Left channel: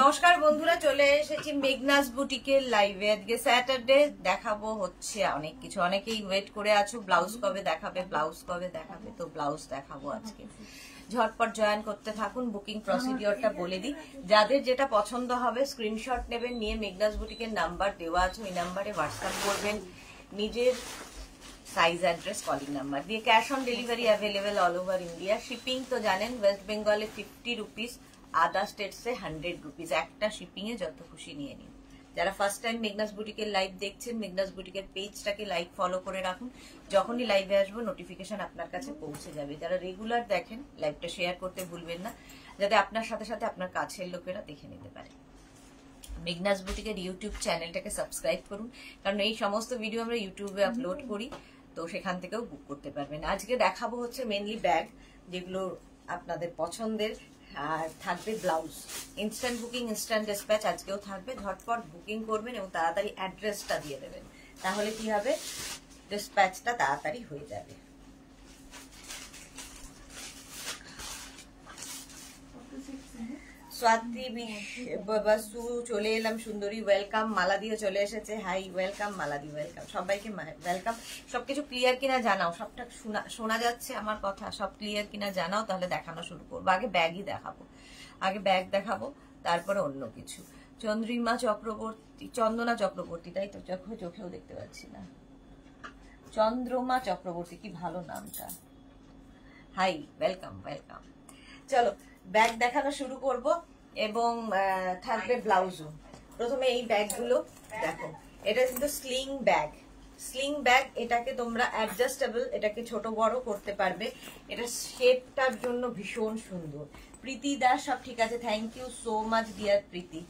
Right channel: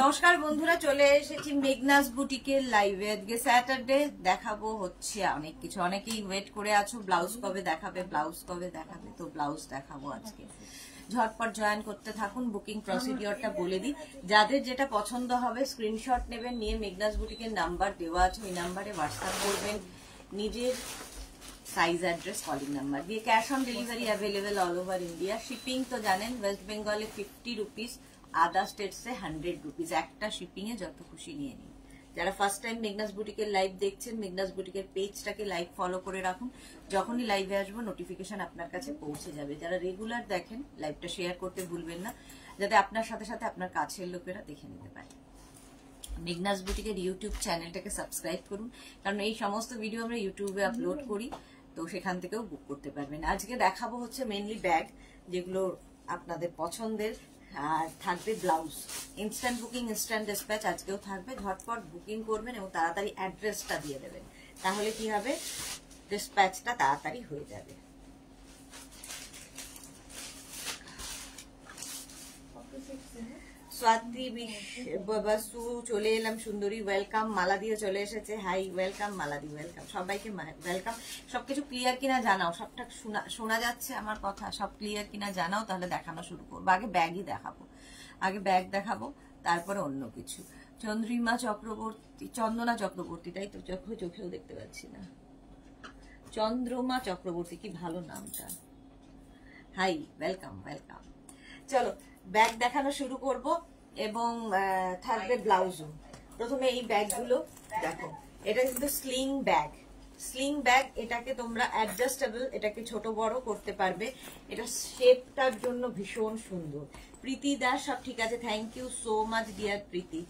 নমস্কার বন্ধুরা, চলে এসেছি মেঘনাস বুটিকের লাইভে। আজকে স্যাটারডে, দেখাবো হচ্ছে অনেক কিছু। অনেকেই ওয়েট করে আছো ব্লাউজ কবে দেখাবে, ব্লাউজ কবে দেখাবে, তো ব্লাউজ দেখাবো আজকে। ঝটপট জয়েন করতে থাকুন। বুকিং প্রসিডিওরটা বলে দিই, যাদের যেটা পছন্দ হবে স্ক্রিনশট নেবেন, নিয়ে মেঘনাস বুটিকের নাম্বার দেওয়া আছে, ওই নাম্বারে হোয়াটসঅ্যাপ করবেন নিজের সাইজ, অ্যাড্রেস, কলিং নাম্বার দিয়ে। Cash on delivery available all over India. Shipping তো জানেন, ওয়েস্ট বেঙ্গলে 50 রুপিস, আদার স্টেটসে 100 রুপিস। একটা শিপিং এ যত খুশি নিয়ে নিন। যারা ফার্স্ট টাইম মেঘনাস বুটিকের লাইভ দেখছেন, মেঘনাস বুটিকের পেজটাকে লাইক ফলো করে রাখুন। যখনই লাইভে আসবো নোটিফিকেশন আপনার কাছে পৌঁছে যাবে। যারা রেগুলার দেখেন, লাইভটা শেয়ার করতে ভুলবেন না, যাতে আপনার সাথে সাথে আপনার কাছের লোকেরা দেখে নিতে পারে। মেঘনাস বুটিকের ইউটিউব চ্যানেলটাকে সাবস্ক্রাইব করুন, কারণ এই সমস্ত ভিডিও আমরা ইউটিউবে আপলোড করি, তো সেখান থেকেও বুক করতে পারবেন। আজকে দেখাবো হচ্ছে মেনলি ব্যাগ, যেগুলো আপনাদের পছন্দের, আর থাকবে blouse. Instant booking, instant dispatch আজকেও থাকবে। ঝটপট বুকিং করবেন এবং তাড়াতাড়ি অ্যাড্রেসটা দিয়ে দেবেন, তাহলে কি হবে, ডিসপ্যাচটা তাড়াতাড়ি হয়ে যাবে। স্বাতি বাসু চলে এলাম, সুন্দরী ওয়েলকাম। মালা দিয়ে চলে এসেছে, হাই ওয়েলকাম। মালাদি ওয়েলকাম, সবাইকে ওয়েলকাম। সবকিছু ক্লিয়ার কিনা জানাও, সবটা শোনা যাচ্ছে আমার কথা, সব ক্লিয়ার কিনা জানাও, তাহলে দেখানো শুরু করবো। আগে ব্যাগই দেখাবো, আগে ব্যাগ দেখাবো, তারপরে অন্য কিছু। চন্দ্রিমা চক্রবর্তী, চন্দনা চক্রবর্তী, তাই তো, চোখেও দেখতে পাচ্ছি না। চন্দ্রমা চক্রবর্তী, কি ভালো নামটা। Hi welcome welcome. চলো ব্যাগ দেখানো শুরু করব, এবং থাকবে ব্লাউজও। প্রথমে এই ব্যাগগুলো দেখো, এটা কিন্তু স্লিং ব্যাগ। স্লিং ব্যাগ, এটাকে তোমরা অ্যাডজাস্টেবল, এটাকে ছোট বড় করতে পারবে। এটা শেপটার জন্য ভীষণ সুন্দর। প্রীতি দাস, সব ঠিক আছে, thank you so much dear Priti.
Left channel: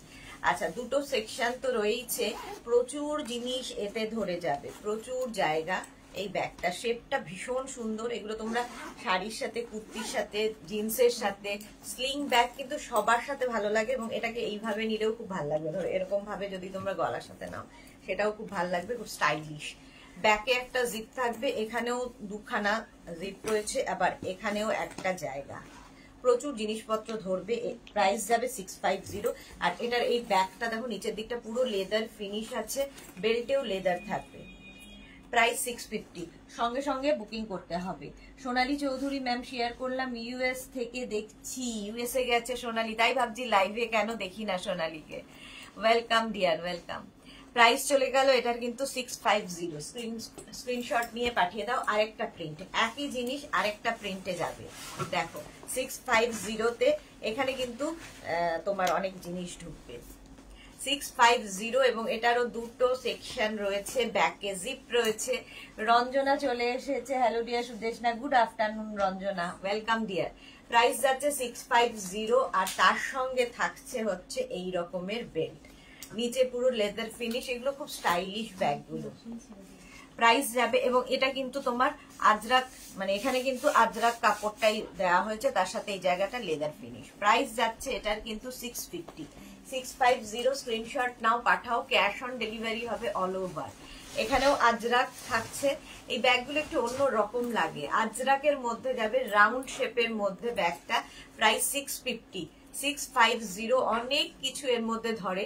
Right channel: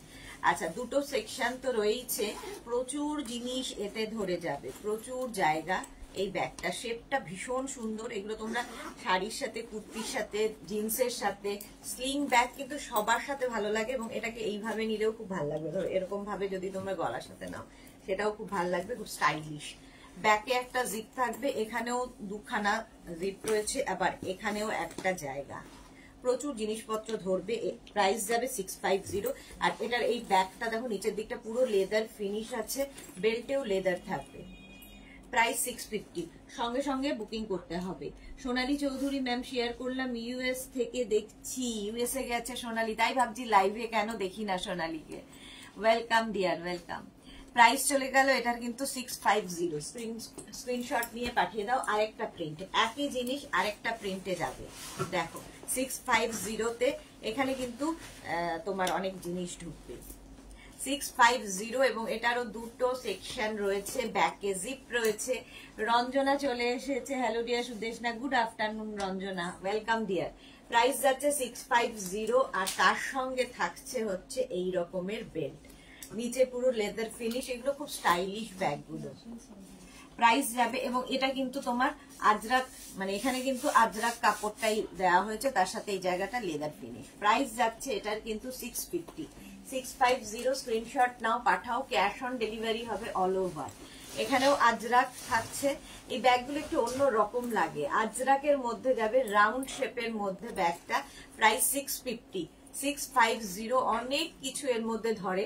আচ্ছা, দুটো সেকশন তো রয়েছে, প্রচুর জিনিস এতে ধরে যাবে, প্রচুর জায়গা। এই ব্যাগটা শেপটা ভীষণ সুন্দর। এগুলো তোমরা শাড়ির সাথে, কুর্তির সাথে, জিন্সের সাথে, স্লিং ব্যাগ কিন্তু সবার সাথে ভালো লাগে, এবং এটাকে এইভাবে নিলেও খুব ভালো লাগবে। ধরো এরকম ভাবে যদি তোমরা গলার সাথে নাও, সেটাও খুব ভালো লাগবে, খুব স্টাইলিশ। ব্যাকে একটা জিপ থাকবে, এখানেও দুখানা জিপ রয়েছে, আবার এখানেও একটা জায়গা। প্রচুর জিনিসপত্র ধরবে। প্রাইস যাবে 650। আর এটার এই ব্যাগটা দেখো, নিচের দিকটা পুরো লেদার ফিনিশ আছে, বেল্টেও লেদার থাকবে। প্রাইস 650। সঙ্গে সঙ্গে বুকিং করতে হবে। সোনালী চৌধুরী ম্যাম শেয়ার করলাম, ইউএস থেকে দেখছি। ইউএসএ গেছে সোনালী, তাই ভাবছি লাইভে কেন দেখি না সোনালীকে। Welcome dear, welcome. প্রাইস চলে গেল এটার কিন্তু 650। স্ক্রিনশট নিয়ে পাঠিয়ে দাও। আরেকটা প্রিন্ট, একই জিনিস আরেকটা প্রিন্টে যাবে। দেখো 650 তে এখানে কিন্তু তোমার অনেক জিনিস ঢুকবে। 650, এবং এটারও দুটো সেকশন রয়েছে, ব্যাকে জিপ রয়েছে। রঞ্জনা চলে এসেছে, hello dear Sudeshna, good afternoon Ranjana, welcome deer. Price যাচ্ছে 650, আর তার সঙ্গে থাকছে হচ্ছে এই রকমের বেল্ট, নিচে পুরো লেদার ফিনিশ। এগুলো খুব স্টাইলিশ ব্যাগগুলো। প্রাইস যাবে, এবং এটা কিন্তু তোমার আজরাক, মানে এখানে কিন্তু আজরাক কাপড়টাই দেওয়া হয়েছে, তার সাথে এই জায়গাটা লেদার ফিনিশ। প্রাইস যাচ্ছে এটার কিন্তু 650। 650 স্ক্রিনশট নাও, পাঠাও। ক্যাশ অন ডেলিভারি হবে অল ওভার। এখানেও আজরাক থাকছে। এই ব্যাগগুলো একটু অন্য রকম লাগে, আজরাকের মধ্যে যাবে, রাউন্ড শেপের মধ্যে ব্যাগটা। প্রাইস 650। 650, অনেক কিছু এর মধ্যে ধরে,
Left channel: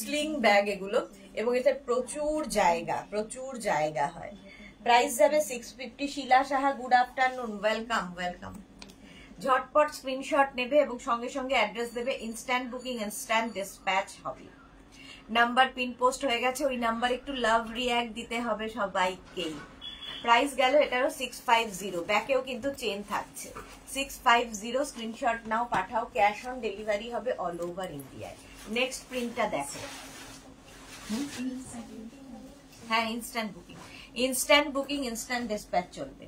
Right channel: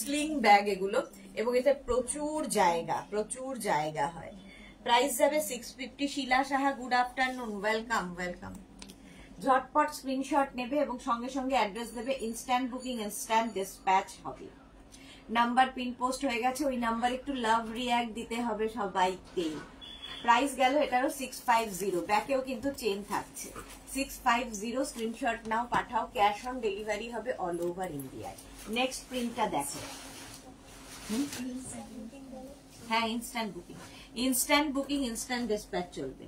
স্লিং ব্যাগ এগুলো, এবং এতে প্রচুর জায়গা, প্রচুর জায়গা হয়। প্রাইস যাবে 650। Shila Saha, good afternoon, welcome welcome. ঝটপট স্ক্রিনশট নেবে এবং সঙ্গে সঙ্গে অ্যাড্রেস দেবে। ইনস্ট্যান্ট বুকিং, ইনস্ট্যান্ট ডিসপ্যাচ হবে। নাম্বার পিন পোস্ট হয়ে গেছে, ওই নাম্বার একটু লাভ রিঅ্যাক্ট দিতে হবে সবাইকেই। প্রাইস গেল এটারও 650। ব্যাকেও কিন্তু চেন থাকছে। 650 স্ক্রিনশট নাও, পাঠাও। ক্যাশ অন ডেলিভারি হবে অল ওভার ইন্ডিয়ায়। নেক্সট প্রিন্টটা দেখো। হ্যাঁ, instant booking, instant booking, instant dispatch চলবে।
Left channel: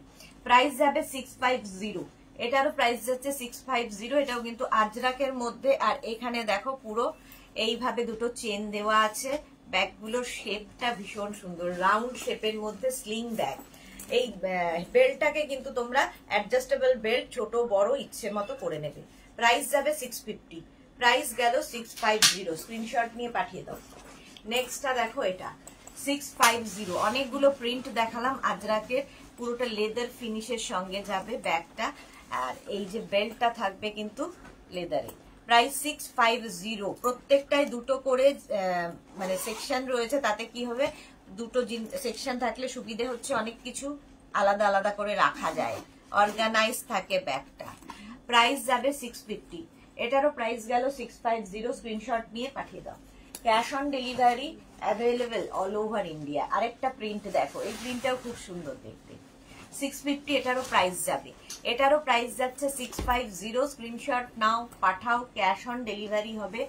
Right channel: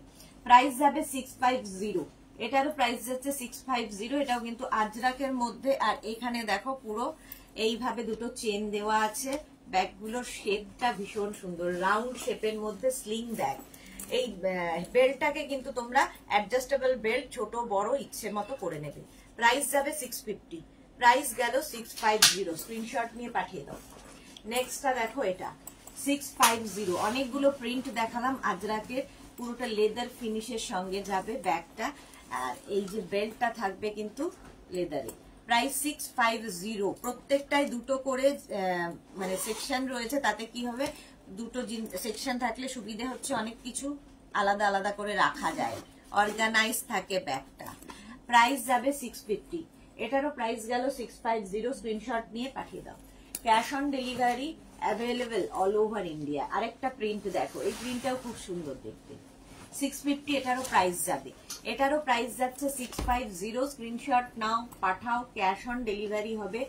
প্রাইস যাবে 650। এটারও প্রাইস যাচ্ছে 650। এটাও কিন্তু আজরাকের মধ্যে, আর এখানে দেখো পুরো এইভাবে দুটো চেন দেওয়া আছে। ব্যাগগুলোর শেপটা ভীষণ সুন্দর, রাউন্ড শেপের মধ্যে স্লিং ব্যাগ। এই বেল্টটাকে কিন্তু তোমরা অ্যাডজাস্টেবল বেল্ট, ছোট বড় ইচ্ছে মতো করে নেবে। প্রাইস যাবে 650। প্রাইস গেল 650। স্ক্রিনশট নিয়ে পাঠিয়ে দাও। নেক্সটটা দেখো, এটা 650। অনেকগুলো প্রিন্ট দেখালাম আজরাকের, পুরোটা লেদার ফিনিশের সঙ্গে যাবে ব্যাগটা। আর এই যে বেল্টটা থাকবে কিন্তু লেদারে, প্রাইস 650। প্রত্যেকটায় দুটো করে মানে সেকশন রয়েছে, তাতে কি হবে দুটো সেকশন থাকলে সুবিধে হচ্ছে অনেক কিছু আলাদা আলাদা করে রাখা যায়, অর্গানাইজ থাকে ব্যাগটা। প্রাইস যাবে 650, এটারও প্রাইস গেল 650। স্ক্রিনশট নিয়ে পাঠিয়ে দাও। Cash on delivery available all over India. আরেকটা প্রিন্ট দেখো, এই প্রিন্টটাও খুব সুন্দর দেখতে। 650 এটারও প্রাইস যাবে, এটারও প্রাইস যাচ্ছে 650। স্ক্রিনশট নাও পাঠাও, ক্যাশ অন ডেলিভারি হবে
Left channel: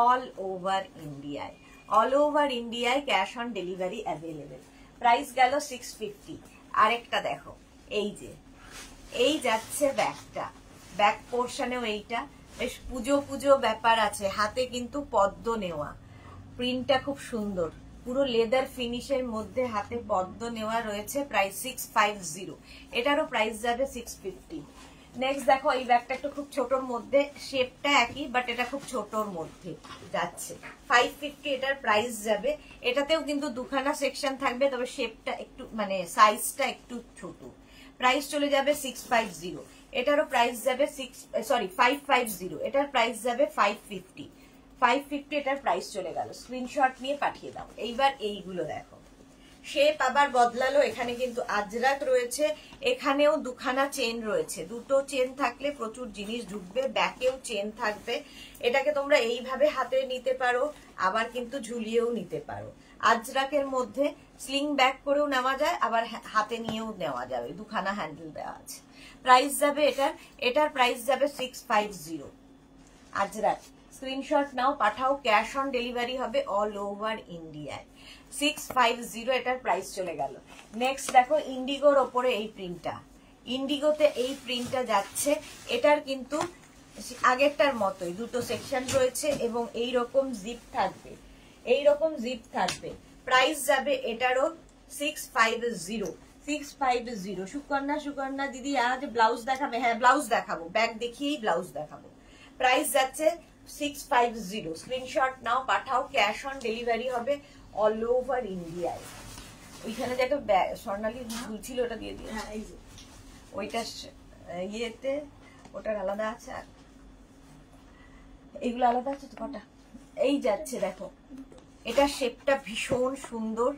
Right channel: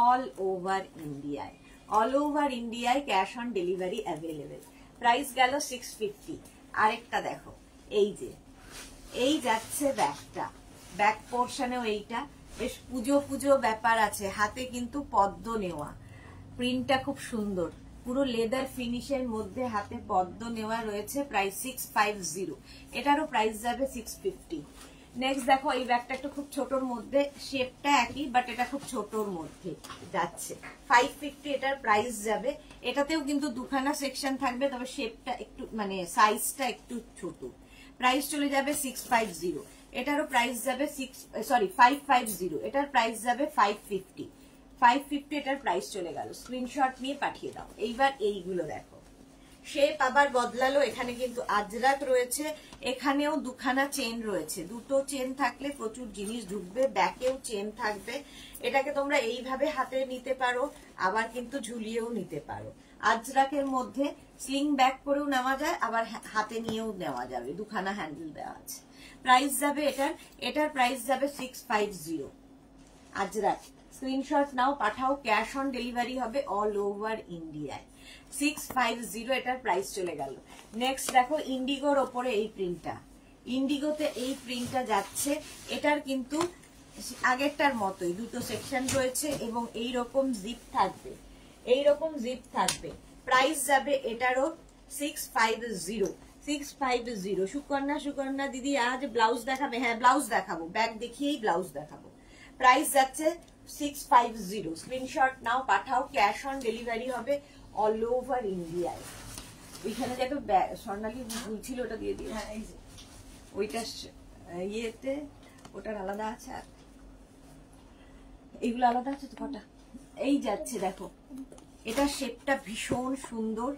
অল ওভার ইন্ডিয়ায়। অল ওভার ইন্ডিয়ায় cash on delivery available. Price গেল 650। আরেকটা দেখো, এই যে এই যাচ্ছে ব্যাগটা, ব্যাক পোর্শনেও এইটা বেশ পুজো পুজো ব্যাপার আছে, হাতে কিন্তু পদ্ম নেওয়া, প্রিন্টটা খুব সুন্দর, পুরো লেদার ফিনিশের মধ্যে হাতে পদ্ম নেওয়া রয়েছে। প্রাইস 650, এটারও প্রাইস যাবে 650। নেক্সট দেখো, এই ব্যাগটা একটু খুব ছোটর মধ্যে, শেপটা একই বাট এটা খুব ছোটর মধ্যে যাচ্ছে। 550 এটার প্রাইস যাবে। এটাতেও কিন্তু দুখানা সেকশন থাকবে, তবে শেপটা একটু মানে সাইজটা একটু ছোট। প্রাইস চলে যাবে 650। এটারও প্রাইস যাবে 550। এটার প্রাইস যাবে 550। 550 এটার প্রাইস চলে গেল। স্ক্রিনশট নিয়ে পাঠিয়ে দাও। এইবার এইগুলো দেখো, শেপ আবার বদলালো। এখানে কিন্তু আজরাক রয়েছে, এখানেও দুখানা চেন রয়েছে। দুটো চেন থাকলে প্রচুর জিনিস ঢুকবে, ব্যাকেও চেন থাকবে। এটাকে তোমরা এইভাবে হাতে নিতে পারো, আবার কিন্তু ঝুলিয়েও নিতে পারো। আজরাকের মধ্যে স্লিং ব্যাগ করেও নেওয়া যায়, আবার হাতে নিয়েও নেওয়া যাবে, দুখানা হ্যান্ডেল দেওয়া আছে। প্রাইস যাবে এটার প্রাইস যাবে 650। আজরাক স্ক্রিনশট নাও পাঠাও, ক্যাশ অন ডেলিভারি হবে অল ওভার ইন্ডিয়ায়। 650 এটার প্রাইস চলে গেল। নেক্সট দেখো, ইন্ডিগোর ওপরে এই প্রিন্টটা, ইন্ডিগোতে এই প্রিন্টটা যাচ্ছে। এটার কিন্তু আগেরটার মতোই দুটো সেকশন রয়েছে এবং এইরকম জিপ থাকবে, এইরকম জিপ থাকবে। প্রাইস যাবে এটারও 650। 650। সুকন্যা দিদি আজ ব্লাউজ দেখাবে? হ্যাঁ ব্লাউজ দেখাবো, ব্যাগ দেখিয়েই ব্লাউজ দেখাবো। প্রাইস যাচ্ছে 650। স্ক্রিনশট নাও পাঠাও, ক্যাশ অন ডেলিভারি হবে অল ওভার ইন্ডিয়ায়। ওইখানে যে একটা স্বর্ণালী ছিল ওটা দিয়ে দিয়ে, হ্যাঁ এই যে ওইটা ইয়েতে ওটার আলাদা আছে, আর এইগুলো আলাদা আছে তো কটা। এই যাচ্ছে দেখো, এটা শেপটা ভীষণ সুন্দর,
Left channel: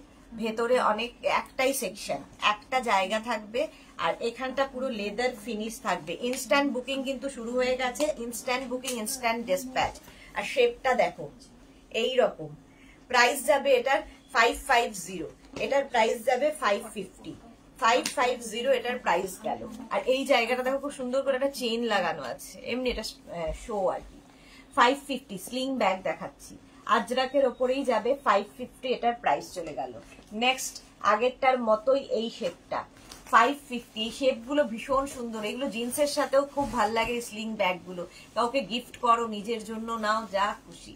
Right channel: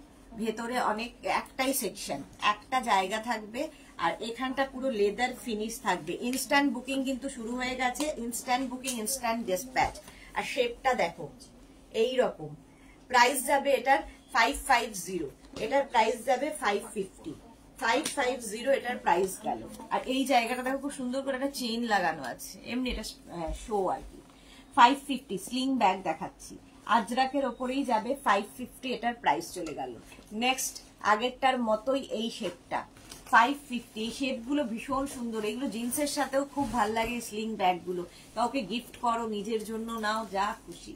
ভেতরে অনেক একটাই সেকশন, একটা জায়গা থাকবে, আর এখানটা পুরো লেদার ফিনিশ থাকবে। ইনস্ট্যান্ট বুকিং কিন্তু শুরু হয়ে গেছে, ইনস্ট্যান্ট বুকিং, ইনস্ট্যান্ট ডিসপ্যাচ। আর শেপটা দেখো এই রকম। প্রাইস যাবে এটার 550, এটার প্রাইস যাবে 550। 550 এটার প্রাইস গেল। আর এই জায়গাটা দেখো খুব সুন্দর করে একটা চেইন লাগানো আছে, এমনি এটা শো আর কি। 550 স্লিং ব্যাগ দেখাচ্ছি, আজরাকের ওপরেই যাবে 550। এটার প্রাইস চলে গেল। নেক্সট আগেরটার মতোই এই শেপটা 550। শেপগুলো ভীষণ সুন্দর, এগুলো জিন্সের সাথেও খুব ভাল লাগে। স্লিং ব্যাগগুলো কাউকে গিফট করো, নিজের জন্য নাও, যা খুশি।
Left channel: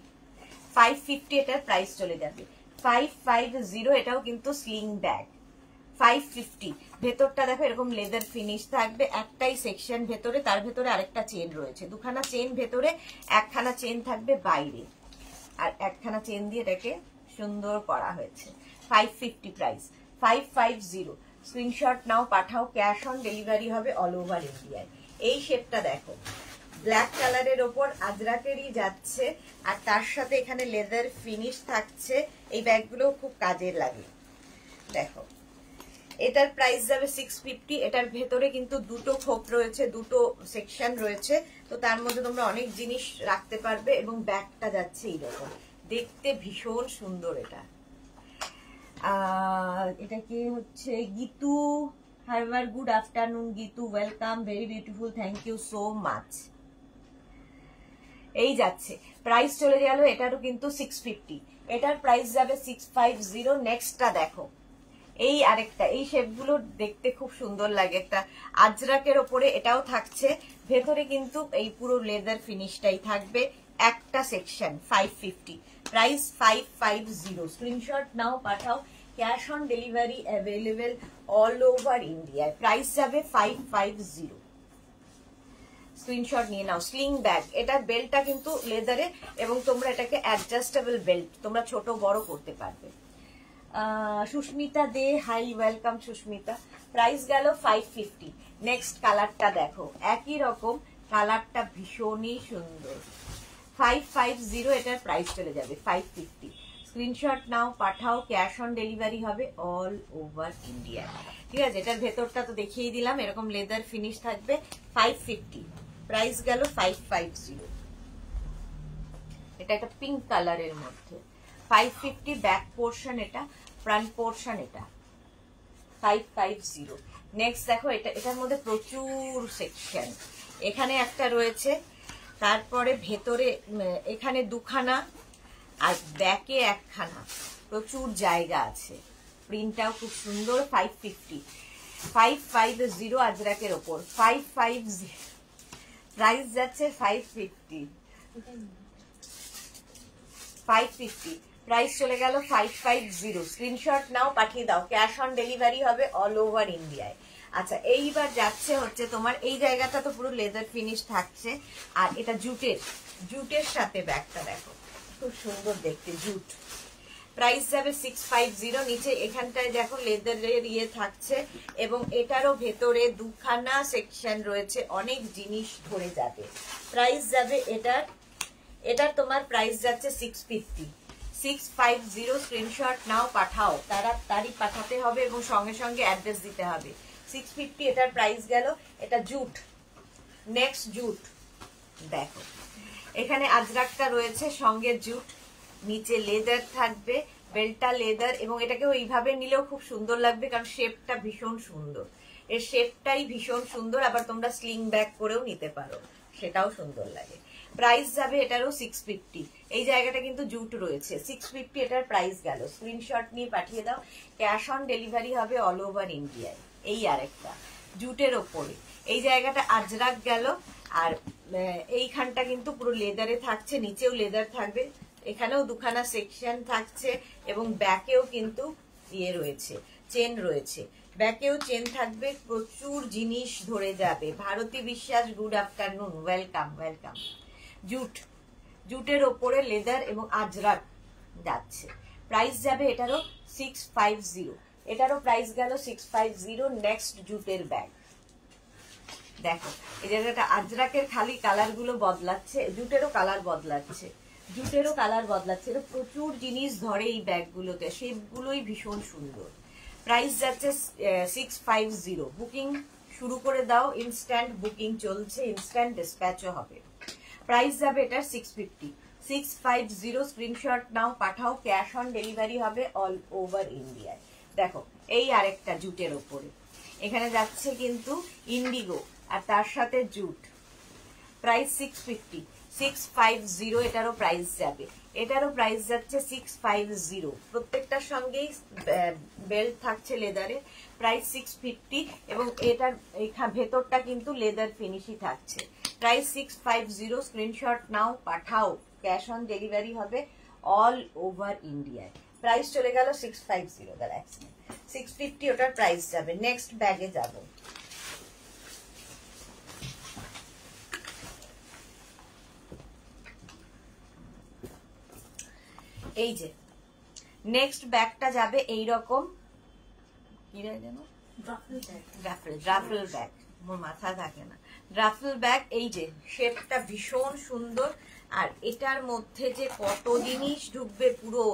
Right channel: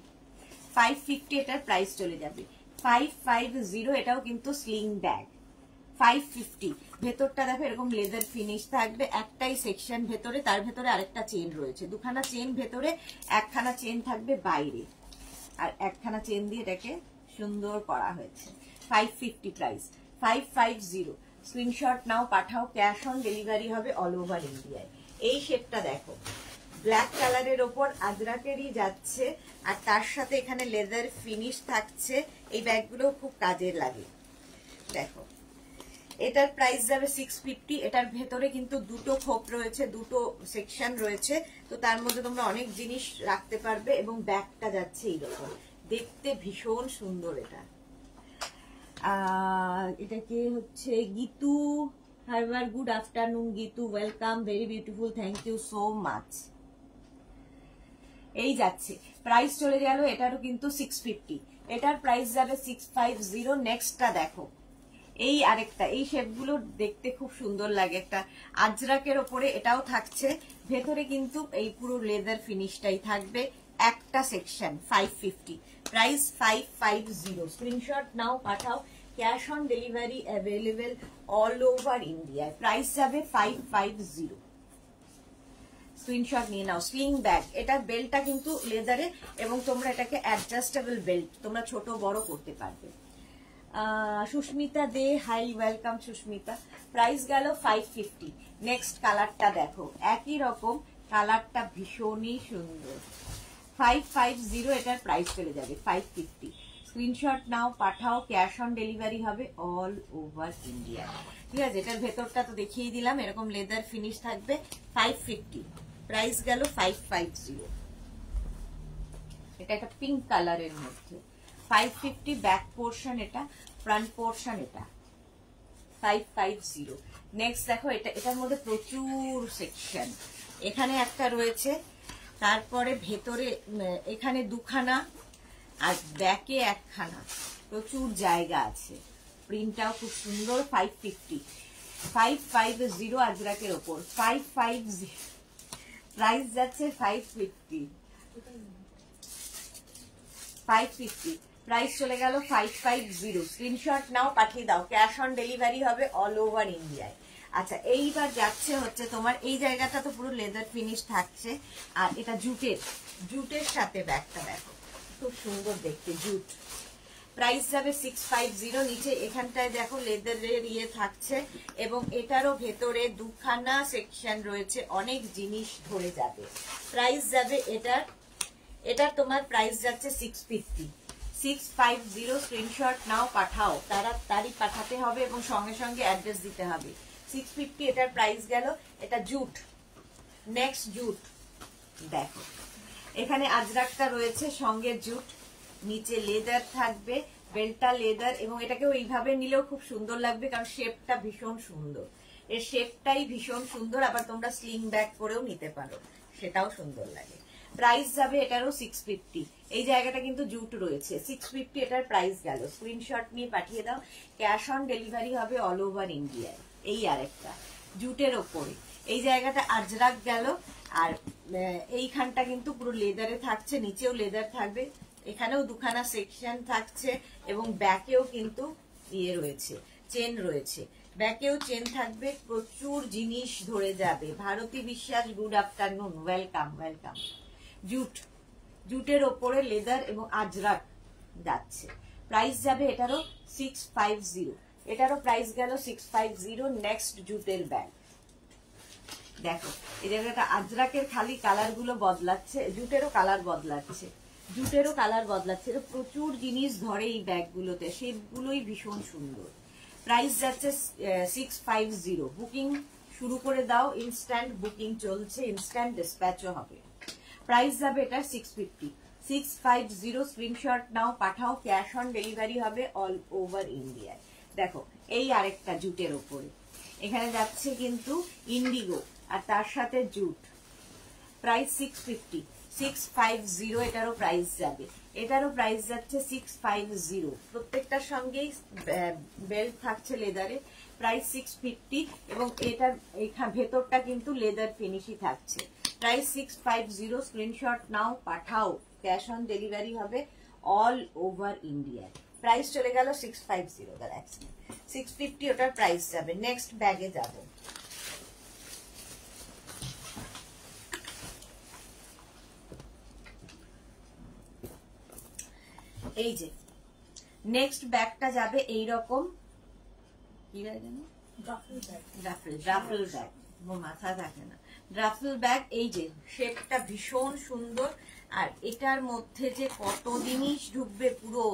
550 এটার প্রাইস চলে যাবে। 550 এটাও কিন্তু স্লিং ব্যাগ। 550 ভেতরটা দেখো এরকম লেদার ফিনিশ থাকবে, একটাই সেকশন ভেতরে, তার ভেতরে আরেকটা চেন রয়েছে, দুখানা চেন ভেতরে, একখানা চেন থাকবে বাইরে, আর একখানা চেন দিয়ে এটাকে সুন্দর করা হয়েছে। 550 প্রাইস। 550 স্ক্রিনশট নাও পাঠাও, ক্যাশ অন ডেলিভারি হবে অল ওভার ইন্ডিয়ায়। এই শেপটা দেখো, ব্ল্যাক কালারের ওপর আজরাকেরই যাচ্ছে, আর তার সাথে এখানে লেদার ফিনিশ থাকছে। এই ব্যাগগুলো খুব কাজের লাগে। দেখো এটার প্রাইস যাবে 650। এটার ভেতরে কিন্তু দুটো খোপ রয়েছে, দুটো সেকশন রয়েছে, তো তার মধ্যে তোমরা অনেক জিনিস রাখতে পারবে। এবং ব্যাগটা যাচ্ছে এইরকম, দেখতে ভীষণ সুন্দর। এটা কি হচ্ছে Gitu Harbour, good afternoon Gitu, welcome, very beautiful, thank you so much. এই যাচ্ছে, প্রাইস চলে গেল এটারও কিন্তু 650। এটার প্রাইস যাবে 650। নেক্সটটা দেখো, এই আরেকটা, এই শেপগুলো দেখতে খুব সুন্দর লাগে, একটা আজরাকের ওপরে এটাও থাকছে, ভেতরে কিন্তু এই পুরো লেদার ফিনিশটাই থাকবে, একটা সেকশন। 550 প্রাইস 550। স্ক্রিনশট নাও পাঠাও, cash on delivery available all over India. Price যাবে 550। স্ক্রিনশট নিয়ে নাও। স্লিং ব্যাগ, এটার বেল্টটা কিন্তু লেদারে, এবং তোমরা এটাকে অ্যাডজাস্টেবল বেল্ট তোমরা ছোট বড় করতে পারবে। সুস্মিতা দে, হাই ওয়েলকাম সুস্মিতা। প্রাইস গেল 550। নেক্সট কালারটা দেখো, একই রকম কালারটা ভীষণই সুন্দর, 550 এটার প্রাইস চলে যাবে 550। স্ক্রিনশট নাও, পাঠাও, ক্যাশ অন ডেলিভারি হবে অল ওভার ইন্ডিয়া। ঠিক আছে, এটার ভেতরটা তো দেখিয়ে দিলাম, এরকম লেদার ফিনিশ থাকবে। 550 প্রাইস গেল 550। এটা একটা পিঙ্ক কালারের মধ্যে 550। ব্যাক পোর্শন এটা, ফ্রন্ট পোর্শন এটা 550। নেক্সট দেখো, এটার মধ্যে প্রচুর সেকশন। এখানে একটা রয়েছে, তারপরে ভেতরে এখানে দুখানা, আর ব্যাকে একখানা, প্রচুর জায়গা আছে। প্রিন্টটাও খুব সুন্দর। 550 আজরাকের ওপর 550 প্রাইস যাচ্ছে 550 প্রাইস চলে গেল 550। স্ক্রিনশট নাও, পাঠিয়ে দাও, ক্যাশ অন ডেলিভারি হবে অল ওভার ইন্ডিয়ায়। আচ্ছা, এইবার যাচ্ছে হচ্ছে তোমার এই জায়গাটা তো পুরো লেদার ফিনিশ থাকছে, আর এটা জুটের সাথে ব্যাগটা দেখো, খুব সুন্দর দেখতে জুট। প্রাইস যাবে 650। নিচে এখানটায় দেখো লেদারের ইয়ে থাকছে, এবং এটারও ভেতরে দুখানা সেকশন রয়েছে, অনেক জিনিস ধরে যাবে। প্রাইস যাবে এটার তোমার প্রাইস যাচ্ছে 650। স্ক্রিনশট নাও, পাঠাও, তাড়াতাড়ি পাঠাতে হবে এবং সঙ্গে সঙ্গে অ্যাড্রেস দিতে হবে। 650 এটার প্রাইস গেল। এটা জুট। নেক্সট জুট দেখো, এখানে আজরাকটা রয়েছে, সঙ্গে জুট, নিচে লেদার থাকবে, বেল্টটা লেদার, এবং এটাকে এইভাবে নিলেও খুব সুন্দর লাগবে, কারণ শেপটা ভীষণ সুন্দর। এর শেপটাই ভীষণ সুন্দর। আবার তোমরা স্লিং ব্যাগ করেও নিতে পারো, সেটাও সুন্দর লাগে। প্রাইস যাবে এটারও 650। এই জায়গাটা কিন্তু জুট রয়েছে। 650 এটার প্রাইস গেল। স্ক্রিনশট নিয়ে পাঠিয়ে দাও, ক্যাশ অন ডেলিভারি হবে অল ওভার ইন্ডিয়ায়। এই আরেকটা জুটের ওপরে, এই জায়গাটা আজরাক গেল, আর এইখানটা কিন্তু পুরো লেদারে থাকছে, নিচেও লেদার থাকবে, এখানেও দুখানা সেকশন থাকছে, এবং ব্যাকেও কিন্তু ইয়ে রয়েছে, চেন রয়েছে, ব্যাকেও চেন থাকবে, প্রচুর জিনিস ধরে যাবে। ভারতী বিশ্বাস, গুড আফটারনুন, ওয়েলকাম ওয়েলকাম। জুটের ওপরে লেদার এবং আজরাক যাচ্ছে। প্রাইস যাবে এটারও 650। এটারও প্রাইস গেল 650। নেক্সট জুটের ব্যাগ দেখো, এই জায়গাটা আজরাকের খালি কালার গুলো বদলাচ্ছে, জুটেরও কালার বদলাচ্ছে, এটা প্রচুর জিনিস ধরে এই ব্যাগগুলোতে, সেগুলোই ভীষণ সুন্দর। প্রাইস যাচ্ছে 650। বুকিং শুরু করে দাও, ইনস্ট্যান্ট বুকিং চলছে, ইনস্ট্যান্ট ডিসপ্যাচও হবে। প্রাইস যাবে এটা 650। স্ক্রিনশট নাও, পাঠাও, ক্যাশ অন ডেলিভারি হবে অল ওভার ইন্ডিয়ায়। দেখো, এই আরেকটা জুটের ওপরে, এখানে যাচ্ছে কিন্তু ইন্ডিগো, আর তার সাথে জুট। প্রাইস 650 এটারও প্রাইস যাবে। এটারও প্রাইস যাচ্ছে 650। প্রত্যেকটার সঙ্গেই বেল্ট থাকছে লেদারে। প্রাইস 650, এবং এটার ভেতরটা কিন্তু লেদার ফিনিশই থাকছে। প্রাইস 650। স্ক্রিনশট নাও, পাঠাও, ক্যাশ অন ডেলিভারি হবে অল ওভার ইন্ডিয়ায়। প্রাইস চলে গেল 650। দাঁড়া 650 ওটার প্রাইস যাবে। নেক্সট ব্যাগে যাব। এই যে নেক্সট ব্যাগটা যাবে এইরকম, কি ব্যাগ যেন, রাফেল ব্যাগ, মোর মাথায় থাকে না, রাফেল ব্যাগ। এই যে শেপটা ভীষণ সুন্দর, আর এটার মধ্যে যে কত জিনিস ঢুকবে, পুরো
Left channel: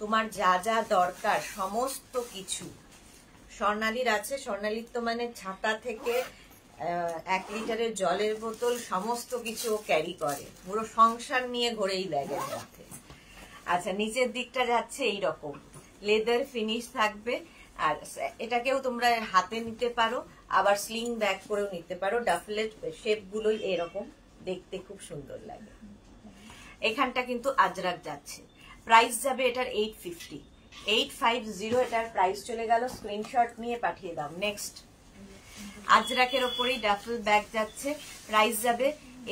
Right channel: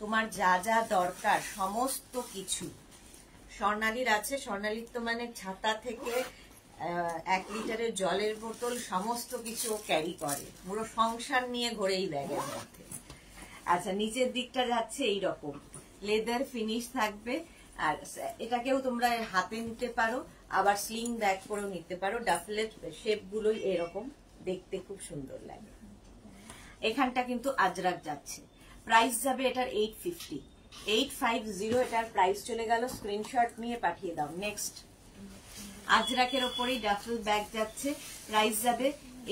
তোমার যা যা দরকার সমস্ত কিছু। স্বর্ণালীর আছে, স্বর্ণালীর তো মানে ছাতা থেকে 1 লিটারের জলের বোতল সমস্ত কিছু ক্যারি করে, পুরো সংসার নিয়ে ঘোরে এই ব্যাগের মধ্যে। আচ্ছা, নিচের দিকটা যাচ্ছে এইরকম, লেদার ফিনিশ থাকবে, আর এটাকেও তোমরা হাতে নিতে পারো, আবার স্লিং ব্যাগ করেও নিতে পারো। ডাফলের শেপ গুলোই এরকম দেখতে খুব সুন্দর লাগে। এখানটা কিন্তু আজরাক যাচ্ছে। প্রাইস যাবে এটার 850 এটার প্রাইস চলে গেল। স্ক্রিনশট নিয়ে পাঠিয়ে দাও। নেক্সট আজরাকের ওপরেই ডাফল ব্যাগ যাচ্ছে। প্রাইস যাবে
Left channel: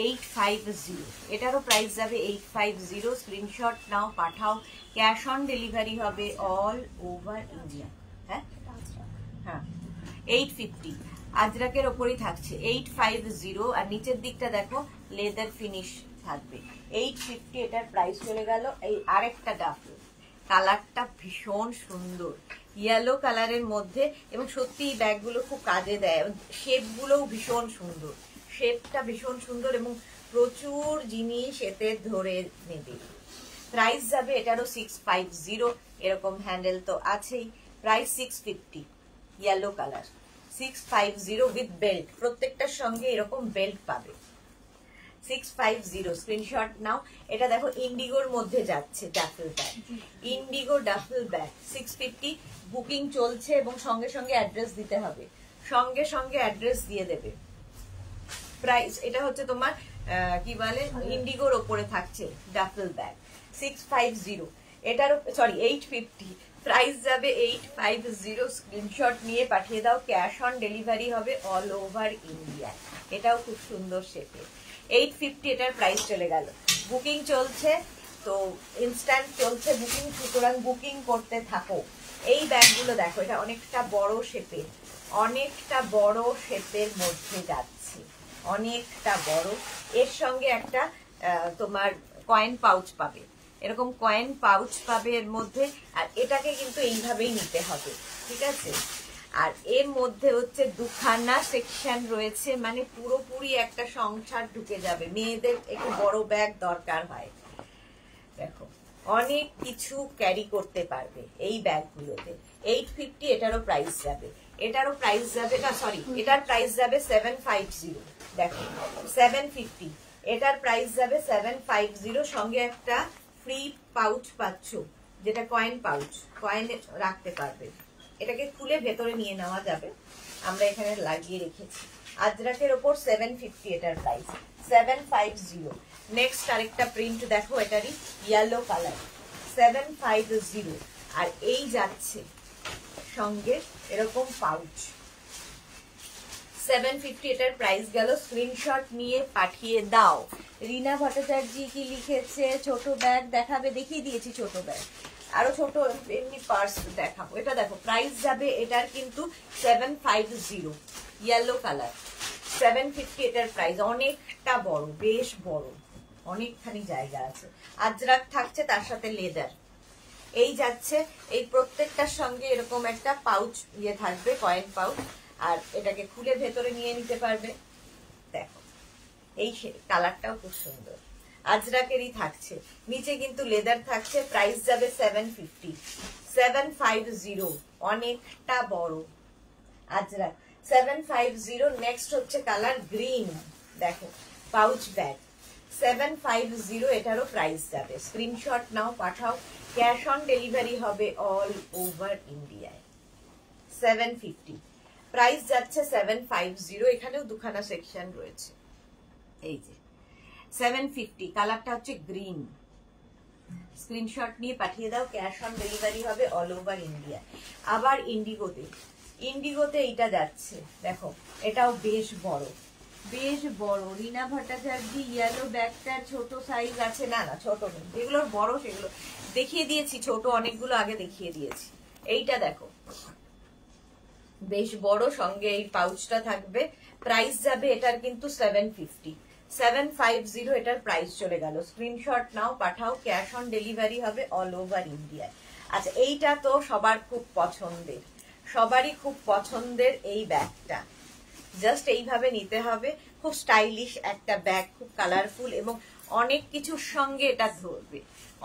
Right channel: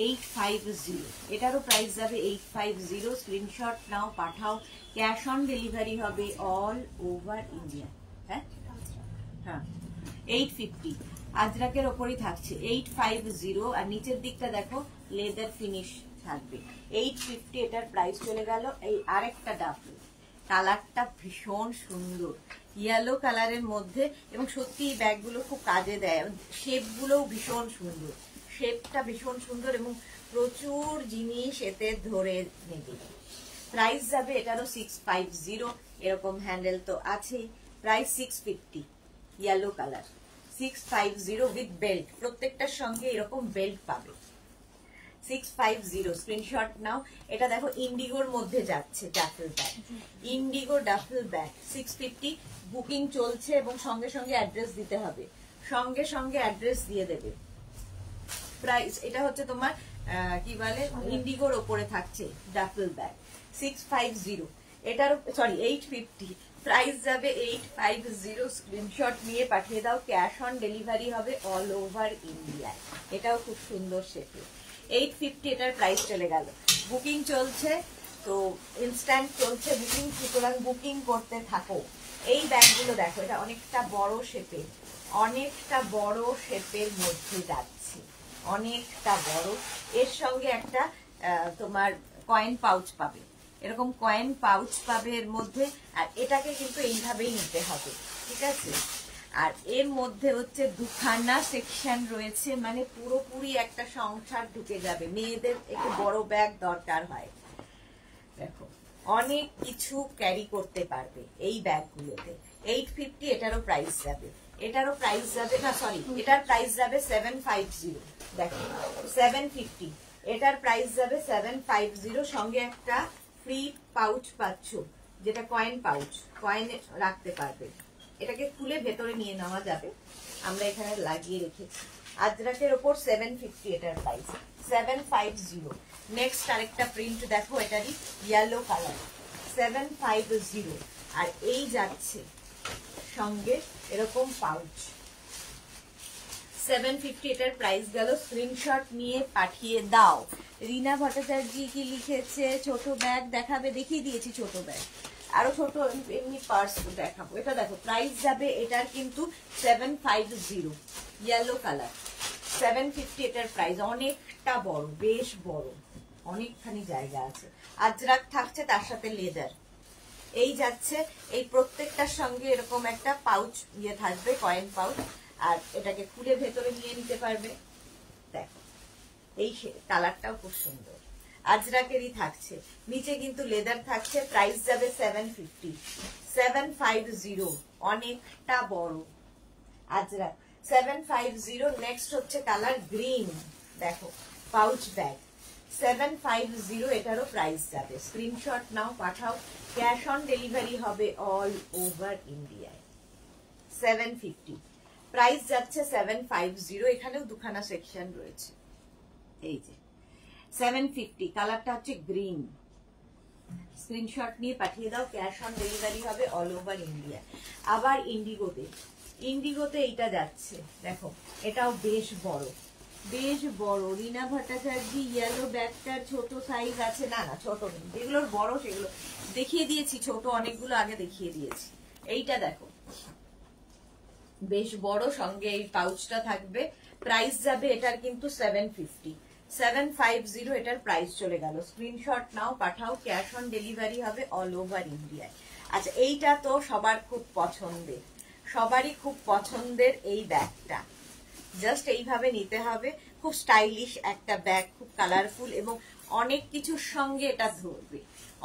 850। এটারও প্রাইস যাবে 850। স্ক্রিনশট নাও, পাঠাও, ক্যাশ অন ডেলিভারি হবে অল ওভার ইন্ডিয়া। হ্যাঁ, 850 আজরাকের ওপরেই থাকছে। 850, আর নিচের দিকটা দেখো লেদার ফিনিশ থাকবে। 850 এটার প্রাইস চলে গেল। এই আরেকটা ডাফল, কালারটা ভীষণ সুন্দর, ইয়েলো কালারের মধ্যে, এবং সত্যি এই ব্যাগগুলো খুব কাজে দেয়। শেপ গুলোও ভীষণ সুন্দর, শেপটা ভীষণ সুন্দর, এবং প্রচুর জিনিস এতে ধরে নেবে। প্রাইস যাবে এটারও 650, এরকম হ্যান্ডেল তো আছেই। Price 650, yellow colour 650 with belt, প্রত্যেকটার সঙ্গে এরকম বেল্ট পাবে। 650 স্ক্রিনশট নাও। এটা দেখো ইন্ডিগোর মধ্যে যাচ্ছে duffel bag, Indigo duffel bag 650। Booking চলছে এবং সঙ্গে সঙ্গে অ্যাড্রেস দিতে হবে, সঙ্গে সঙ্গে অ্যাড্রেস দিয়ে দেবে। প্রাইস এটা হচ্ছে তোমার কি বলে ইন্ডিগোর ওপরে থাকছে ডাফেল ব্যাগ 650, এটার সরি 850। প্রাইস যাবে 850, স্ক্রিনশট নিয়ে পাঠিয়ে দাও। ক্যাশ অন ডেলিভারি হবে অল ওভার ইন্ডিয়া। এটাও খুব সুন্দর শেপে 850, এটার প্রাইস চলে গেল। বুকিং চলছে তো ইনস্ট্যান্ট চলছে বুকিং, সুতরাং বুকিং করতে থাকো। এই ব্যাগগুলো দেখো, এটা অনেকটা বড় শেপের, অনেকটা বড় শেপের মধ্যে যাচ্ছে, অনেকটা বড়। এর সঙ্গে একটা তোমার কয়েন পাউচ পাবে, এরকম কয়েন পাউচ পাবে এর মধ্যে। আর এটাকে কিন্তু এইভাবেই নিতে হবে, ঠিক আছে। আর এর মধ্যে হচ্ছে দুখানা সেকশন রয়েছে, মানে পুরোপুরি একটা সংসার ঢুকে যাবে। মেয়েদের একটু বড় ব্যাগ দরকার হয়, দেখো অনেক কিছু ক্যারি করতে পারবে এই ব্যাগগুলোতে। 850, এটারও প্রাইস যাবে, এটারও প্রাইস যাবে না সরি, এটার প্রাইস যাবে 750। দেখো 750, এটার প্রাইস যাবে 750। সঙ্গে একটা ফ্রি পাউচ পাচ্ছ, যেটা কয়েন পাউচ, কয়েন রাখতে পারবে। এটাকে খুলে ভেতরে নিয়ে নেওয়া যাবে, আমরা এখানে লাগিয়ে রেখেছি। আজরাকের ওপর 750, এটার প্রাইস 750। নেক্সট আরেকটা প্রিন্ট দেখো, এটারই ইয়েলো কালার 750। আর এই যাচ্ছে সঙ্গে এরকম পাউচ 750, এটার প্রাইস গেল। স্ক্রিনশট নিয়ে পাঠিয়ে দাও। রিনা ভট্টাচার্য কি লিখেছে, ছোট ব্যাগ দেখাবে, দেখিয়ে দিয়েছি ছোট ব্যাগ, আরো ছোট এমনি পার্স দেখাবো। এটা দেখো প্রাইস যাবে এটার কিন্তু 750, ইয়েলো কালার 750, এটার প্রাইস। অনেকটা বড়, বেশ বড়, অনেকখানি জায়গা আছে। আজরাক থাকছে, তার সাথে লেদার। এই যাচ্ছে, এই প্রত্যেকটার সঙ্গে এরকম একটা পাউচ ইয়ে থাকবে, কয়েন পাউচ। আর এটাকে খুলে ভেতরে নিয়ে নিতে পারবে। দেখো এই কালারটাও খুব সুন্দর, আজরাকেরই থাকছে। নিচে কিন্তু লেদার থাকছে। প্রাইস যাবে 750, 750, অনেকটা বড় আজরাক 750। নেক্সট হচ্ছে কালার গ্রিন, দেখো পাউচ ব্যাগ 750, এটারও প্রাইস যাবে। স্ক্রিনশট নাও, পাঠাও। ক্যাশ অন ডেলিভারি হবে অল ওভার ইন্ডিয়ায়। 750 প্রাইস যাচ্ছে 750। এখানেও দুখানা সেকশন রয়েছে, এই যে 750, কালারটা হচ্ছে গ্রিন। স্ক্রিনশট নিয়ে পাঠিয়ে দাও। ক্যাশ অন ডেলিভারি হবে অল ওভার ইন্ডিয়া। আবার ইন্ডিগোতে, ইন্ডিগোতে এইটা যাচ্ছে, দেখো এটাও বেশ বড়, বেশ বড়। রিনা ভট্টাচার্য ইয়েলো ব্যাগটার ছোট সাইজ আছে, না না ছোট নেই, যেগুলোর বড় সেগুলো দেখিয়ে দিয়েছি, ছোট অনেকগুলো আগে দেখিয়ে দিয়েছি। এইটা দেখো বেশ বড়, সঙ্গে এই পাউচটা থাকবে। প্রাইস যাবে এটার কিন্তু 750, 750, এটার প্রাইস চলে গেল। স্ক্রিনশট নাও, পাঠাও। ক্যাশ অন ডেলিভারি হবে অল ওভার ইন্ডিয়ায়। আচ্ছা এইটা তো সবার খুব পছন্দের, সবারই খুব পছন্দের এই ব্যাগটা। জাস্ট এইভাবে নিতে হবে, খুব স্টাইলিশ একটা ব্যাগ, খুব কালারফুল এবং অনেক কিছুর সঙ্গে এটা ধরবে,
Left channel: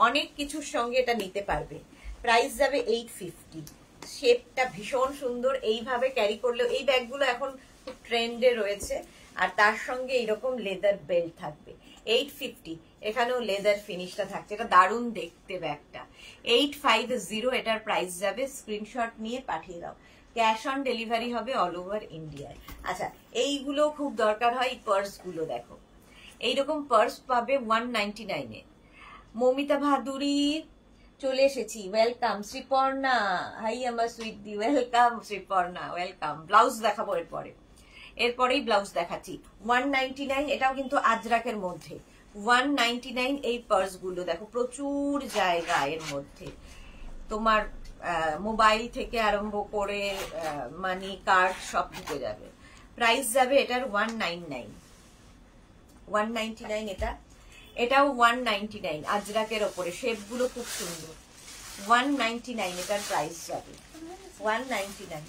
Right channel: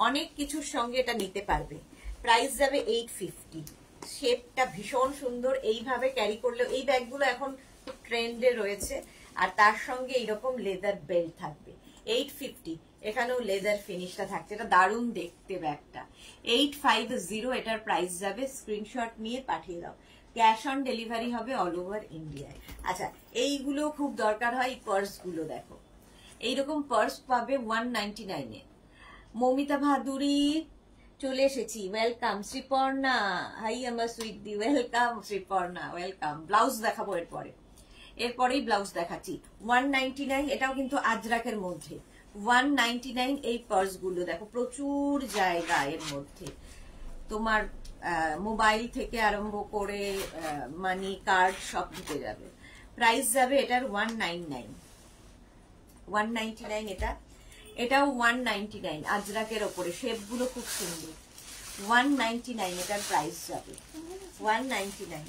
অনেক কিছুর সঙ্গে এটা নিতে পারবে। প্রাইস যাবে 850। শেপটা ভীষণ সুন্দর, এইভাবে ক্যারি করলেও এই ব্যাগগুলো এখন খুব ট্রেন্ডে রয়েছে। আর তার সঙ্গে এইরকম লেদার বেল্ট থাকবে। 850, এখানেও লেদার ফিনিশটা থাকছে, এটা দারুণ দেখতে ব্যাগটা। 850, এটার প্রাইস যাবে। স্ক্রিনশট নিয়ে পাঠিয়ে দাও। ক্যাশ অন ডেলিভারি হবে অল ওভার ইন্ডিয়ায়। আচ্ছা এইগুলো খুব দরকার হয়, পার্স গুলো দেখো, এইরকম পার্স পাবে 199-এ। মমিতা ভাদুরী চলে এসেছি, ওয়েলকাম। শ্রীপর্ণা, হাই আমার sweetie, welcome Sriparna, welcome. Blouse দেখাবো এরপরেই ব্লাউজ দেখাচ্ছি। 199, এটাও কিন্তু আজরাকের মধ্যে 199। এই পার্স গুলো দেখো, প্রচুর জায়গা এর মধ্যে, তোমার মোবাইল থেকে আরম্ভ করে মানি কার্ড সব ঢুকে যাবে। প্রাইস যাবে এটার 199, 199 এটা, এটাও 199 আজরাকের ওপরে। শেপ গুলো খুব সুন্দর, 199 এটার প্রাইস যাবে, 199।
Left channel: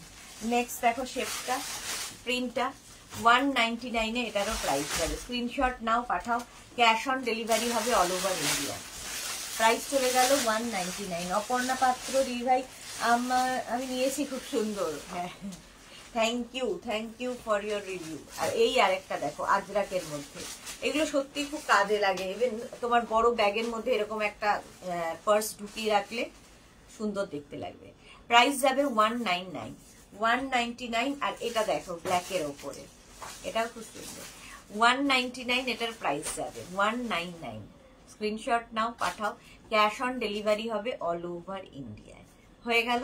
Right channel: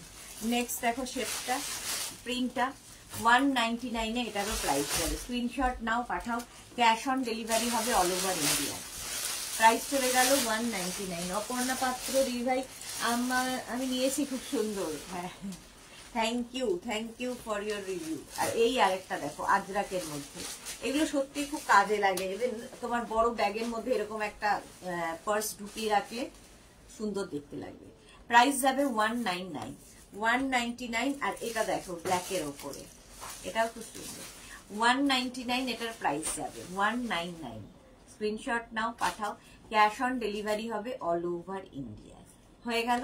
নেক্সট দেখো শেপটা, প্রিন্টটা 199 এটারও প্রাইস যাবে। স্ক্রিনশট নাও, পাঠাও, ক্যাশ অন ডেলিভারি হবে অল ওভার ইন্ডিয়া। প্রাইস চলে গেল 199। অপর্ণা পাত্র দি ভাই আমি নিয়েছি, খুব সুন্দর। হ্যাঁ, thank you for your review. আর এই আরেকটা দেখো আজরাকের মধ্যে, এগুলো সত্যি খুব কাজে লাগে। ইভেন তোমার বড় ব্যাগের মধ্যে এরকম একটা পার্স ঢুকিয়ে রাখলে সুন্দর দেখতে লাগবে। প্রাইস যাবে 199। আর এটা দেখো ব্ল্যাকের ওপরে, এটাও খুব সুন্দর। 199 এটার প্রাইস যাবে 199। স্ক্রিনশট নাও, পাঠাও, ক্যাশ অন ডেলিভারি হবে অল ওভার ইন্ডিয়ায়। হয়ে গেল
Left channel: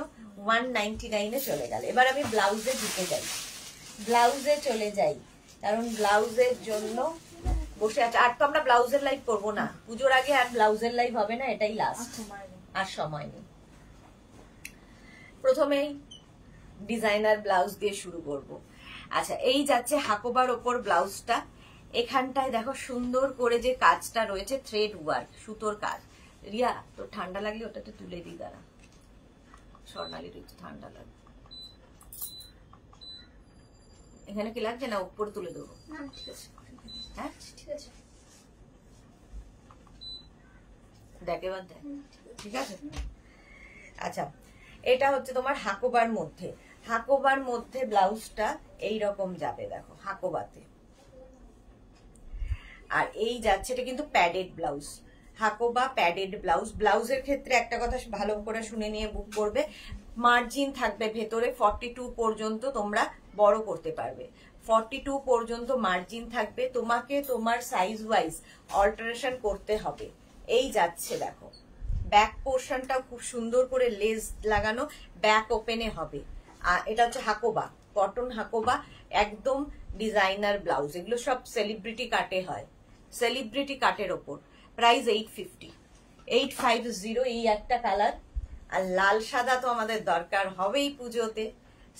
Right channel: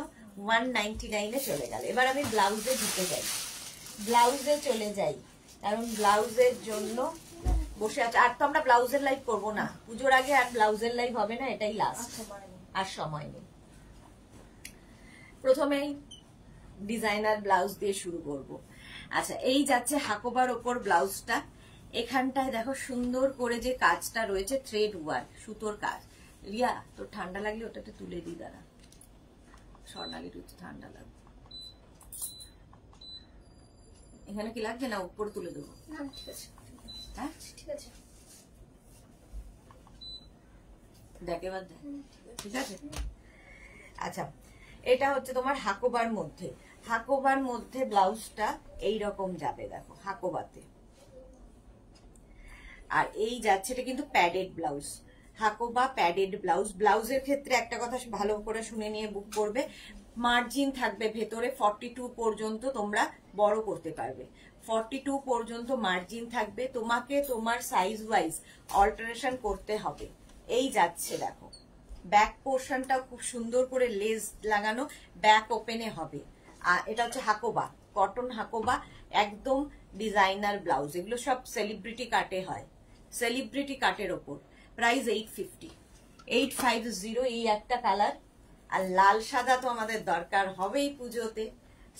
199 চলে গেল। এবার আমি ব্লাউজে ঢুকে যাই, ব্লাউজে চলে যাই, কারণ ব্লাউজের জন্য বসে আছে। আর তো আমরা ব্লাউজের লাইভ করবো না পুজোর আগে, আর ব্লাউজের লাইভ হবে না, এটাই লাস্ট, আর সময় নেই। প্রথমেই ডিজাইনার ব্লাউজ দিয়ে শুরু করব। আচ্ছা, এই যাচ্ছে হাকোবার ওপর ব্লাউজটা। এখানটায় দেখো সুন্দর করে যে কাজটা রয়েছে, থ্রেড ওয়ার্ক, সুতোর কাজ। রিয়া, তোর ঠান্ডা লাগলে ওটাতে তুলে দিই, দাঁড়া। স্বর্ণালীর একটু ঠান্ডা লাগবে, এখানে কি লাগছে না উপরে তুলে দেবো? হ্যাঁ ঠিক আছে, দেখ এবার দেখ, ঠিক আছে। আচ্ছা, এটা হচ্ছে তোমার হাকোবার মধ্যে, হাকোবার মধ্যে ব্লাউজটা এইরকম যাবে, দেখো হাকোবাতে। আর এই যাচ্ছে, এটা কিন্তু padded blouse, Hakoba padded blouse. ব্লাউজের ক্ষেত্রে একটা কথা ভালো করে শুনে নিয়ে বুক করবে, মার্জিন থাকবে ভেতরে 42 পর্যন্ত, তোমরা বড় করতে পারবে। 42 পর্যন্ত মার্জিন থাকবে, তোমাকে তোমার সাইজ ওয়াইজ অল্টারেশন করতে হবে। এই যাচ্ছে দেখো, ব্যাক পোর্শনটা খুব সুন্দর করে লেস লাগানো, ব্যাক ওপেনে হবে। আর এটা হচ্ছে হাকোবা, কটন হাকোবা, একদম ডিজাইনার ব্লাউজ। এগুলো সব সেলিব্রিটি কাটে হয়, সেলিব্রিটি কাটের ওপর। প্রাইস 850। এই একটা কালার। আর লাল সাদা তো আমাদের দরকার হবেই পুজোতে,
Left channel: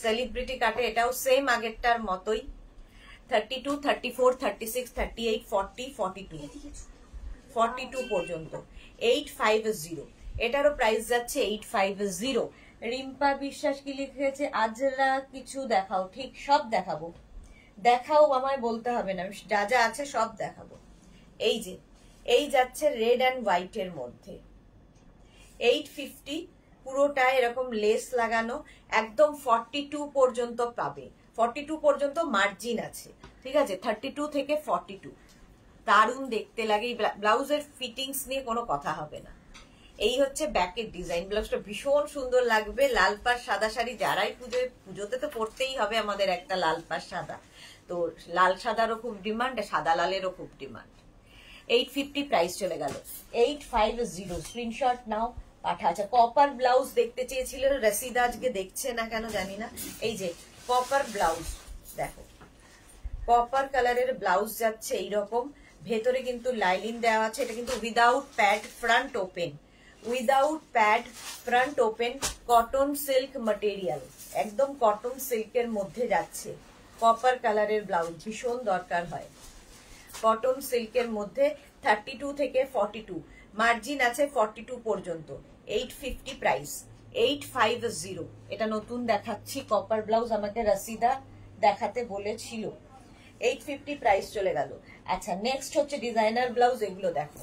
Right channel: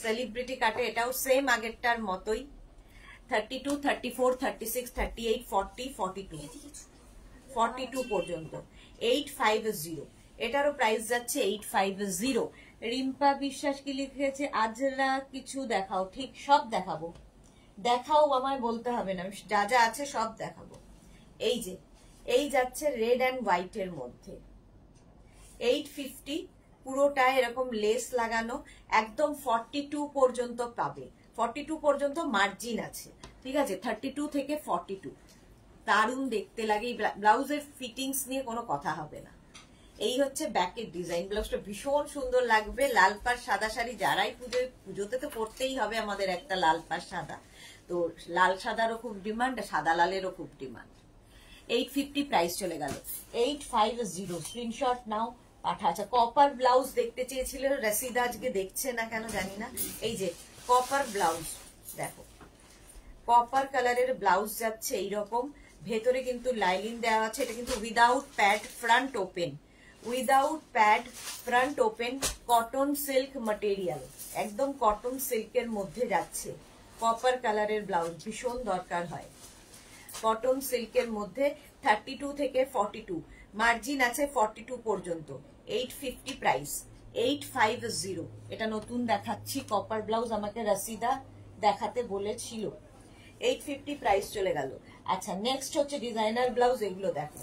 সেলিব্রিটি কাটে। এটাও সেম আগেরটার মতোই, 32, 34, 36, 38, 40, 42 পর্যন্ত 850। এটারও প্রাইস যাচ্ছে 850। রিম্পা বিশ্বাস কি লিখেছে, আজরা কিছু দেখাও। ঠিক, সব দেখাবো, দেখাও, আমায় বলতে হবে না, যা যা আছে সব দেখাবো। এই যে এই যাচ্ছে রেড অ্যান্ড হোয়াইট এর মধ্যে, 850, পুরোটা এরকম লেস লাগানো, একদম 42 পর্যন্ত পাবে। 42 পর্যন্ত মার্জিন আছে, ঠিক আছে, 32 থেকে 42। দারুণ দেখতে লাগে। ব্লাউজের ফিটিংস নিয়ে কোনো কথা হবে না। এই হচ্ছে ব্যাকের ডিজাইন। ব্লাউজটা ভীষণ সুন্দর লাগবে। লাল পাড় সাদা শাড়ি যারাই পুজোতে তো পরতেই হবে আমাদের একটা লাল পাড় সাদা, তো লাল সাদারও খুব ডিমান্ড, সাদা লালেরও খুব ডিমান্ড। 850 প্রাইস চলে গেল 850। স্ক্রিনশট নাও, পাঠা। আচ্ছা, কপার ব্লাউজ দেখতে চেয়েছিল রসিদা, আজকে দেখছে না কেন জানি না। এই যে কপার ব্লাউজ দেখো, কপার কালারের ব্লাউজ যাচ্ছে এইরকম, ভেতরে কিন্তু লাইনিং দেওয়া আছে। এটা কিন্তু without pad, front open, without pad, front open, cotton silk material, একদম কটন সিল্কের মধ্যে যাচ্ছে। কপার কালারের ব্লাউজ ভীষণ দরকার হয়, কটন সিল্কের মধ্যে। 32 থেকে 42, মার্জিন আছে 42 পর্যন্ত। 850 প্রাইস, 850। এটা নতুন দেখাচ্ছি কপার ব্লাউজ, আমাকে রসিদা দেখাতে বলেছিল। 850 প্রাইস চলে গেল। আচ্ছা, নেক্সট হচ্ছে ডিজাইনার ব্লাউজ। এগুলো দেখো,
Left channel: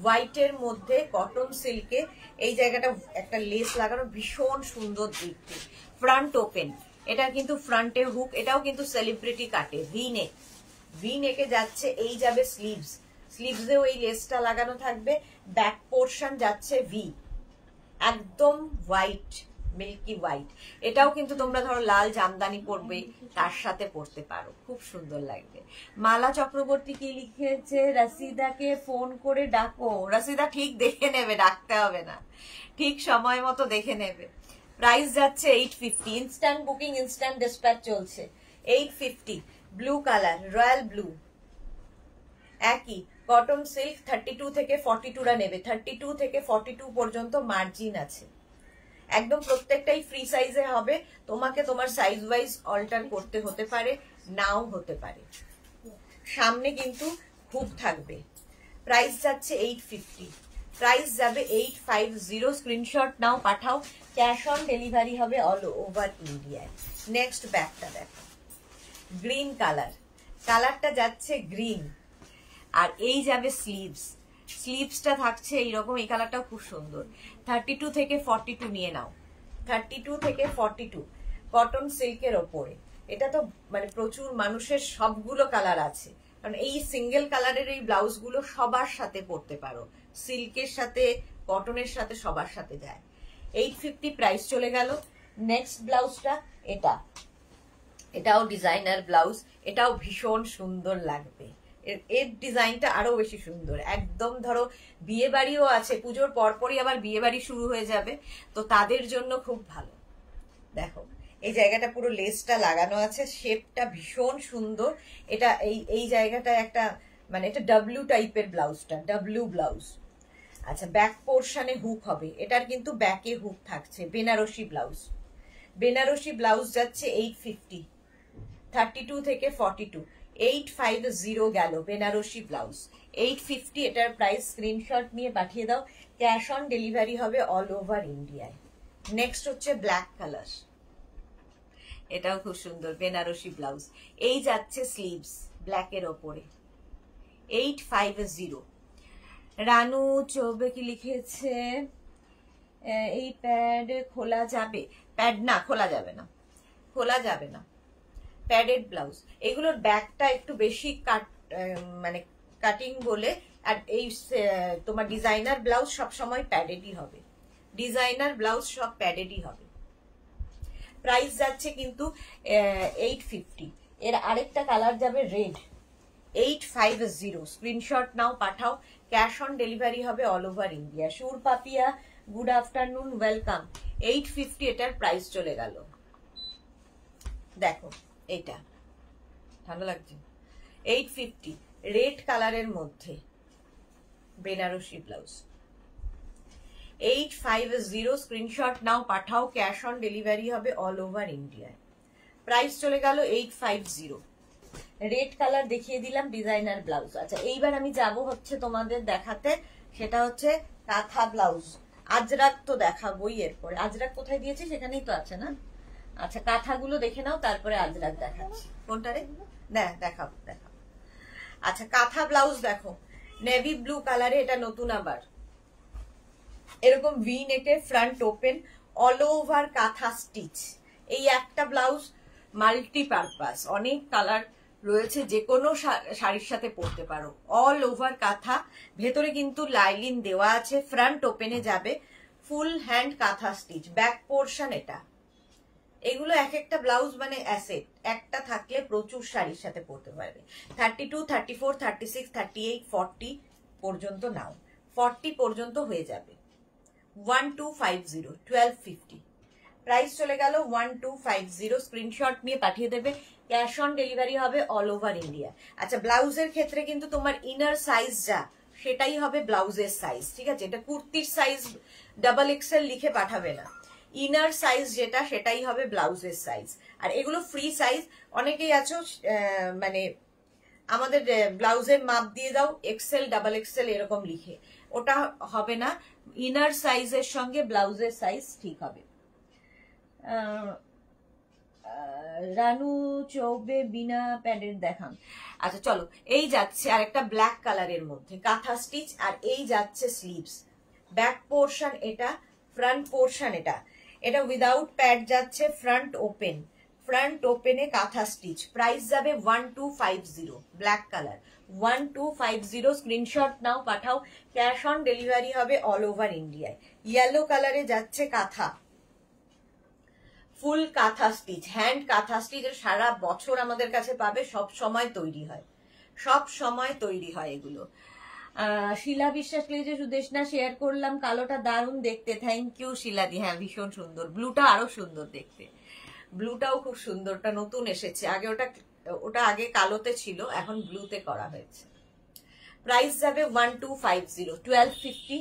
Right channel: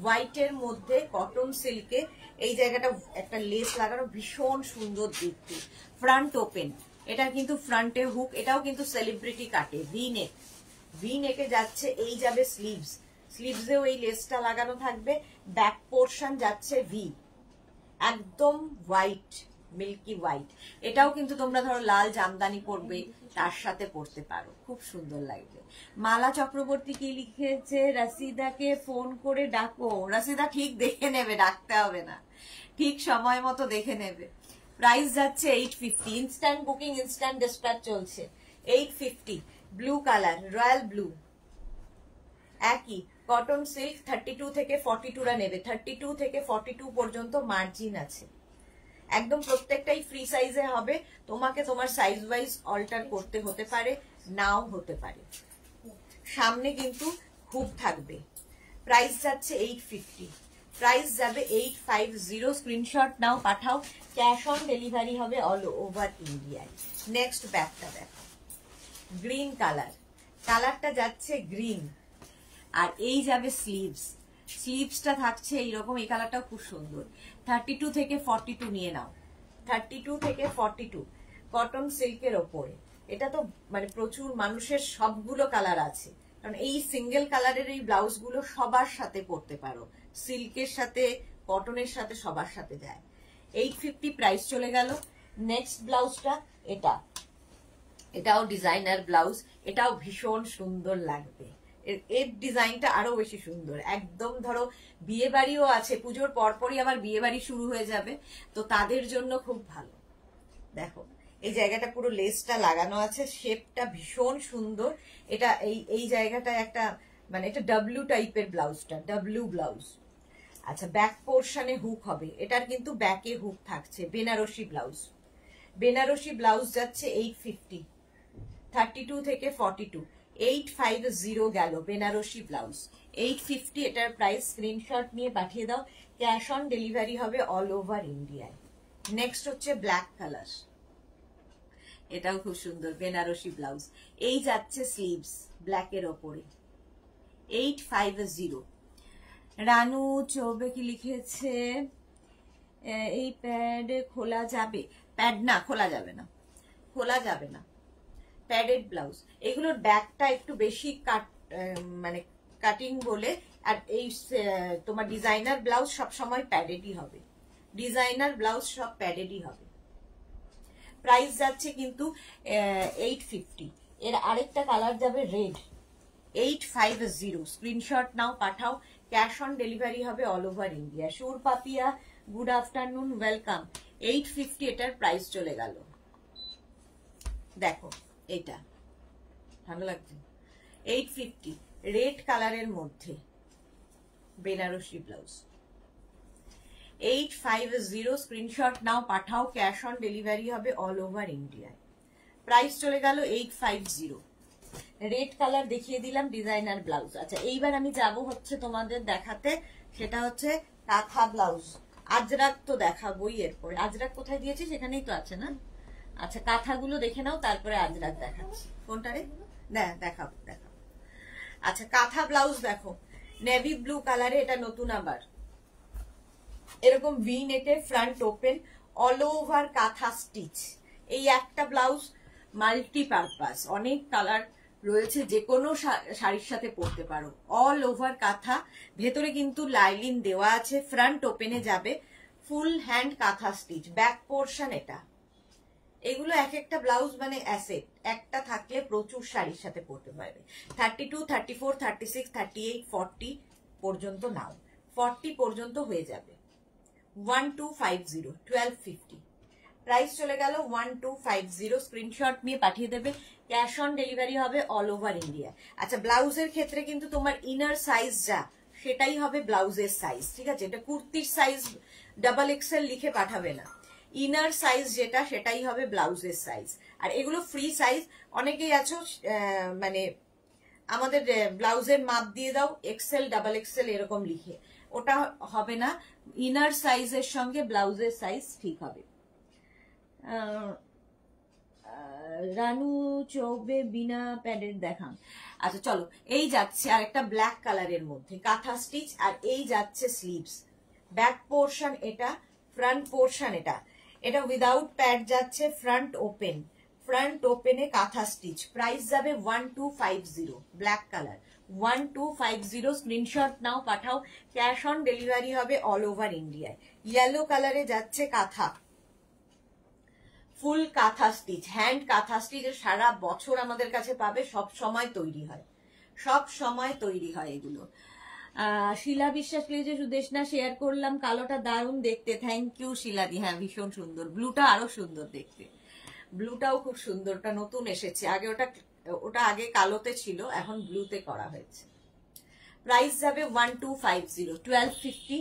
হোয়াইটের মধ্যে কটন সিল্কে, এই জায়গাটা একটা লেস লাগানো, ভীষণ সুন্দর দেখতে। ফ্রন্ট ওপেন, এটা কিন্তু ফ্রন্টে হুক, এটাও কিন্তু সেলিব্রিটি কাটে। ভি নেক, ভি নেকে যাচ্ছে। এই যাবে স্লিভস, স্লিভসেও এই লেসটা লাগানো থাকবে। ব্যাক পোর্শন যাচ্ছে ভি, একদম হোয়াইট, মিল্কি হোয়াইট। এটাও কিন্তু তোমরা ধরো লাল জামদানি পরবে, তার সাথে পরতে পারো, খুব সুন্দর লাগবে। মালা চক্রবর্তী কি লিখেছে, রসিদাকে ফোন করে ডাকো। রসিদা ঠিক দেখে নেবে, ডাকতে হবে না, ঠিক সময় মতো দেখে নেবে। প্রাইস যাচ্ছে 850। ইনস্ট্যান্ট বুকিং, ইনস্ট্যান্ট ডিসপ্যাচ চলছে। 850, ব্লু কালার, রয়্যাল ব্লু, একই কটন সিল্ক। 32 থেকে 42রা নেবে, 32 থেকে 42 পর্যন্ত মার্জিন আছে। একদম প্রত্যেকটাই ফ্রি সাইজে হবে, তোমাকে তোমার সাইজ ওয়াইজ অল্টার করতে হতে পারে, নাও হতে পারে। সামনে কিন্তু খুব থাকবে। প্রাইস যাচ্ছে 850, প্রাইস যাবে 850। স্ক্রিনশট নাও, পাঠাও, ক্যাশ অন ডেলিভারি হবে অল ওভার ইন্ডিয়ায়। নেক্সট ব্যাগটা দেখো, গ্রিন কালার, কালারটা যাচ্ছে গ্রিন, আর এই যাবে স্লিভস, স্লিভসটা থাকছে এইরকম, এই কালারটাও খুব সুন্দর। 32 থেকে 42 নিয়ে নাও, 32 থেকে 42 কটন সিল্কের ওপরে। এটা তো মানে প্রচুর মানুষের সবগুলো কালার আছে, কারণ এই সিঙ্গেল কালারের এই ব্লাউজ গুলো সবার সাথে পরতে পারো, সিল্কের সাথে কটনের সাথে সবার সাথে যায়। 850 প্রাইস চলে গেল। নেক্সট ব্লাউজটা এটা, এটাও ডিজাইনার ব্লাউজ, এটাও ভীষণ সুন্দর লাগবে। এর ডিজাইনটা আরো বেশি সুন্দর, একদম ধরো বিয়ে বাড়িও আছে, পুজোর পরপরই আবার বিয়ে বাড়ি শুরু হয়ে যাবে, তো তাদের জন্য খুব ভালো। দেখো এই জায়গাটা পুরো লেসটা লাগানো আছে, শেপটা ভীষণ সুন্দর। এটা এই জায়গাটা একটা মানে এটা ডাব্লিউ টাইপের ব্লাউজটা, ডাব্লিউ ব্লাউজ। আচ্ছা ব্যাক পোর্শনে হুক হবে, এটার কিন্তু ব্যাকে হুক থাকছে। বেনারসি ব্লাউজ, বেনারসি ব্লাউজ যাচ্ছে 850, 32 থেকে 42, 850 গেল বেনারসি ব্লাউজ। 850 এটার প্রাইস, স্ক্রিনশট নিয়ে পাঠিয়ে দাও, ক্যাশ অন ডেলিভারি হবে অল ওভার ইন্ডিয়ায়। নেক্সট হচ্ছে ব্ল্যাক কালার, এটাও খুব সুন্দর বেনারসি ব্লাউজ। এই যাচ্ছে স্লিভস ব্ল্যাকের ওপরে, 850। রানু চৌবে কি লিখেছে, এই প্যাড খোলা যাবে? প্যাড না, খোলা যাবে না, খোলা যাবে না, প্যাডেড ব্লাউজ। এগুলোর ব্যাকটা একটু বেশি মানে কাটিং বলে, আর এই তোমার ডিজাইনার ব্লাউজ সব সময় প্যাডেডই হবে, ডিজাইনার ব্লাউজ সব প্যাডেডই হবে। প্রাইস যাচ্ছে কিন্তু 850। এর আরেকটা কালার যাবে রেড, 850। স্ক্রিনশট নাও, পাঠাও, ক্যাশ অন ডেলিভারি হবে অল ওভার ইন্ডিয়া। সুর পাপিয়া গুড আফটারনুন, ওয়েলকাম। 850 এটার প্রাইস চলে গেল। দেখো এইটা ভালো লাগছে, 850 রেড কালারের মধ্যে বেনারসি ব্লাউজ, 850। স্ক্রিনশট নাও, পাঠাও, ক্যাশ অন ডেলিভারি হবে অল ওভার ইন্ডিয়া। প্রাইস চলে গেল 850। রেড কালার দেখিয়ে দিলাম, ডিজাইনার ব্লাউজ। আচ্ছা এইবার আমি যাব হচ্ছে তোমাদের দেখাতে, সেটা হচ্ছে কাঁথা ব্লাউজ। আজরাক তো দেখাবোই এরপরে। আজরাক কোথায় দিয়েছে, সেখানেই তো আছে না? আচ্ছা কাঁথাগুলো দেখে নাও, তারপরে আজরাক দেখাচ্ছি। কোনটা রে? দেখাবো দেখাবো। আচ্ছা কাঁথা ব্লাউজ দেখো, নেভি ব্লু কালারে, এটা নতুন আবার, এরকম ভি নেকের, ফ্রন্ট ওপেন, অল ওভার কাঁথা স্টিচ। এই একটা ব্লাউজ মাল্টিপারপাস, অনেক কালার রয়েছে, যে কোনো শাড়ির সাথে পরতে পারো। অল ওভার কাঁথা, ভেতরে কিন্তু লাইলিন দেওয়া আছে, ফ্রন্ট ওপেনে যাবে, ফুল হ্যান্ড কাঁথা স্টিচ, ব্যাক পোর্শন এটা। এগুলো এক একটা ব্লাউজ মানে অ্যাসেট, একটা থাকলে প্রচুর শাড়ির সাথে পরতে পারবে। 32, 34, 36, 38, 40 পর্যন্ত নাও, 40 পর্যন্ত হয়ে যাবে। 1250, 1250 প্রাইস চলে গেল 1250। স্ক্রিনশট নিয়ে পাঠিয়ে দেবে, ক্যাশ অন ডেলিভারি হবে অল ওভার ইন্ডিয়া। আচ্ছা ব্লাউজের ক্ষেত্রে কিন্তু তোমার ইনার সাইজ যা, সেটাই হবে ব্লাউজের সাইজ, ঠিক আছে? এটা কুর্তির সাইজ ডাবল এক্সেল লিখে পাঠাবে না, ইনার সাইজ যেটা সেটাই হবে ব্লাউজের সাইজ। আর এগুলো ফ্রি সাইজ। অনেকেই আছো মানে আমাদের ব্লাউজের মাপ দিয়ে দাও এক্সেল ডাবল এক্সেল এরকম লিখে, ওটা হবে না, ইনার সাইজের সঙ্গে ব্লাউজের সাইজ ঠিক হবে। রানু চৌবে বিনা প্যাডের দেখান। আচ্ছা চলো, এই যাচ্ছে আর একটা ব্ল্যাক কালারের মধ্যে কাঁথা স্টিচ, আর এই যাচ্ছে স্লিভস। ব্যাক পোর্শন এটা, ফ্রন্ট পোর্শন এটা। এটা উইদাউট প্যাড যাচ্ছে, ফ্রন্ট ওপেন, ফ্রন্ট ওপেনে কাঁথা স্টিচ। প্রাইস যাবে 1250, ব্ল্যাক কালার 1250। স্ক্রিনশট নাও, পাঠাও, ক্যাশ অন ডেলিভারি হবে অল ওভার ইন্ডিয়ায়। ইয়েলো কালারে যাচ্ছে কাঁথা, ফুল কাঁথা স্টিচ, হ্যান্ড কাঁথা স্টিচ। সারা বছর আমাদের কাছে পাবে, সব সময় তৈরি হয়, সব সময় তৈরি হয় এগুলো। শিলা বিশ্বাস লিখেছে, সুদেশনা শেয়ার করলাম, কালোটা দারুণ দেখতে। থ্যাংক ইউ শিলাদি। হ্যাঁ ভীষণ সুন্দর, ব্লুটা আরো সুন্দর দেখতে, ব্লুটাও খুব সুন্দর, ওটা নতুন এসেছে, আগে ওটা আগে কালোতে ছিল, এখন ব্লুতে করা হয়েছে। প্রাইস যাবে 1250, 1250।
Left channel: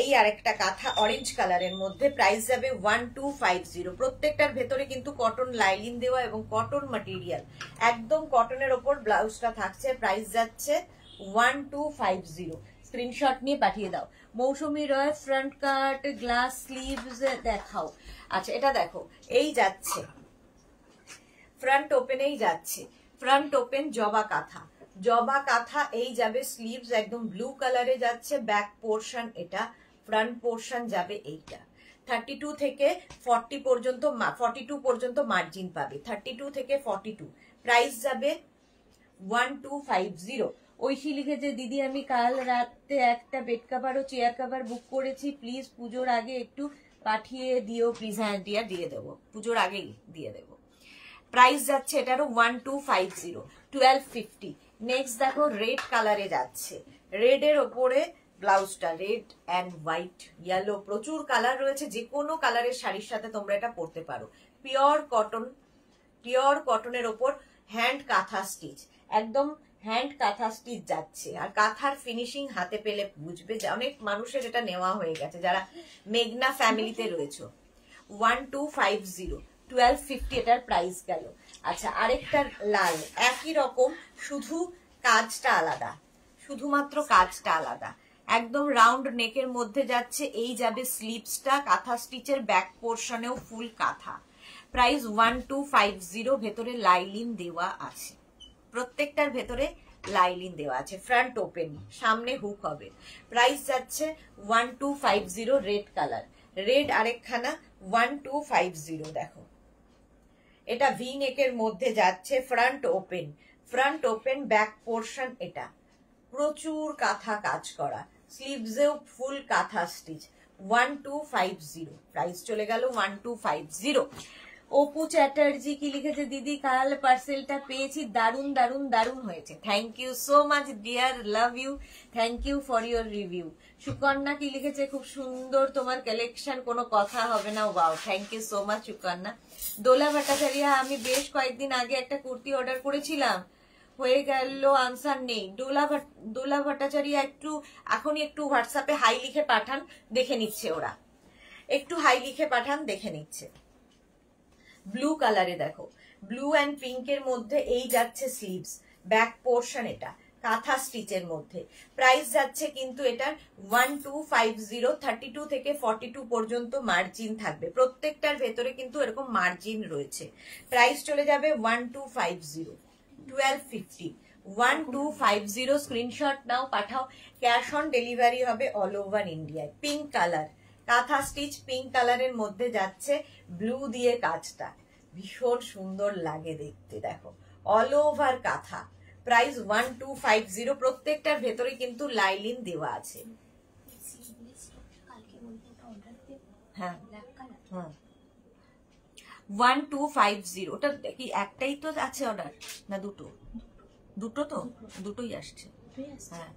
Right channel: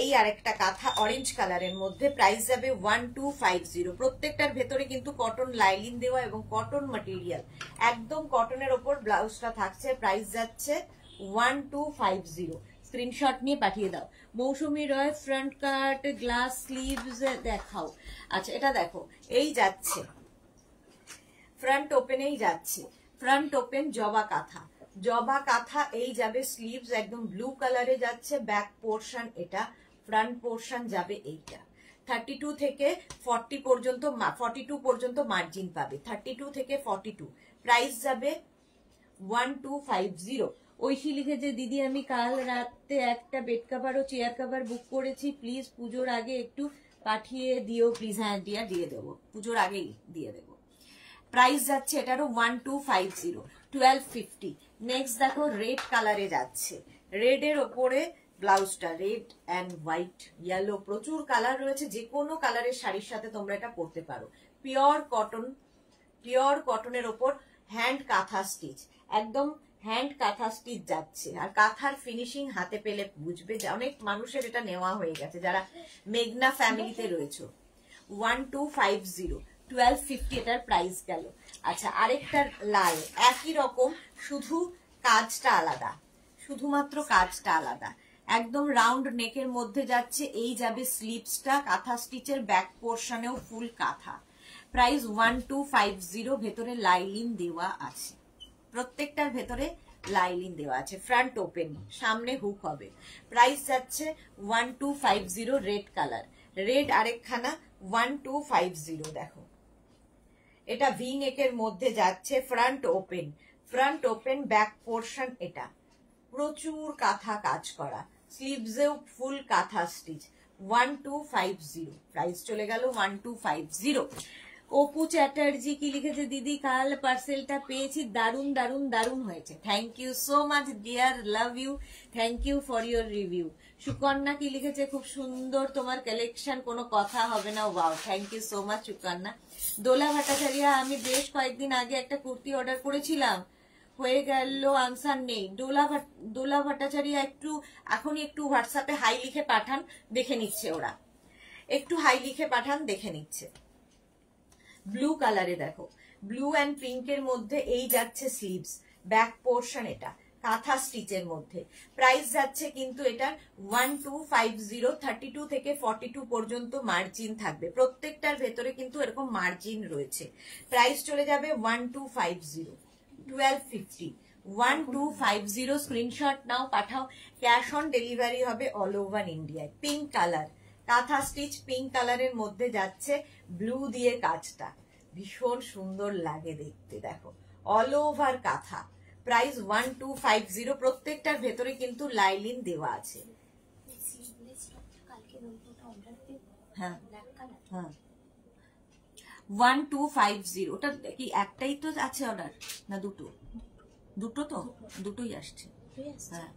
এই আরেকটা কাঁথা অরেঞ্জ কালারের মধ্যে, প্রাইস যাবে 1250। প্রত্যেকটার ভেতরে কিন্তু কটন লাইলিন দেওয়া এবং কটন ম্যাটেরিয়াল, একদম কটনের ওপর ব্লাউজটা থাকছে। প্রাইস যাচ্ছে 1250। স্ক্রিনশট নিয়ে পাঠিয়ে দাও। মৌসুমী রয় ফ্রন্ট কাট গ্লাস স্লিভস দেখাও। আচ্ছা এটা দেখো, এই যাচ্ছে ফ্রন্ট ওপেনেই যাচ্ছে, ফ্রন্ট ওপেন জবা কাঁথা, জবা কাঁথা এই যাবে স্লিভস একদম ব্লু কালারে যাচ্ছে, ব্যাক পোর্শন এটা, ফ্রন্ট পোর্শন যাবে এইটা। 32 থেকে 40 পর্যন্ত 42 পর্যন্ত মার্জিন পাবে, 32 থেকে 42। প্রাইস যাবে 1250। ঐশী লিখেছে দিদি আমি কাল রাতে একটা বেড কভার ও চেয়ার কভার বুক করেছি, প্লিজ পুজোর আগে একটু পাঠিয়ে দিও প্লিজ। হ্যাঁ দিয়া দিয়ে দেবো, পুজোর আগেই দিয়ে দেবো। প্রাইস যাচ্ছে এটারও 1250, 1250। নেক্সট দেখো রেড কালারে যাচ্ছে, রেড এর ওপরে ব্লাউজটা রেড অ্যান্ড হোয়াইট ইয়েলো, প্রচুর কালার রয়েছে, যে কোনো কালারের শাড়ির সাথে তোমরা এটা পরতে পারো। পিওর কটন, পিওর কটনের ওপর হ্যান্ড কাঁথা স্টিচ, একদম হ্যান্ড কাঁথা স্টিচ যাচ্ছে। আর কাঁথার ফিনিশিং হাতে পেলে বুঝবে যে অনেক মানুষের এটা নেওয়া হয়ে গেছে যারা মেঘনা ফ্যামিলিতে রয়েছে। 1250, 1250 এটার প্রাইস গেল। আচ্ছা আরেকটা লাল, একই রকম শুধু কাজটা আলাদা, শুধুমাত্র কাজটা আলাদা, একদম রাউন্ড নেকের মধ্যে যাচ্ছে, এই যাবে স্লিভসটা, কাঁথা স্টিচের ব্যাক পোর্শনেও ফুল কাঁথা। প্রাইস 1250, ভেতরে লাইলিন দেওয়া আছে, প্রত্যেকটার ভেতরে লাইলিন দেওয়া আছে, ফ্রন্ট ওপেন, সামনে হুক হবে। প্রাইস যাচ্ছে 1250, রেড কালার, রেড আরেকখানা 1250। দেখো এটা ভি নেকের মধ্যে যাচ্ছে, front open, front open back portion, এটা প্রচুর কাঁথা কাজ করা, স্লিভসেও ফুল কাঁথা স্টিচ, 1250। প্রাইস চলে গেল 1250। অপু চ্যাটার্জি কি লিখেছে দিদি কাল পার্সেলটা পেয়েছি, দারুন দারুন দারুন হয়েছে, thank you so much dear, love you, thank you for your review. Sukanya কি লিখেছে খুব সুন্দর তোমার কালেকশন, কোনো কথা হবে না, wow, thank you so much Sukanya. Dola Bhattacharya আমি বেশ কয়েকদিন আগে একটা কুর্তি অর্ডার করেছিলাম, হয়ে গেল, আনসার নেই। দোলা ভট্টাচার্য একটু এখনই একটু হোয়াটসঅ্যাপে হাই লিখে পাঠান, দেখে নিচ্ছে ওরা, একটু হাই লিখে পাঠান, দেখে নিচ্ছে। ব্লু কালারে দেখো, ব্লু অ্যান্ড পিঙ্কের মধ্যে এই যাচ্ছে স্লিভস, ব্যাক পোর্শন এটা কাঁথা স্টিচের মধ্যে। প্রাইস যাচ্ছে কিন্তু এটার 1250, 32 থেকে 42 পর্যন্ত মার্জিন থাকবে, প্রত্যেকটার ভেতরে কিন্তু এরকম মার্জিন রয়েছে। প্রাইস চলে যাবে 1250, 1250, 1250। স্ক্রিনশট নাও, পাঠাও, ক্যাশ অন ডেলিভারি হবে অল ওভার ইন্ডিয়ায়। পিঙ্ক কালার, কাঁথা স্টিচ পিঙ্ক কালারের মধ্যে যাচ্ছে, ব্লু দিয়ে কাজটা ভীষণ সুন্দর লাগে দেখতে, দেখো অল ওভার কাঁথা। প্রাইস 1250, প্রত্যেকটার ভেতরে কিন্তু লাইলিন দেওয়া আছে। হ্যাঁ হ্যাঁ 1250। ওটা কি একটাই তো আছে অর্ডার না দুটো? দুটো তো, দুটোই আসছে। হ্যাঁ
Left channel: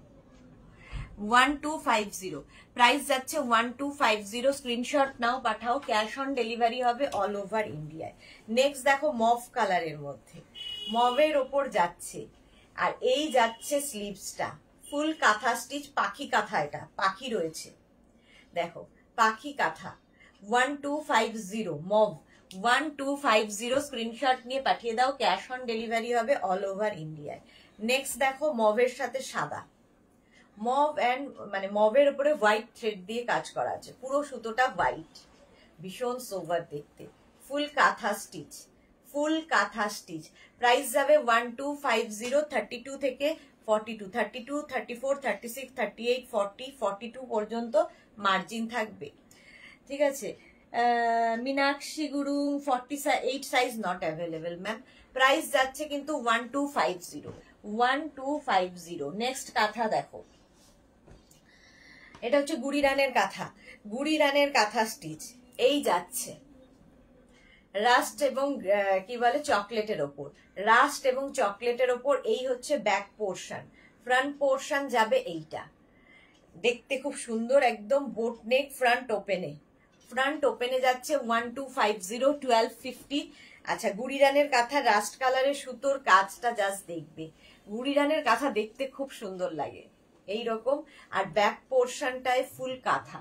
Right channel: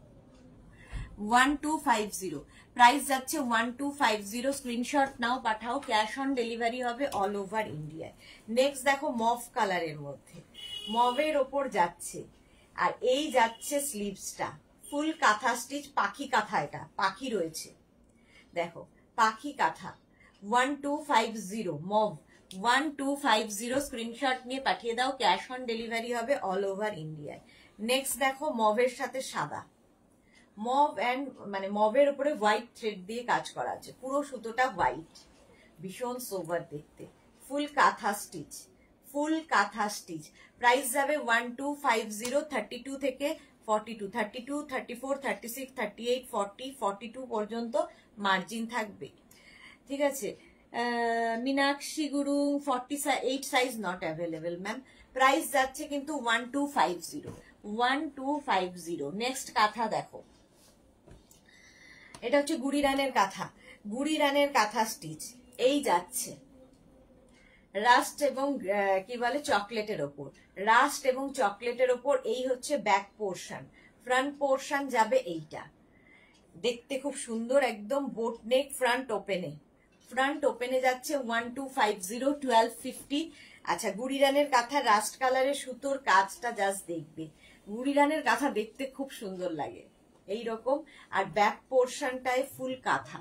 1250, প্রাইস যাচ্ছে 1250। স্ক্রিনশট নাও, পাঠাও, ক্যাশ অন ডেলিভারি হবে অল ওভার ইন্ডিয়ায়। নেক্সট দেখো মভ কালারের মধ্যে, মভের ওপর যাচ্ছে, আর এই যাচ্ছে স্লিভসটা ফুল কাঁথা স্টিচ, পাখি কাঁথা, এটা পাখি রয়েছে, দেখো পাখি কাঁথা, 1250 মভ, 1250। স্ক্রিনশট নিয়ে পাঠিয়ে দাও, ক্যাশ অন ডেলিভারি হবে অল ওভার ইন্ডিয়ায়। নেক্সট দেখো মভের সাথে সাদা, মভ অ্যান্ড মানে মভের উপরে হোয়াইট থ্রেড দিয়ে কাজ করা আছে, পুরো সুতোটা হোয়াইট, ভীষণ সোভার দেখতে, ফুল কাঁথা স্টিচ, ফুল কাঁথা স্টিচ। প্রাইস যাবে 1250, 32 থেকে 42, 32, 34, 36, 38, 40, 42 পর্যন্ত মার্জিন থাকবে, ঠিক আছে। মীনাক্ষী গুরু 48 size not available ma'am. Price যাচ্ছে কিন্তু 1250, 1250। নেক্সট কাঁথা দেখো, এটা হচ্ছে গুড়ি রানের কাঁথা, গুড়ি রানের কাঁথা স্টিচ, এই যাচ্ছে রাস্ট এবং কি বলে চকলেটের ওপর, রাস্ট এবং চকলেটের ওপর, এই হচ্ছে ব্যাক পোর্শন, ফ্রন্ট পোর্শন যাবে এইটা, দেখতে খুব সুন্দর, একদম বোট নেক, ফ্রন্ট ওপেনে, ফ্রন্ট ওপেনে যাচ্ছে 1250, 1250। আচ্ছা গুড়ি রানের কাঁথা, রাস্ট কালারের সুতোর কাজটা জাস্ট দেখবে, গুড়ি রানের কাঁথা দেখতে খুব সুন্দর লাগে এইরকম, আর ব্যাক পোর্শনটায় ফুল কাঁথা,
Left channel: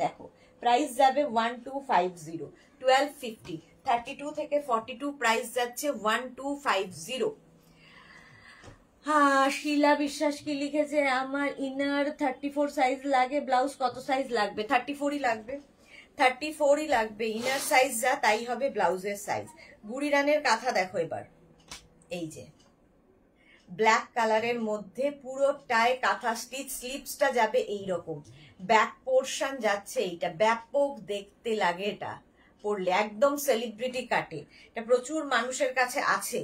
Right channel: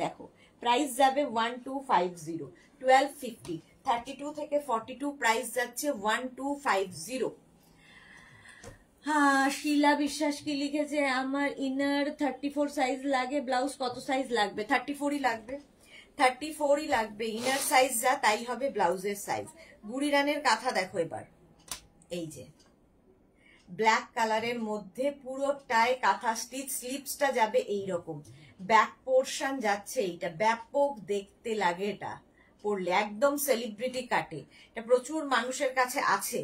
দেখো প্রাইস যাবে 1250, 1250, 32 থেকে 42 প্রাইস যাচ্ছে 1250। হ্যাঁ শিলা বিশ্বাস কি লিখেছে আমার ইনার 34 সাইজ লাগে, ব্লাউজ কত সাইজ লাগবে? 34ই লাগবে, 34ই লাগবে, ইনার সাইজ যা তাই হবে ব্লাউজের সাইজ। বুড়ি রানের কাঁথা দেখো এবার, এই যে ব্ল্যাক কালারের মধ্যে পুরোটায় কাঁথা স্টিচ, স্লিপসটা যাবে এইরকম, ব্যাক পোর্শন যাচ্ছে এইটা, ব্যাপক দেখতে লাগে এটা পরলে, একদম সেলিব্রিটি কাটে। এটা প্রচুর মানুষের কাছে আছে,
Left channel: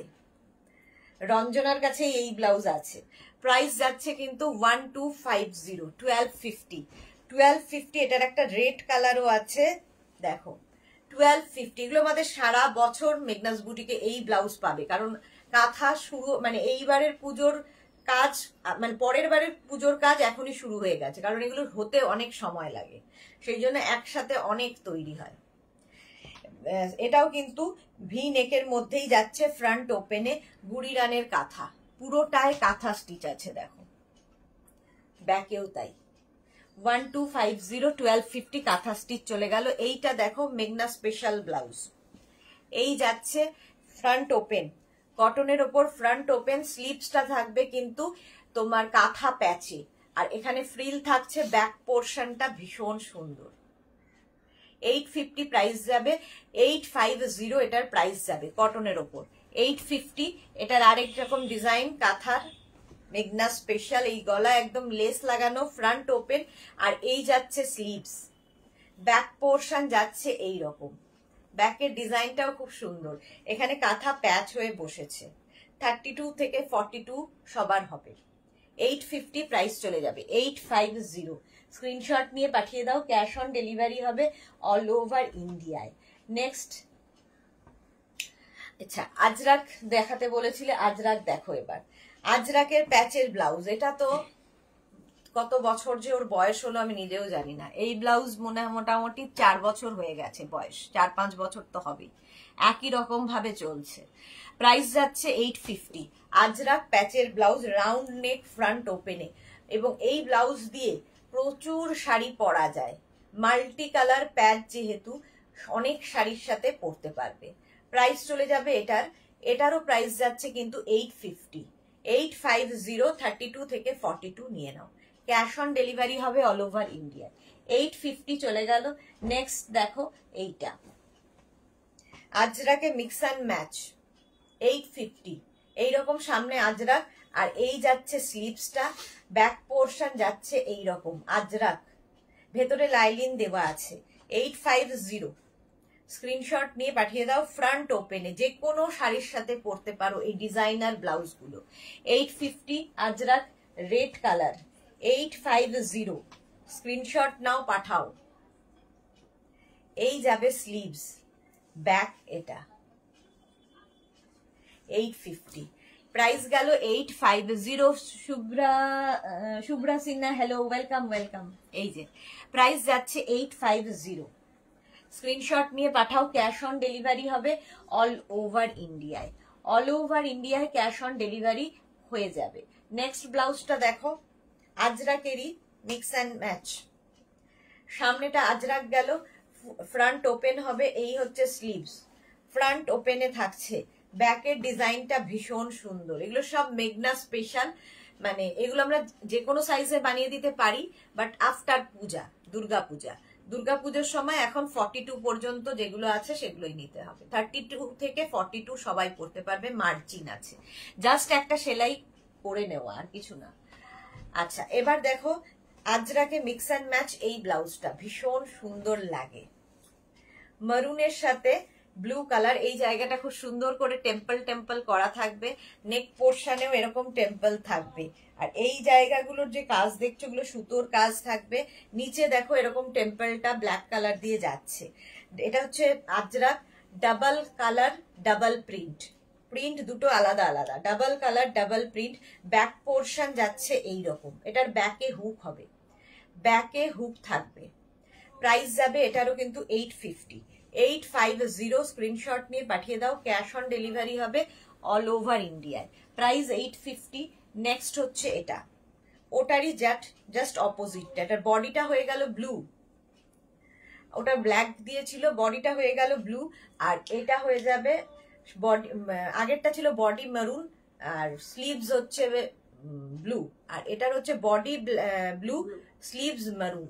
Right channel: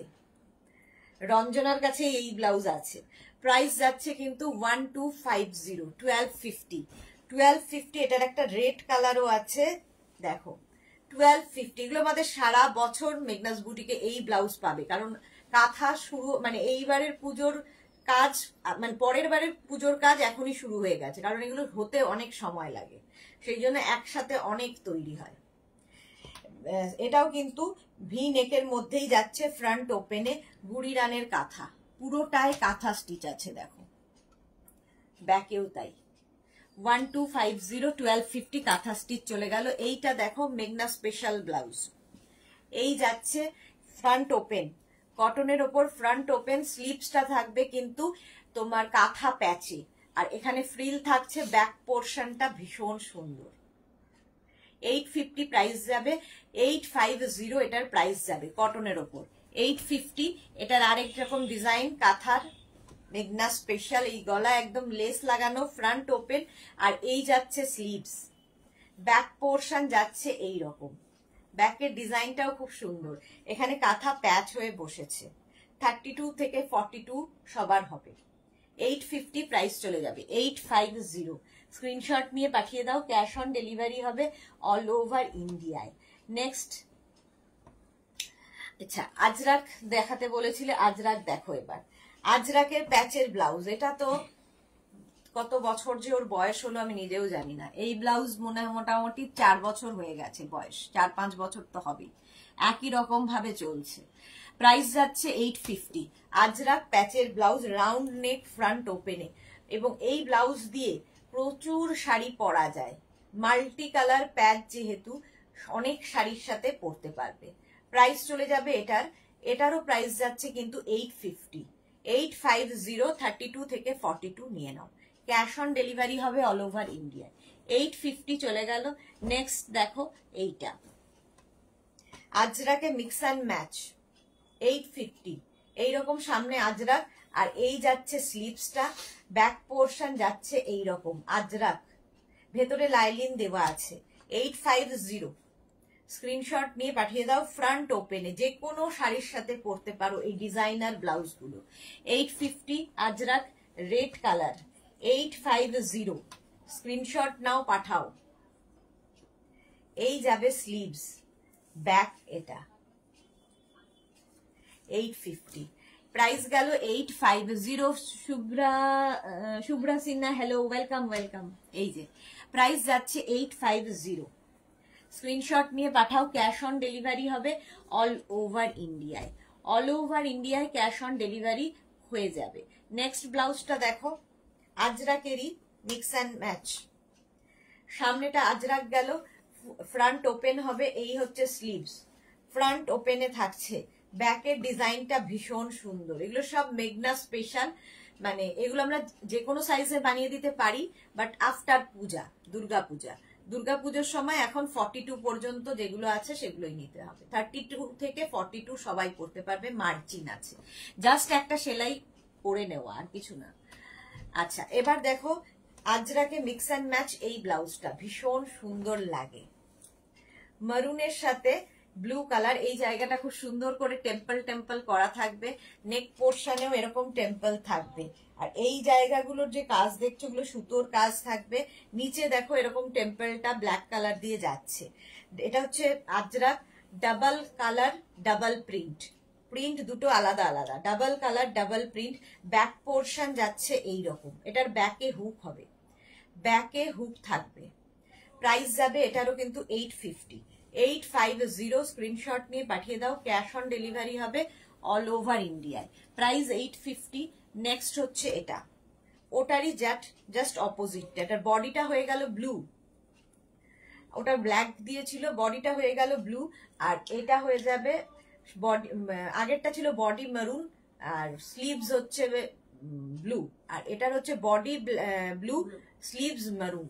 রঞ্জনার কাছে এই ব্লাউজ আছে। প্রাইস যাচ্ছে কিন্তু 1250, 1250, 1250। এটার একটা রেড কালারও আছে দেখো, 1250। এগুলো আমাদের সারা বছর মেঘনাস বুটিকে এই ব্লাউজ পাবে, কারণ কাঁথা শুরু মানে এইবারের পুজোর কাজ, মানে পরের বারের পুজোর কাজ এখনই শুরু হয়ে গেছে, কারণ এগুলো হতে অনেক সময় লাগে, সেই জন্য একসাথে অনেক তৈরি হয়। এটাও কিন্তু ভি নেকের মধ্যেই যাচ্ছে, ফ্রন্ট ওপেনে, বুড়ি রানের কাঁথা, পুরোটায় কাঁথা স্টিচ আছে দেখো, ব্যাকেও তাই। 1250, 1250 কাঁথা স্টিচ চলে গেল। এইটা দেখো মেঘনা স্পেশাল ব্লাউজ, এই যাচ্ছে ফ্রন্ট ওপেন, কটনের ওপর ফ্রন্ট ওপেন, স্লিপসটা থাকবে কিন্তু তোমার কাঁথা প্যাচে, আর এখানে ফ্রিল থাকছে, ব্যাক পোর্শনটা ভীষণ সুন্দর। 850 প্রাইস যাবে, 850 এটার প্রাইস যাবে, কটনের ওপর 850। এটার আরেক রকম ডিজাইন কাঁথার, মেঘনা স্পেশাল, এই গলা একদম লেস লাগানো, ফ্রন্ট ওপেন, আর এই যাচ্ছে স্লিভস, ব্যাক পোর্শন যাচ্ছে এই রকম, ব্যাকের ডিজাইনটাও খুব সুন্দর, এখানে কাঁথা প্যাচ হয়ে বসেছে। 32 থেকে 42 সবার হবে। 850 প্রাইস চলে যাবে, 850। স্ক্রিনশট নিয়ে পাঠিয়ে দাও, ক্যাশ অন ডেলিভারি হবে অল ওভার ইন্ডিয়ায়। নেক্সট, আচ্ছা আজরাক দেখাতে বলেছিলে, আজরাক দেখো এবার, আজরাকের প্যাচের ব্লাউজ। এটা তো কত বছর যে ওর বয়স হলো আমি নিজেও জানি না, এই ব্লাউজ মোটামুটি 4 বছর হয়ে গেছে বয়স, 4-5 বছর তো হবেই, একই রকম ভাবে চলছে। প্রাইস যাচ্ছে 850। আজরাক প্যাচের ব্লাউজ, রাউন্ড নেক, ফ্রন্ট ওপেনে, এবং এই ব্লাউজ দিয়ে প্রচুর শাড়ি পরা যায়, মাল্টি কালার প্যাচ যেহেতু অনেক শাড়ির সাথে পরতে পারবে। প্রাইস চলে যাবে এটারও প্রাইস যাচ্ছে কিন্তু 850, 850। 32 থেকে 42 নিয়ে নাও, ক্যাশ অন ডেলিভারি হবে অল ওভার ইন্ডিয়ায়। 850 চলে গেল। নেক্সট দেখো এইটা, আজরাকে মিক্স অ্যান্ড ম্যাচ, 850। এইরকম সামনে আজরাক, আর এই যাচ্ছে স্লিভসটা, ব্যাক পোর্শন যাচ্ছে এইরকম আজরাক, ভেতরে লাইলিন দেওয়া আছে। 850, স্ক্রিনশট নিয়ে পাঠিয়ে দাও, ফ্রন্ট ওপেনে যে কোনো শাড়ির সাথে পরতে পারো এই ডিজাইনার ব্লাউজগুলো। 850 আজরাক, রেড কালার, 850। স্ক্রিনশট নাও, পাঠাও। এই যাবে স্লিভস, ব্যাক এটা 850, প্রাইস গেল 850। Shubhra Sinha, hello, welcome welcome. এই যে প্রাইস যাচ্ছে 850, স্ক্রিনশট নিয়ে পাঠাও, ক্যাশ অন ডেলিভারি হবে অল ওভার ইন্ডিয়ায়, অল ওভার ইন্ডিয়ায় ক্যাশ অন ডেলিভারি হয়ে যাবে। নেক্সট ব্লাউজটা দেখো, আজরাকেরই মিক্স অ্যান্ড ম্যাচ, সামনেটা আজরাক গেল, ফ্রন্ট ওপেন হবে, এই হচ্ছে স্লিভস, ফ্রন্ট ওপেনে থাকছে, ব্যাকের ডিজাইনটা ভীষণ সুন্দর। এগুলো সব মেঘনা স্পেশাল, মানে এগুলো আমরা যে কোনো সাইজে বানিয়ে দিতে পারি, বাট আফটার পূজা, দুর্গাপুজোর সময় এখন 42 পর্যন্ত যেগুলো আছে সেগুলোই নিতে হবে। 32 থেকে 42 সবাই পরতে পারবে, মার্জিন আছে, জাস্ট একটা সেলাই করে নেওয়া, আর কিছু না। আচ্ছা এবার দেখো আজরাকে মিক্স অ্যান্ড ম্যাচ, এই ব্লাউজটা ভীষণ সুন্দর লাগে, মারুনের সাথে ব্লু কালার, এই জায়গাটা খুব সুন্দর করে টেম্পল টেম্পল করা থাকবে, নেক পোর্শনেও এরকম টেম্পল থাকবে, আর এই জায়গাগুলোর যে কাজ দেখছো ওগুলো সুতোর কাজ থাকবে, নিচে দেখো এরকম টেম্পলটা ব্ল্যাক কালার দিয়ে যাচ্ছে। এটা হচ্ছে Ajrak, double colour double print, print দুটো আলাদা আলাদা, double colour double print, back portion যাচ্ছে এইরকম, এটার ব্যাকে হুক হবে, ব্যাকে হুক থাকবে। প্রাইস যাবে এটারও কিন্তু 850, 850। স্ক্রিনশট নিয়ে পাঠিয়ে দাও, ক্যাশ অন ডেলিভারি হবে অল ওভার ইন্ডিয়ায়, প্রাইস 850। নেক্সট হচ্ছে এটা, ওটারই জাস্ট অপোজিট, এটার বডিটা হয়ে গেল ব্লু, ওটা ব্ল্যাক দিয়েছিল, বডিটা হয়ে গেল ব্লু, আর এটা হয়ে যাবে বডি, আগেরটা ছিল বডি মেরুন আর স্লিভস হচ্ছে ব্লু, আর এটার হচ্ছে বডি ব্লু, স্লিভস মেরুন।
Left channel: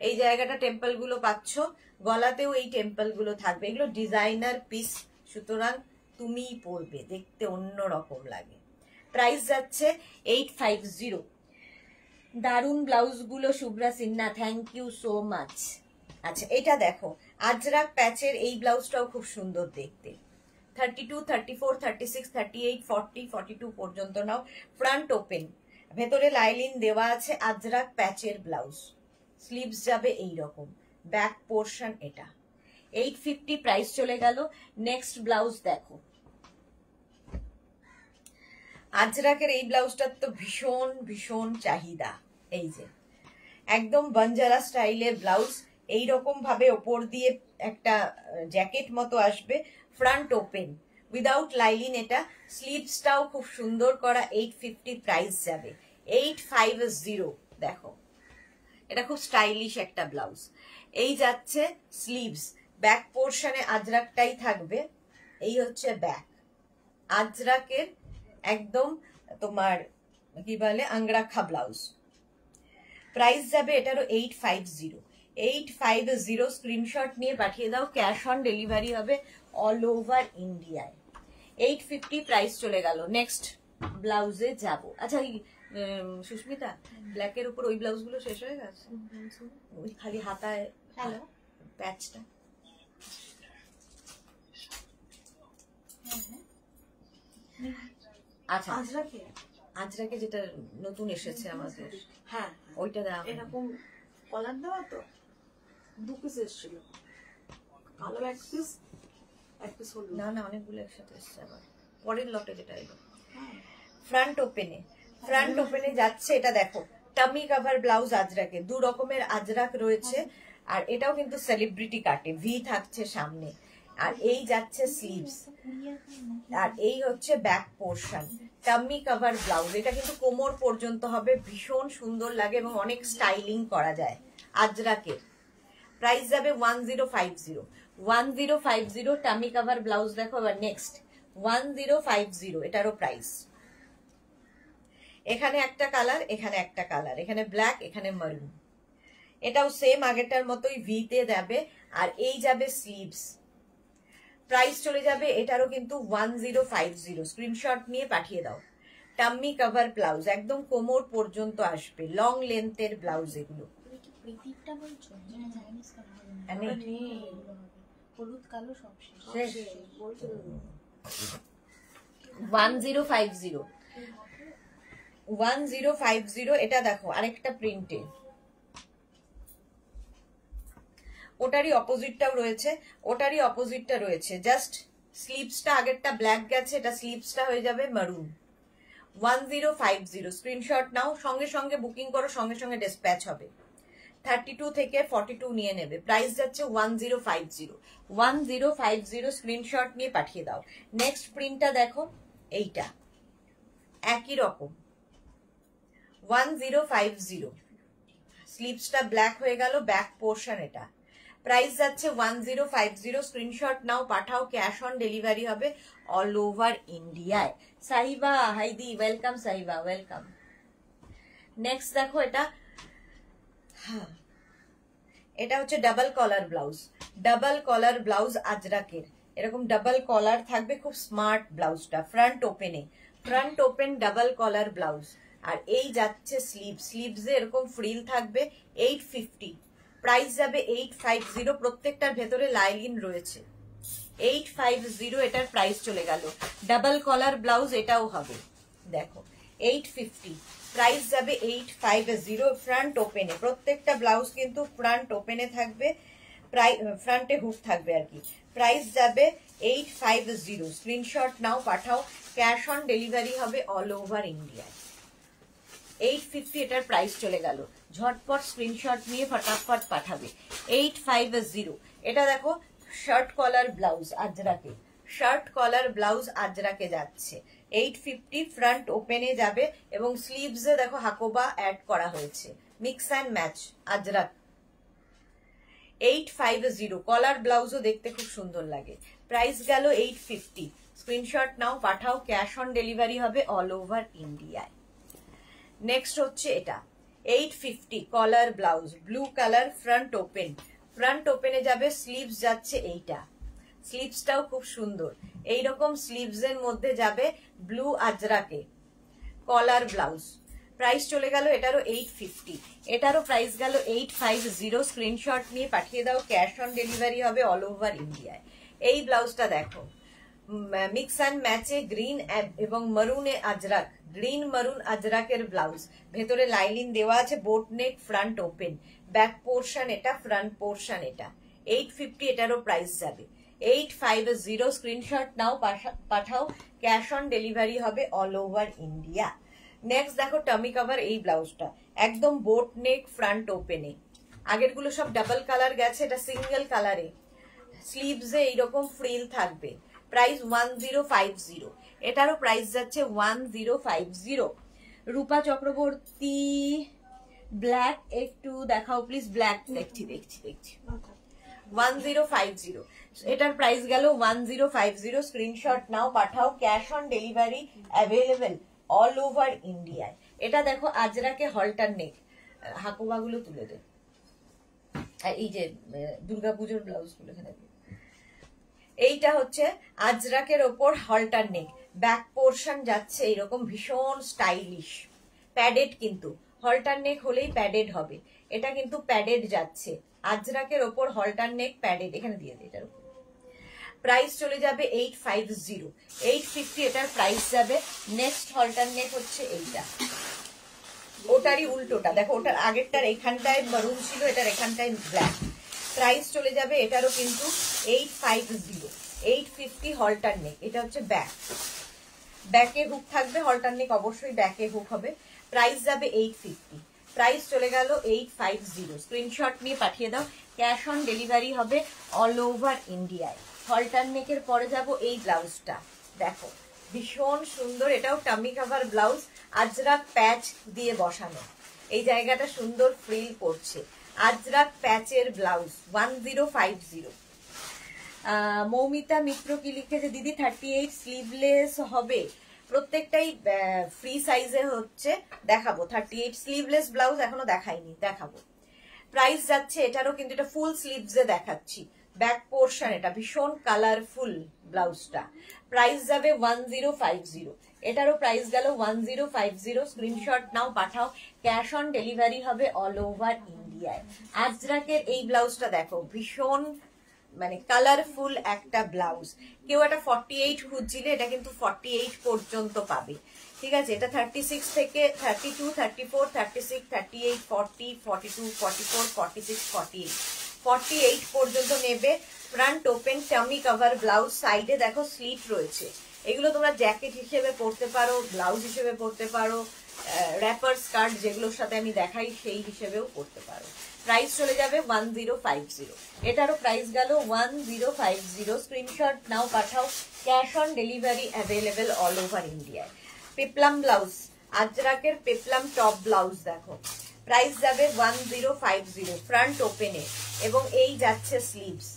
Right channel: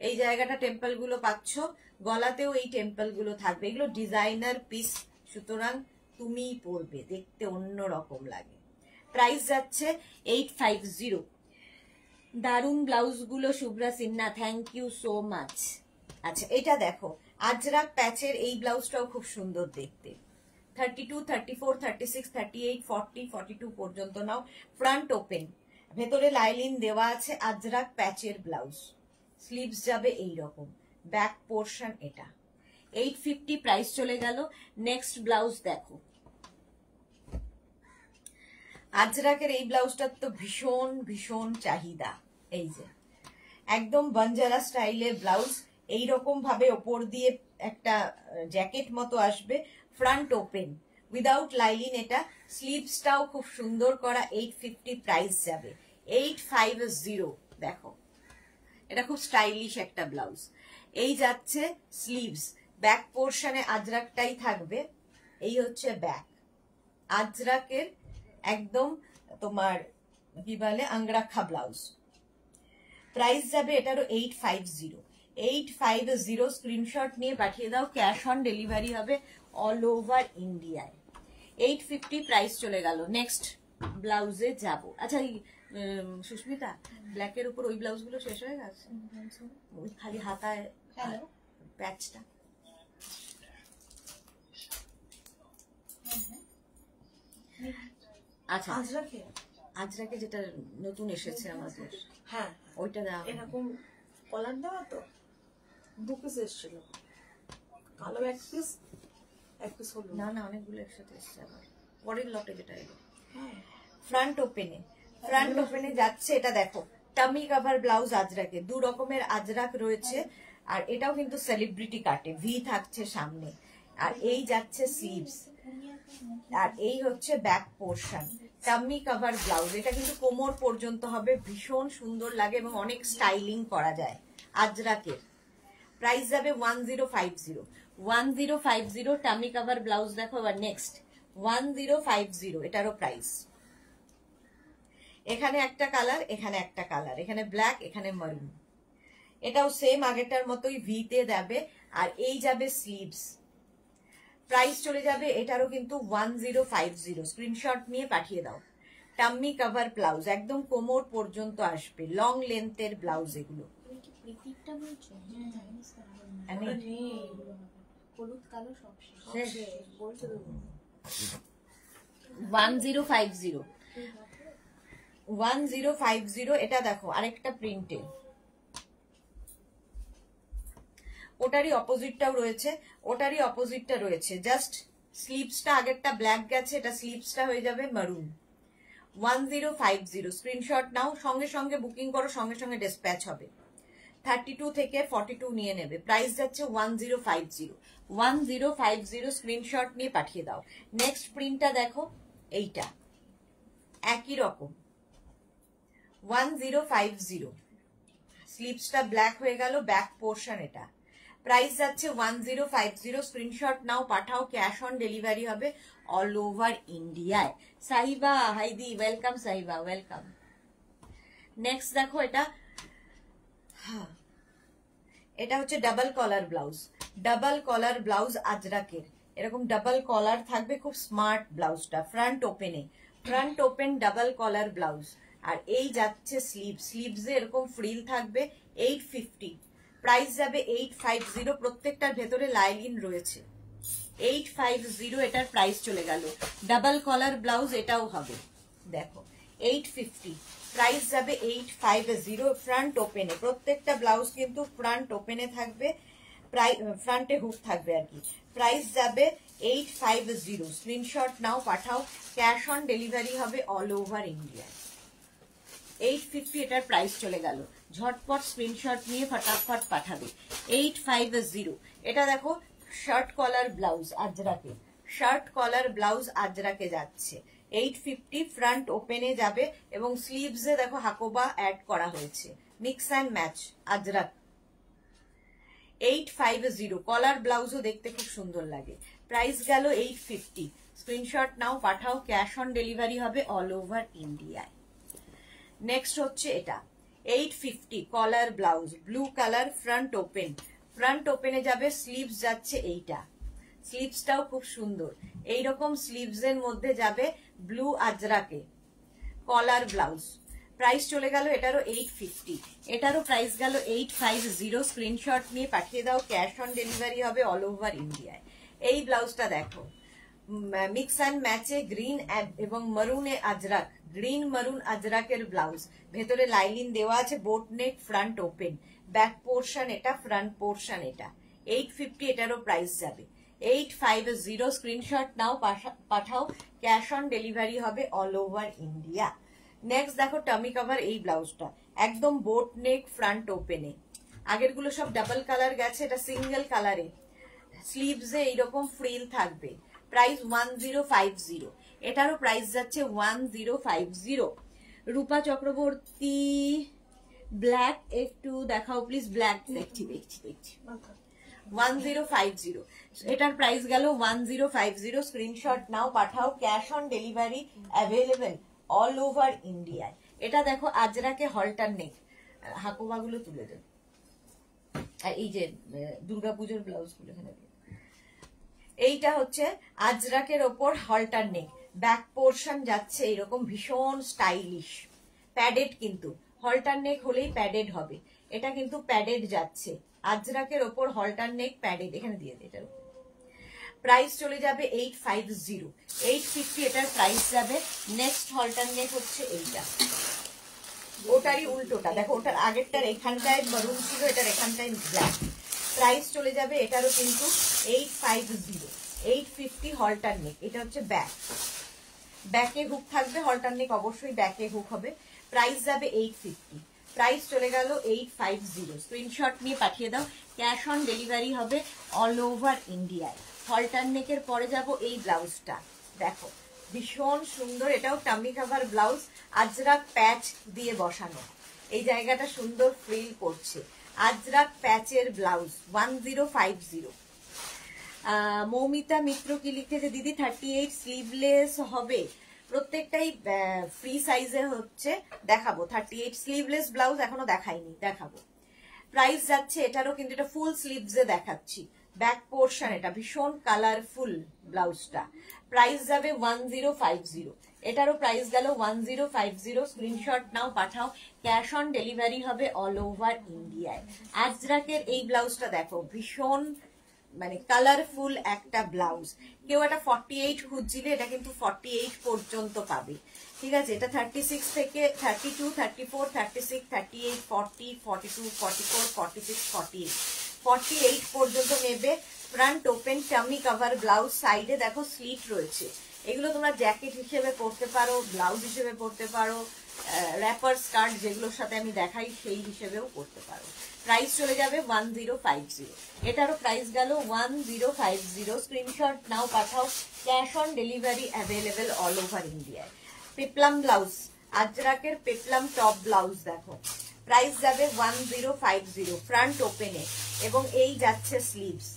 এই জায়গাটা টেম্পল গুলো পাচ্ছ, গলাতেও এই টেম্পল গুলো থাকবে। এগুলো ডিজাইনার পিস, সুতরাং তুমিই পরবে, দেখতে অন্যরকম লাগে। প্রাইস যাচ্ছে 850। দারুন ব্লাউজ গুলো Shubhra Sinha, thank you so much. আচ্ছা এটা দেখো, আজরাক প্যাচের এই ব্লাউজটাও খুব সুন্দর দেখতে। 32, 34, 36, 38, 40, 42 পর্যন্ত নাও। ফ্রন্ট ওপেন, ভেতরে লাইলিন দেওয়া আছে, আজরাক প্যাচের ব্লাউজ। স্লিভস যাবে এইরকম, ব্যাক পোর্শন এটা। 850 প্রাইস চলে গেল। নেক্সট ব্লাউজ দেখো, আজরাকের এই ব্লাউজটার তো ভীষণ ভীষণ চাহিদা। এই যে একদম বাঞ্জারা স্টাইলের ব্লাউজ, এইরকম ভাবে ওপর দিয়ে একটা জ্যাকেট মতো আসবে, ফ্রন্ট ওপেন উইদাউট লাইলিন এটা। স্লিভসটাও খুব সুন্দর করা। 850 প্রাইস যাবে। 850 দেখো, এটা খুব স্টাইলিশ একটা ব্লাউজ। এই যাচ্ছে স্লিভস, ব্যাক পোর্শনে আজরাকটাই থাকবে। এই হচ্ছে ব্যাক আজরাকের, একদম তোমার কি বলে আংরাখা ব্লাউজ। প্রাইস যাবে এটারও 850। 850 স্ক্রিনশট নিয়ে পাঠিয়ে দাও, ক্যাশ অন ডেলিভারি হবে অল ওভার ইন্ডিয়ায়। 850 প্রাইস চলে গেল। নেক্সট ব্লাউজে যাব। আচ্ছা সুস্মিতা, ব্ল্যাকের উপর ওই ব্লাউজ গুলো শেষ হয়ে গেছে, ওই খালি হাতায় হ্যালো প্যাচটা। আচ্ছা আজরাকে যেটা নতুন এসেছে আমাদের, হ্যাঁ ওইটা দাও। এরকম কলার দেওয়া তো 2 পিস এসেছিল, কালো এক পিস হলুদ। না না, অনেকগুলো একসাথে এসছে আবার পরের লটে যেটা এলো। হ্যাঁ ফ্রন্ট ওপেনে যাচ্ছে এটা দেখো, টামি কভার ব্লাউজ আজরাকে, 2 রকমের আজরাক রয়েছে। আর এটাও কিন্তু সেলিব্রিটি কাটে, ভি থাকছে সামনে। আর এই যাচ্ছে স্লিভস, আর এই হচ্ছে back portion. Tummy cover blouse, এটা কিন্তু কোমর পর্যন্ত হবে, ভীষণ সুন্দর লাগে এবং অনেক স্টাইলিং করা যায় আজরাকের। প্রাইস যাবে 1050। 1050 টামি কভার ব্লাউজ দেখো। এবার নেক্সট 1050, এটারও প্রাইস। এখানে একটা কালার, এখানে একটা কালার, এখানে ব্ল্যাক, এখানে মারুন। এটাও সেম আগেরটার মতোই ভিতে যাবে। আর এই যাবে স্লিভস। প্রাইস চলে যাবে এটারও কিন্তু 1050। স্ক্রিনশট নিয়ে পাঠিয়ে দাও। টাম্মি কভার ব্লাউজ, একদম কোমর পর্যন্ত আসবে, লং লেন্থের ব্লাউজ এগুলো। হলুদ কালো সব শেষ। 1050। 1050 এটা দেখো, আরেকটা প্রিন্টে, ওটারই অপোজিটটাও রয়েছে, ওটারই অপোজিটটা রয়েছে। জাস্ট স্লিভসটা আগেরটা ব্ল্যাক গেছে, এটা স্লিভসটা হয়ে যাবে মারুন। 1050 স্ক্রিনশট নাও, সঙ্গে সঙ্গে বুকিং করো, সঙ্গে সঙ্গে ডিসপ্যাচ হবে। 32 থেকে 42 নিয়ে নেবে। প্রাইস যাচ্ছে 1050। 1050 স্ক্রিনশট নিয়ে পাঠিয়ে দাও। নেক্সট প্রিন্টটা দেখো, এইটা একই রকম 1050। স্লিভসটা ব্ল্যাক হয়ে গেল, ব্যাক পোর্শন এটা। প্রাইস যাচ্ছে 1050। স্ক্রিনশট নাও, পাঠাও, ক্যাশ অন ডেলিভারি হবে অল ওভার ইন্ডিয়ায়। সাহিবা হাইদি, ওয়েলকাম সাহিবা, ওয়েলকাম। নেক্সট দেখো এটা, এটা হচ্ছে double collar blouse. Double collar blouse আজরাকের, এরকম ডাবল কলার থাকবে, খুব স্মার্ট ব্লাউজটা। Front open double collar blouse. আর এই যাচ্ছে স্লিভসে এরকম ফ্রিল থাকবে। 850 প্রাইস যাবে। 850 প্রত্যেকটার ভেতরে লাইলিন রয়েছে। 850 এটার প্রাইস চলে গেল। ডাবল কলার ব্লাউজ এটাও হবে, দেখো 850 প্রাইস যাবে। 850 ফ্রন্ট ওপেনে, প্রত্যেকটা ব্লাউজ কিন্তু ফ্রন্ট ওপেনে থাকবে, ফ্রন্টে হুক থাকবে আর কি। প্রাইস যাবে 850। স্ক্রিনশট নাও, পাঠাও, ক্যাশ অন ডেলিভারি হবে অল ওভার ইন্ডিয়ায়। 850 এটার প্রাইস চলে গেল। ঝটপট স্ক্রিনশট নিয়ে ফটাফট পাঠাবে। 850 এটা দেখো, শার্ট কলার ব্লাউজ আজরাকে, শার্ট কলার ব্লাউজ আজরাকে যাচ্ছে। 850 ফ্রন্ট ওপেনে যাবে এবং স্লিভসে দেখো হাকোবা অ্যাড করা হয়েছে, mix and match ajrak. 850 collar ব্লাউজও দেখতে খুব সুন্দর লাগে। প্রাইস গেল 850। স্ক্রিনশট নাও, পাঠাও, ক্যাশ অন ডেলিভারি হবে অল ওভার ইন্ডিয়ায়। নেক্সট হচ্ছে এটা, 850 collar blouse, blue colour, front open. Front ওপেনে যাবে, স্লিভস যাচ্ছে এইটা, স্লিভসটাও খুব সুন্দর। এইরকম স্লিভস এর মধ্যে যাবে ব্লু আজরাকে, কলার ব্লাউজ। প্রাইস চলে গেল এটারও 850, এটারও প্রাইস গেল 850। স্ক্রিনশট নিয়ে পাঠিয়ে দাও, ক্যাশ অন ডেলিভারি হবে অল ওভার ইন্ডিয়ায়। এই ব্লাউজটা দেখো, মিক্স অ্যান্ড ম্যাচে গ্রিন এবং মারুনে আজরাক, গ্রিন মারুন আজরাকের ব্লাউজ, ভেতরে লাইনিং দেওয়া আছে, বোট নেক, ফ্রন্ট ওপেন, ব্যাক পোর্শন এটা, ফ্রন্ট পোর্শন এটা। 850 এটারও প্রাইস যাবে 850। স্ক্রিনশট নাও, পাঠাও, ক্যাশ অন ডেলিভারি হবে অল ওভার ইন্ডিয়া। নেক্সট দেখো টামি কভার, এই ব্লাউজটা একদম বোট নেক, ফ্রন্ট ওপেনে। আগের গুলো সব ডাবল কালার গেছে, এটা সিঙ্গেল কালারে, স্লিভস এ এইরকম ফ্রিল থাকবে। প্রাইস 1050, এটারও প্রাইস যাচ্ছে 1050। রূপা চক্রবর্তী ব্ল্যাক একটু দেখাও প্লিজ, ব্ল্যাক দেখছি 1050, এটার প্রাইস গেল 1050। স্ক্রিনশট নাও, পাঠাও, cash on delivery available all over ইন্ডিয়ায়। এটা দেখো আজরাকে হলটার নেক, হাকোবাগুলো তুলে দেব, আর এই যে দুর্গাপুজোর ব্লাউজ গুলো এখানে। এইটা হচ্ছে আজরাকের ওপর হলটার নেক, ব্যাক পোর্শন যাচ্ছে এরকম ভীষণ স্টাইলিশ, প্যাডেড, কিন্তু হলটার নেক হলেই প্যাডেড হবে, এটা কিন্তু প্যাডেড যাচ্ছে, আজরাকের ওপর হলটার নেক প্যাডেড, এখানে দিয়ে দিই। এটার প্রাইস চলে যাবে 850, 850 এটার প্রাইস যাবে। নেক্সট হলটার নেক হচ্ছে এইটা, ওটারই উল্টোটা দেখো, ওটার আগেরটার এখানটায় মারুন ছিল, এটার এখানটায় ব্ল্যাক। প্রাইস চলে যাবে এটারও কিন্তু 850, 850 হলটার নেক। এটা হচ্ছে ব্যাক, ব্যাকে হুক থাকবে, হলটার নেক অবশ্যই ব্যাকে হুক হবে। প্রাইস যাবে 850, প্রাইস চলে গেল 850। স্ক্রিনশট নিয়ে পাঠিয়ে দাও, ক্যাশ অন ডেলিভারি হবে অল ওভার ইন্ডিয়ায়। হলটার নেকের পরে যাব এই ব্লাউজটা, দেখো ভীষণ সুন্দর, এটাও টামি কভার ব্লাউজ, আজরাক প্যাচ দিয়ে বসানো, এই জায়গাটা সুন্দর ফ্রিল পড়ছে, আজরাক প্যাচের ব্লাউজ 1050। মৌমিতা মিত্র কি লিখেছে, দিদি 38 স্লিভলেস হবে, প্রত্যেকটাই ফ্রি সাইজে হচ্ছে, দেখাবো। 38 স্লিভলেস ব্লাউজ এখনো দেখাইনি, দেখাবো। প্রাইস যাচ্ছে এটারও, কিন্তু এটা ফুল স্লিভসে দেখাচ্ছি, ব্যাক পোর্শন এটা, ভীষণ কালারফুল ব্লাউজটা। প্রাইস যাবে 1050, এটারও প্রাইস গেল 1050। স্ক্রিনশট নাও, পাঠাও, ক্যাশ অন ডেলিভারি হবে অল ওভার ইন্ডিয়ায়। আজরাকের এই ব্লাউজটা দেখো, ভীষণ মানে কালারফুল একটা ব্লাউজ। কেউ একটা 48 খুঁজছিলে, এটা কিন্তু 48 পর্যন্ত পাবে, ঠিক আছে। এটা 36 থেকে 32, 34, 36, 38, 40, 42, 44, 46, 48, 48 পর্যন্ত নেবে। Front open tummy cover blouse, সাইডে দেখো স্লিট রয়েছে, এগুলো তোমরা জ্যাকেট হিসেবে পরতে পারো, ব্লাউজ হিসেবে পরতে পারো, র্যাপার স্কার্ট যেগুলোর সাথে আমি দেখাই সেই হিসেবেও পরতে পারো। প্রাইস চলে যাবে 1050, এটারও প্রাইস গেল 1050। স্ক্রিনশট নাও, পাঠাও, cash on delivery available all over ইন্ডিয়ায়। পেপলাম ব্লাউজ, আজরাকের পেপলাম টপ ব্লাউজ দেখো, প্রাইস যাবে 1050 ফ্রন্ট ওপেনে, এবং এই যাচ্ছে স্লিভস,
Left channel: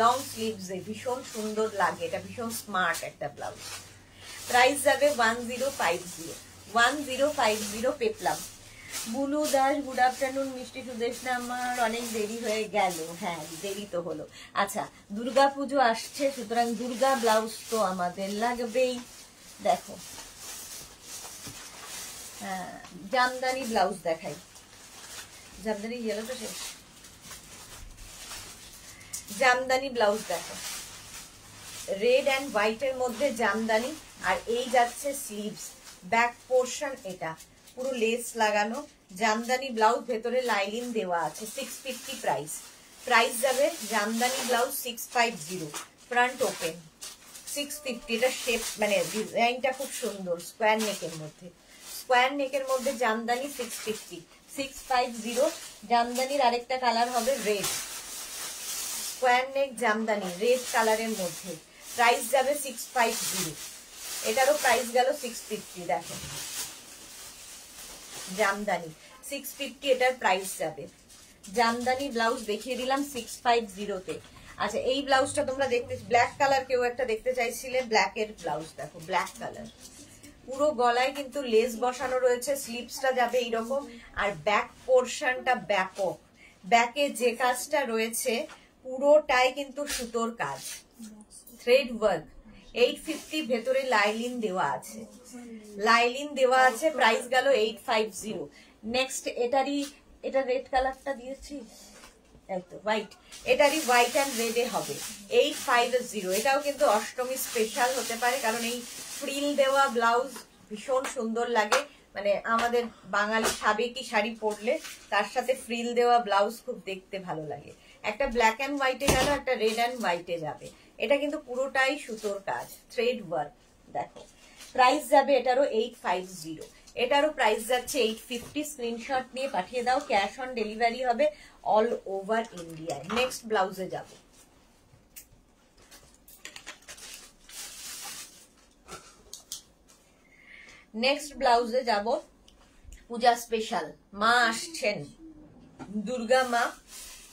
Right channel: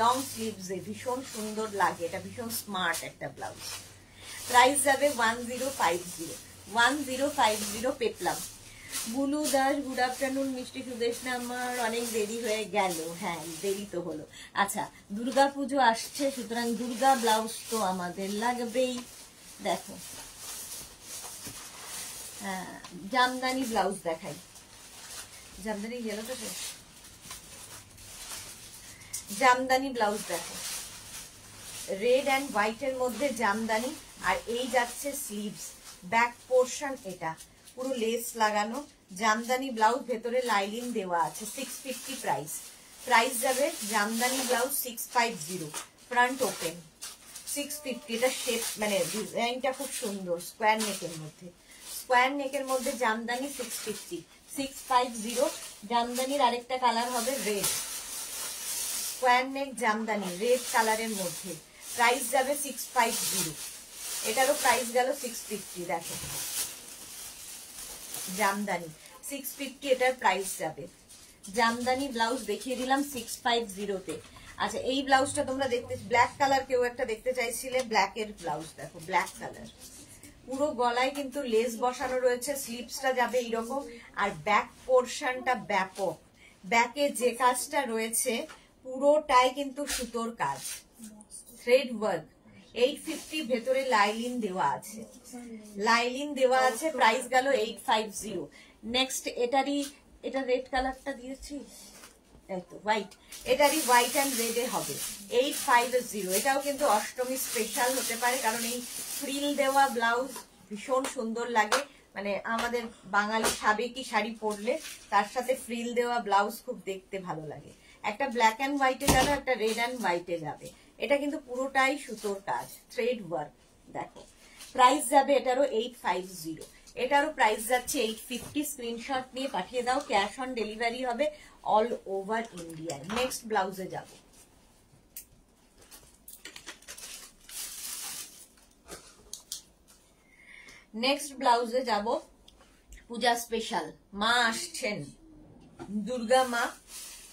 লং স্লিভস, ভীষণ সুন্দর লাগে, এটা ভীষণ স্মার্ট একটা ব্লাউজ। প্রাইস যাবে 1050, 1050 peplum. Bulu Das, good afternoon. মিষ্টি সুদেশনা, আমার অনেক দেরি হয়ে গেল, হ্যাঁ দেরি তো হলো। আচ্ছা, দুর্গা পুজো আসছে, সুতরাং দুর্গা ব্লাউজ তো আমাদের লাগবেই। দেখো জামদানি ব্লাউজ দেখাই, জামদানি গেল তো শেষ। জামদানি ব্লাউজ দেখো, রেড অ্যান্ড হোয়াইট এর মধ্যে জামদানি, আর এই যাচ্ছে স্লিভস, ব্যাক পোর্শন এটা পুরো লেস লাগানো, জামদানি ব্লাউজ, ভেতরে লাইনিং দেওয়া আছে। 650 প্রাইস, প্রাইস যাবে জামদানি ব্লাউজ 650, ফ্রন্ট ওপেন 650। এটা শেপ মানে ডিজাইনটা খুব সুন্দর, স্কোয়ার নেকের মধ্যে, স্কোয়ার নেকের মধ্যে জামদানি 650, 650। জামদানির আরেকটা কালার হবে রেড, স্কোয়ার নেক জামদানি রেড কালারের মধ্যে, প্রাইস যাবে 650, এটারও প্রাইস গেল 650। দেখো জামদানি 650, এটার প্রাইস যাবে। জামদানি ব্লাউজ দেখিয়ে দিলাম 650-তে। আচ্ছা, এই ব্লাউজটা তোমরা দেখতে, ব্ল্যাক কালার কেউ একটা দেখতে চাইছিলে, ব্ল্যাক এর ব্লাউজ দেখো, ব্ল্যাক কালার পুরো গলায় কিন্তু লেস বসানো রয়েছে, স্লিভসটা যাবে এইরকম, আর ব্যাক পোর্শনটা ব্যাপক। ব্যাকে যে কাজটা রয়েছে পুরোটাই কিন্তু সুতোর কাজ, থ্রেড ওয়ার্ক। 850 ভেতরে লাইলিন দেওয়া আছে, লাইলিন দেওয়া আছে। প্রাইস গেল 850। নেক্সট এটারই, এটা রেড কালারটা দিয়েছি, হোয়াইট, এটারই হোয়াইট অ্যান্ড রেডে হবে 850। এটাও কিন্তু অষ্টমী স্পেশাল হতে পারে, কারণ এই ফ্রিল দেওয়া ব্লাউজ ভীষণ সুন্দর লাগে। মানে আমাদের বাঙালি সাবেকি শাড়ি পরলে তার সাথে ফ্রিল দেওয়া ব্লাউজ খুব দেখতে ভালো লাগে। একটা ব্ল্যাক অ্যান্ড হোয়াইটে গেল, একটা রেড অ্যান্ড হোয়াইটে যাবে। এটা কিন্তু পুরোটাই সুতোর কাজ, থ্রেড ওয়ার্ক। দেখো প্রাইস যাবে এটারও 850, এটারও প্রাইস যাচ্ছে 850। স্ক্রিনশট নিয়ে পাঠিয়ে দাও, ক্যাশ অন ডেলিভারি হবে অল ওভার ইন্ডিয়া। নেক্সট ব্লাউজে যাব। নেক্সট ব্লাউজে যাব, পূজা স্পেশাল। মা আসছেন, দুর্গা মা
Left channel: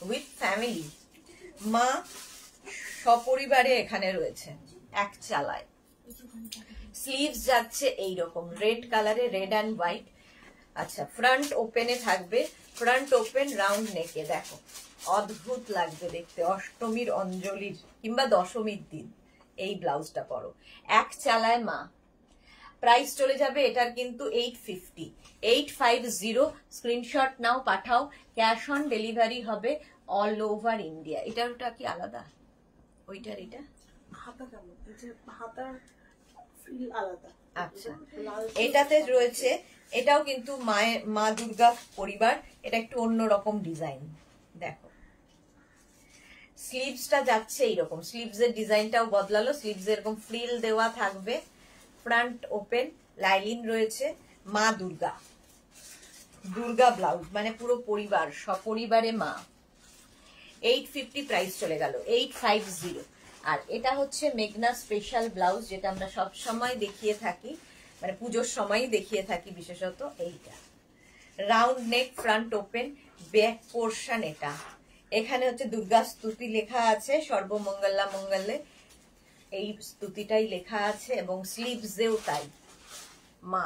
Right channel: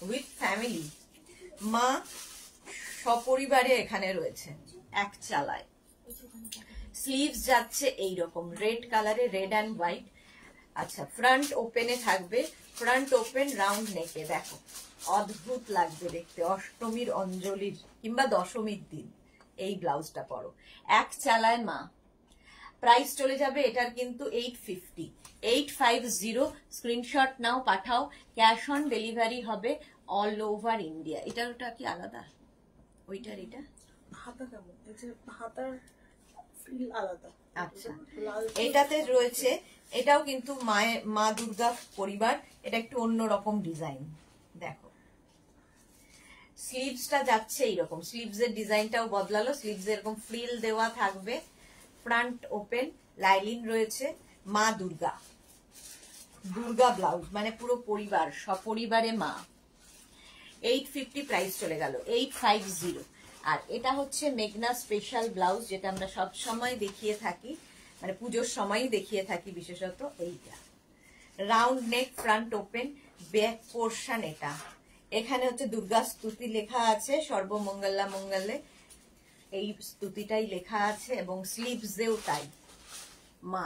উইথ ফ্যামিলি, মা সপরিবারে এখানে রয়েছে এক চালায়। স্লিভস যাচ্ছে এইরকম রেড কালারে, রেড অ্যান্ড হোয়াইট। আচ্ছা, ফ্রন্ট ওপেনে থাকবে, ফ্রন্ট ওপেন রাউন্ড নেকে। দেখো অদ্ভুত লাগবে দেখতে, অষ্টমীর অঞ্জলির কিংবা দশমীর দিন এই ব্লাউজটা পরো, এক চালায় মা। প্রাইস চলে যাবে এটার কিন্তু 850, 850। স্ক্রিনশট নাও, পাঠাও, ক্যাশ অন ডেলিভারি হবে অল ওভার ইন্ডিয়া। এটার ওটা কি আলাদা, ওইটার এটা হাতা কেমন, এই যে হাতার ফিল আলাদা। আচ্ছা, এটাতে রয়েছে, এটাও কিন্তু মা দুর্গা পরিবার, এটা একটু অন্যরকম ডিজাইন। দেখো স্লিভসটা যাচ্ছে এইরকম, স্লিভস এর ডিজাইনটাও বদলালো, স্লিভস এরকম ফ্রিল দেওয়া থাকবে, ফ্রন্ট ওপেন, লাইলিন রয়েছে। মা দুর্গা, দুর্গা ব্লাউজ, মানে পুরো পরিবার, সপরিবারে মা। 850 প্রাইস চলে গেল 850। আর এটা হচ্ছে মেঘনা স্পেশাল ব্লাউজ, যেটা আমরা সব সময় দেখিয়ে থাকি, মানে পুজোর সময়ই দেখিয়ে থাকি বিশেষত। এইটা round neck, front open, back portion. এটা এখানে হচ্ছে দুর্গা স্তুতি লেখা আছে, সর্বমঙ্গলা মঙ্গলে, এই স্তুতিটাই লেখা আছে, এবং স্লিভসেও তাই মা।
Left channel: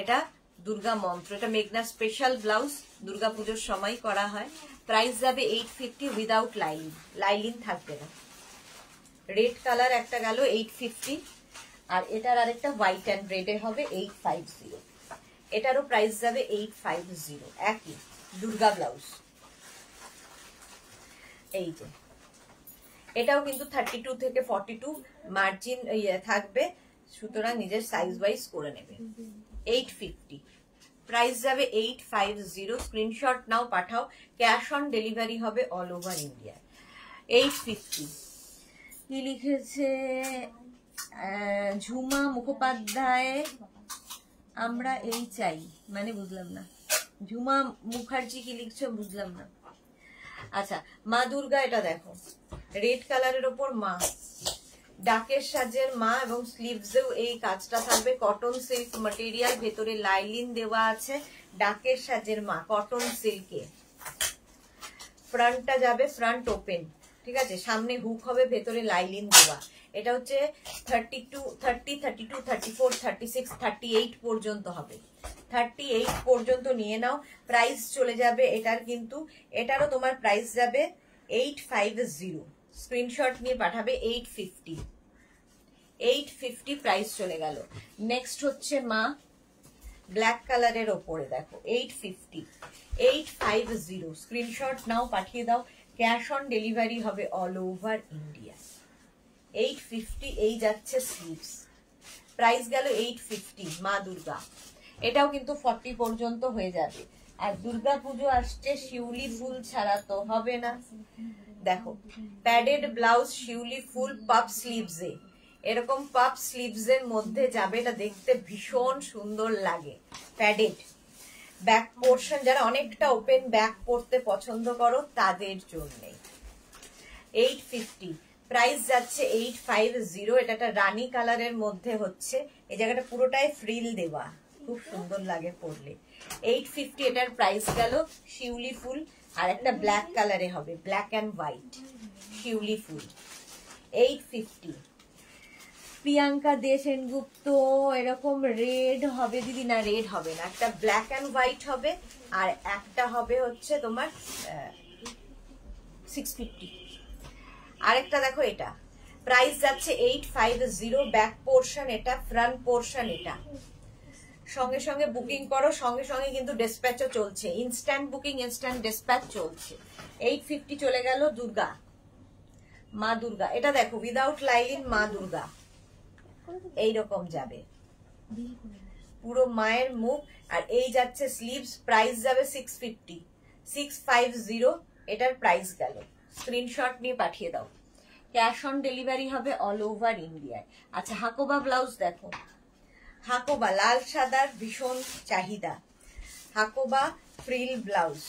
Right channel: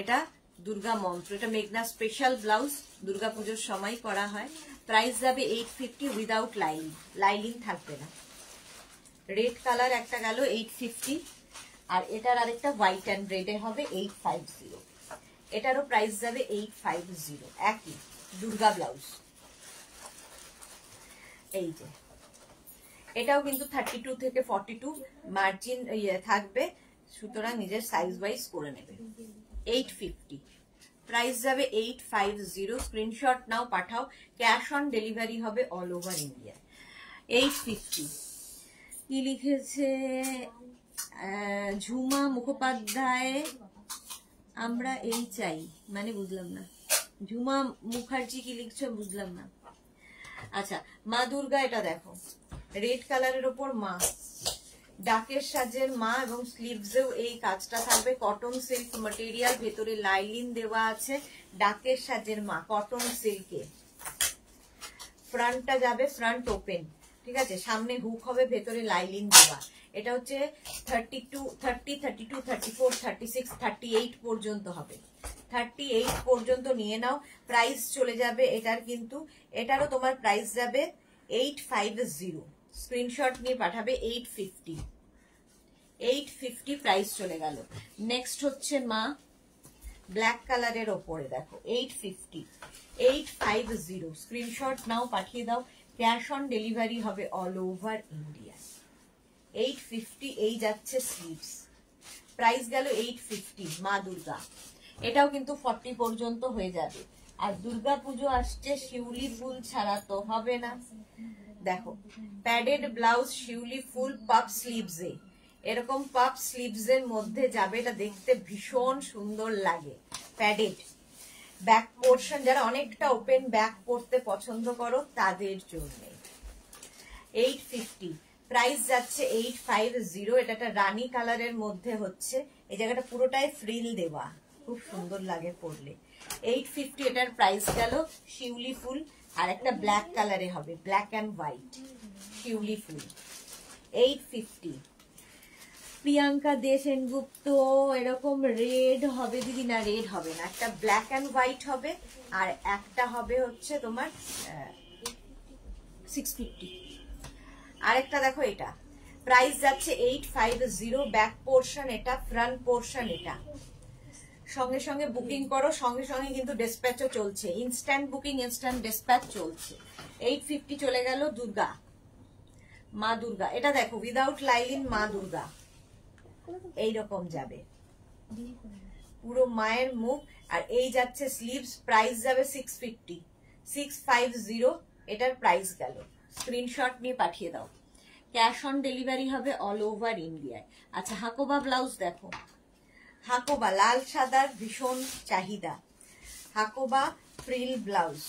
এটা দুর্গা মন্ত্র, এটা মেঘনা স্পেশাল ব্লাউজ, দুর্গা পুজোর সময় করা হয়। প্রাইস যাবে 850 উইদাউট লাইলিন, লাইলিন থাকবে না। রেড কালার একটা গেল 850, আর এটার আরেকটা হোয়াইট অ্যান্ড রেডে হবে 850। এটারও প্রাইস যাবে 850, একই দুর্গা ব্লাউজ। এই যে এটাও কিন্তু 32 থেকে 42 মার্জিন থাকবে, সুতরাং নিজের সাইজ ওয়াইজ করে নেবে। 850 প্রাইস যাবে 850। স্ক্রিনশট নাও, পাঠাও, ক্যাশ অন ডেলিভারি হবে অল ওভার ইন্ডিয়া। 850 কি লিখেছে ঝুমা মুখোপাধ্যায়, আমরা এই চাই, মানে বুঝলাম না। ঝুমা মুখার্জি কি লিখছো বুঝলাম না। আচ্ছা, মা দুর্গা, এটা দেখো রেড কালারের ওপর মা, ডাকের সাজের মা, এবং স্লিভসেও এই কাজটা থাকবে। কটন সিল্ক ম্যাটেরিয়াল, ভেতরে লাইলিন দেওয়া আছে, ডাকের সাজের মা, কটন সিল্কে। ফ্রন্টটা যাবে ফ্রন্ট ওপেন, ঠিক আছে, সামনে হুক হবে, ভেতরে লাইলিন দেওয়া। এটা হচ্ছে 32, 30, 32, 34, 36, 38 পর্যন্ত হবে, 38 পর্যন্ত নিয়ে নাও। প্রাইস চলে যাবে এটার কিন্তু, এটারও তোমার প্রাইস যাবে 850। স্ক্রিনশট নিয়ে পাঠাবে 850, 850 প্রাইস চলে গেল। নেক্সট হচ্ছে মা ব্ল্যাক কালারের ওপরে, দেখো 850, 850। স্ক্রিনশট নাও, পাঠিয়ে দাও, ক্যাশ অন ডেলিভারি হবে অল ওভার ইন্ডিয়া। 850 এই যাচ্ছে স্লিভস, প্রাইস গেল 850। মা দুর্গা, এটাও কিন্তু 40 পর্যন্ত হয়ে যাবে। আর দুর্গা পুজো আসছে, শিউলি ফুল ছাড়া তো হবে না। দেখো প্যাডেড ব্লাউজ, শিউলি ফুল, পাপ স্লিভসে, এরকম পাপ স্লিভস এর মধ্যে যাবে, এটা দেখতে ভীষণ সুন্দর লাগে। প্যাডেড ব্যাক পোর্শন, যারা অনেকটা ওপেন ব্যাক পরতে পছন্দ করো তাদের জন্য। 850 প্রাইস যাচ্ছে 850। এটা একটা রানী কালারের মধ্যে হচ্ছে, এই জায়গাটা পুরোটাই ফ্রিল দেওয়া, খুব সুন্দর লাগে পরলে। 850 এটার প্রাইস গেল। শিউলি ফুল আর একটা ব্ল্যাক কালারে হবে, ব্ল্যাক অ্যান্ড হোয়াইট শিউলি ফুল, 850। প্রিয়াঙ্কা দে সেনগুপ্ত, এরকম রেড হবে দিদি? না রেড হবে না, একটা ব্ল্যাক অ্যান্ড হোয়াইট হবে আর একটা হবে হচ্ছে তোমার 650। আরেকটা দেখো, এটা প্রাইস যাচ্ছে 850, ব্যাক পোর্শন এটা, ফ্রন্ট পোর্শন এটা। সঙ্গে সঙ্গে বুকিং করো, সঙ্গে সঙ্গে কিন্তু ডিসপ্যাচও চলছে, ইনস্ট্যান্ট বুকিং ইনস্ট্যান্ট ডিসপ্যাচ চলছে। 850 চলে গেল। দুর্গা, মা দুর্গা, এটা দেখো উইদাউট লাইলিন মা দুর্গা এইরকম যাবে, পুরো মায়ের মুখ। আর এই যাচ্ছে স্লিভস, প্রাইস যাবে 650, 650 এটার প্রাইস গেল। স্ক্রিনশট নিয়ে পাঠিয়ে দাও, ক্যাশ অন ডেলিভারি হবে অল ওভার ইন্ডিয়ায়। আচ্ছা, হাকোবা ব্লাউজ দেখো, হাকোবা লাল সাদার ভীষণ চাহিদা, হাকোবা ফ্রিল ব্লাউজ।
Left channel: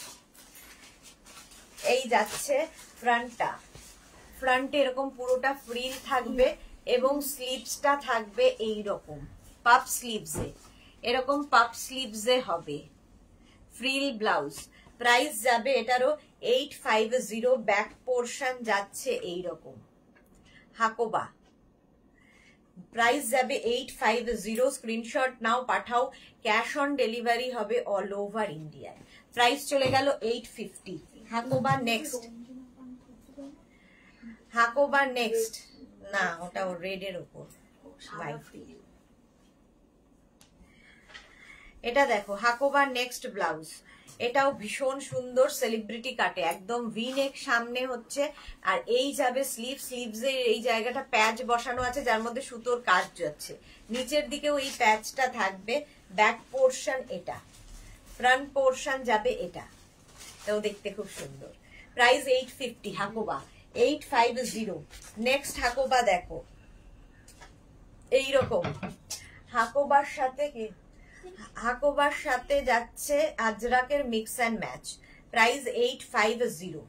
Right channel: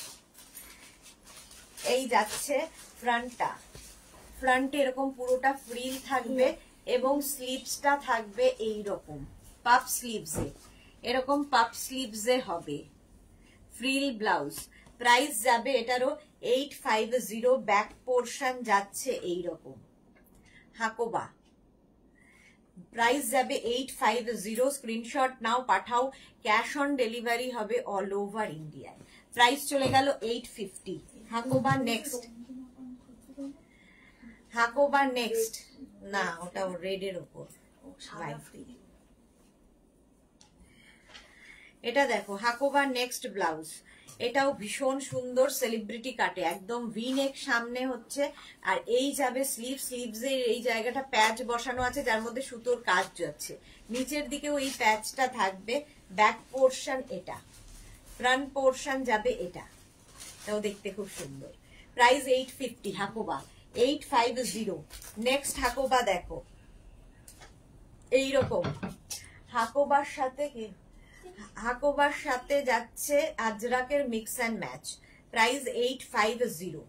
এই যাচ্ছে ফ্রন্টটা, ফ্রন্টে এরকম পুরোটা ফ্রিল থাকবে এবং স্লিভসটা থাকবে এইরকম পাপ স্লিভসে, এরকম পাপ স্লিভসে হবে ফ্রিল ব্লাউজ। প্রাইস যাবে এটারও 850, ব্যাক পোর্শন যাচ্ছে এইরকম। হাকোবা প্রাইস যাবে 850, স্ক্রিনশট নাও পাঠাও, ক্যাশ অন ডেলিভারি হবে অল ওভার ইন্ডিয়ায়। প্রাইস চলে গেল 850। হাকোবা নেক্সট, হাকোবা নেক্সট, না ওটা রেড এর উপর এটা দেখো, হাকোবা নেক্সট ব্লাউজ, এটাও ভীষণ সুন্দর সেলিব্রিটি কাটে, একদম ভি নেক সামনে হচ্ছে। আর এই যাবে স্লিভ, স্লিভসের এই জায়গাটা প্যাচ বসানো আছে যার মধ্যে সুতোর কাজ যাচ্ছে, নিচের দিকেও এই প্যাচটা থাকবে। ব্যাক পোর্শন এটা, ফ্রন্ট পোর্শন যাবে এটা, এটাও দেখতে খুব সুন্দর। প্রাইস 850, হাকোবা 850। নেক্সট হাকোবা দেখো, এইরকম হাকোবার সাথে কি, হাকোবার সাথে যাচ্ছে আজরাকের mix and match. Price 850,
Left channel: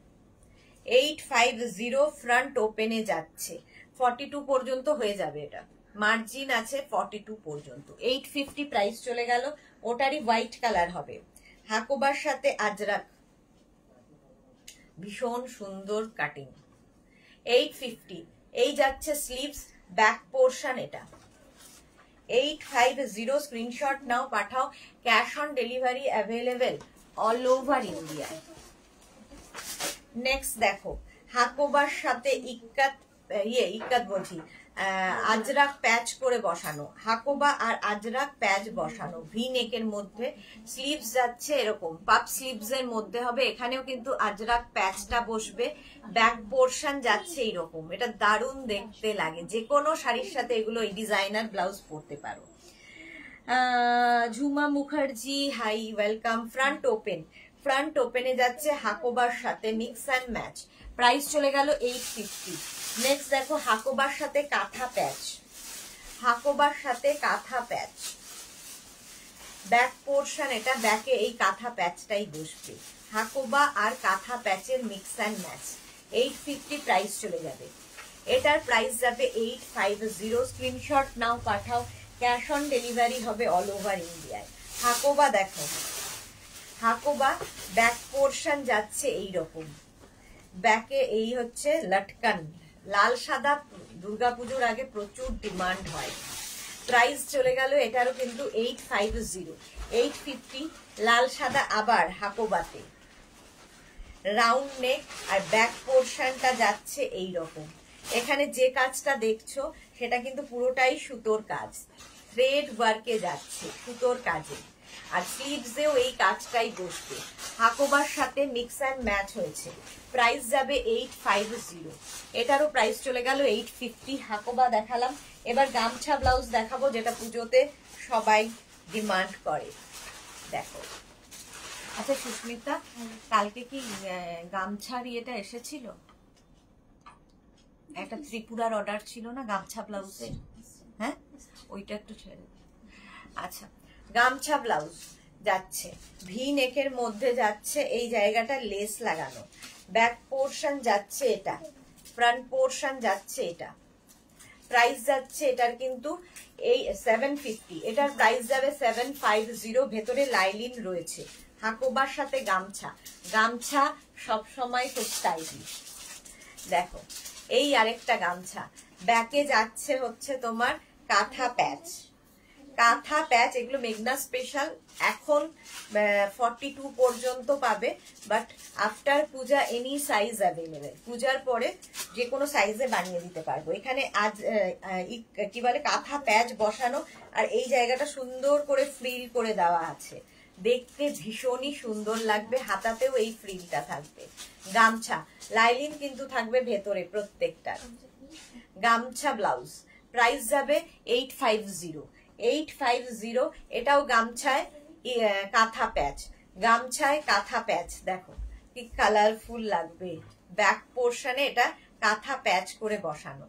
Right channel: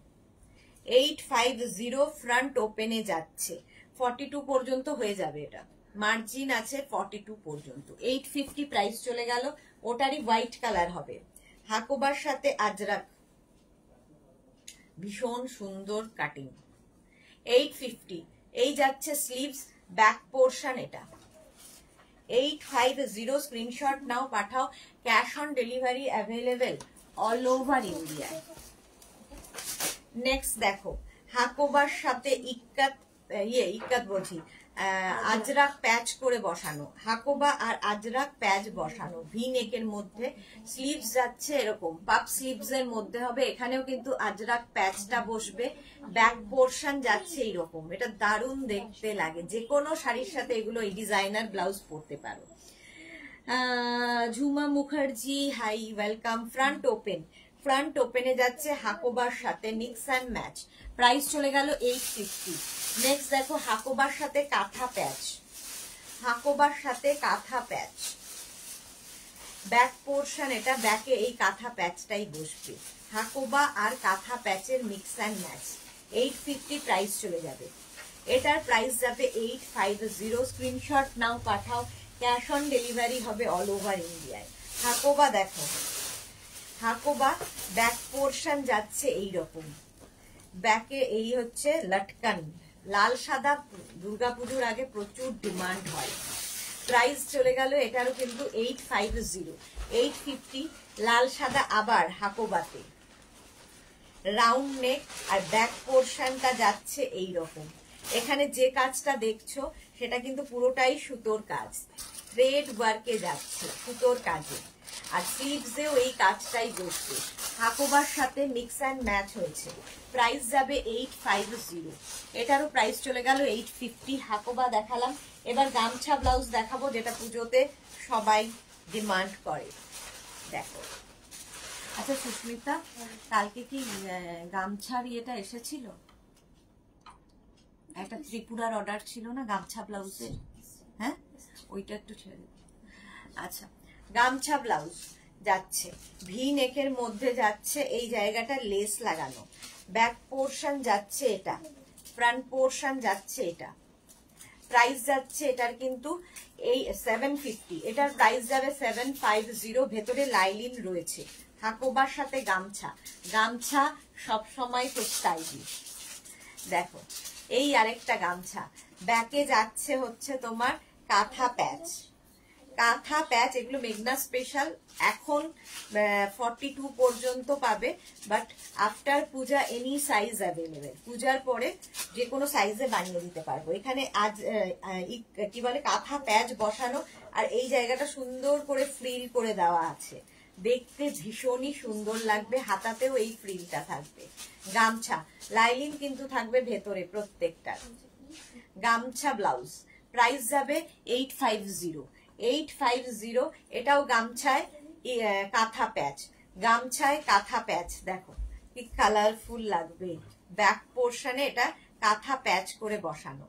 850। Front ওপেনে যাচ্ছে, 42 পর্যন্ত হয়ে যাবে, এটা মার্জিন আছে 42 পর্যন্ত। 850 প্রাইস চলে গেল। ওটারই হোয়াইট কালার হবে, হাকোবার সাথে আজরাক, ভীষণ সুন্দর কাটিং। 850। এই যাচ্ছে স্লিভস, ব্যাক পোর্শন এটা। 850, স্ক্রিনশট নাও পাঠাও, cash on delivery available all over India. Next দেখো, হাকোবার সাথে ইক্কাত বলছি, আজরাক প্যাচ করে বসানো, হাকোবা আর আজরাক প্যাচ বসানো, ভি নেকের মধ্যে। স্লিভস যাচ্ছে এরকম পাপ স্লিভস এর মধ্যে হবে, এখানেও কিন্তু আজরাক প্যাচটা বসবে। ব্যাক পোর্শন যাচ্ছে এইরকম, এটা দারুণ দেখতে লাগে, যে কোনো শাড়ির সাথে এগুলো এই ডিজাইনার ব্লাউজ পরতে পারো। Jhuma Mukherjee, hi welcome. Front open, front ওপেনে যাচ্ছে হাকোবার সাথে মিক্স অ্যান্ড ম্যাচ। প্রাইস চলে গেল 850। নেক্সট দেখো, হাকোবার সাথে কাঁথা প্যাচ, হাকোবার সাথে কাঁথা প্যাচ, ব্যাক পোর্শন এটা, ব্যাকে এই কাঁথা প্যাচটাই বসবে, হাকোবা আর কাঁথা প্যাচের মিক্স অ্যান্ড ম্যাচ। 850 প্রাইস চলে যাবে, এটার প্রাইস যাবে 850। স্ক্রিনশট নাও পাঠাও, ক্যাশ অন ডেলিভারি হবে অল ওভার ইন্ডিয়ায়। হাকোবা দেখো, হাকোবা ব্যাক পোর্শন যাচ্ছে এইরকম, ব্যাকে এই হচ্ছে লটকান, লাল সাদা দুর্গাপুজোর আগে প্রচুর ডিমান্ড হয়। প্রাইস চলে গেল এটারও কিন্তু 850, 850। লাল সাদা আবার হাকোবাতে, রাউন্ড নেক আর ব্যাক পোর্শনটা যাচ্ছে এইরকম। এখানে যে কাজটা দেখছো সেটা কিন্তু পুরোটাই সুতোর কাজ, থ্রেড ওয়ার্কে যাচ্ছে সুতোর কাজে, আর স্লিভসেও এই কাজটাই বসবে। হাকোবার সাথে মিক্স অ্যান্ড ম্যাচ হয়েছে। প্রাইস যাবে 850, এটারও প্রাইস চলে গেল 850। হাকোবা দেখালাম, এবার গামছা ব্লাউজ দেখাবো, যেটা পুজোতে সবাই ডিমান্ড করে। দেখো, আচ্ছা সুস্মিতা, কালকে কি গামছার ইয়েটা এসেছিল? একটা ত্রিপুরার অর্ডার ছিল না গামছা ব্লাউজের? হ্যাঁ, ওইটা একটু ছেড়ে। আচ্ছা, গামছা ব্লাউজ যাচ্ছে ভি নেকের মধ্যে যাচ্ছে, এই জায়গাটা লেস লাগানো, ব্যাক পোর্শন যাচ্ছে এটা, ফ্রন্ট পোর্শন যাচ্ছে এটা। প্রাইস যাচ্ছে এটার কিন্তু এই 750, এটার প্রাইস যাবে 750। ভেতরে লাইলিন রয়েছে, হাকোবার সাথে গামছা, গামছা সব সময় খুব স্টাইলিশ। দেখো, এই আরেকটা গামছা ব্যাকে যাচ্ছে হচ্ছে তোমার কাঁথা প্যাচ, কাঁথা প্যাচ। এগুলো মেঘনা স্পেশাল, এখন 42 পর্যন্ত পাবে, but after Puja any size available. পূজার পরে যে কোনো সাইজে বানিয়ে দিতে পারবো। এখানে আজ কি বলে কাঁথা প্যাচ বসানো, আর এই জায়গাটা সুন্দর করে ফ্রিল করে দেওয়া আছে, দেখতে ভীষণই সুন্দর লাগবে। হাতাতেও এই ফ্রিলটা থাকবে। গামছা লাইলিং কিন্তু থাকবে ভেতরে প্রত্যেকটা। গামছা ব্লাউজ প্রাইস যাবে 850, 850। এটাও গামছায় কাঁথা প্যাচ, গামছায় কাঁথা প্যাচ। দেখো কি কালারফুল লাগবে, ব্যাক পোর্শনে এটা কাঁথা প্যাচ করে বসানো।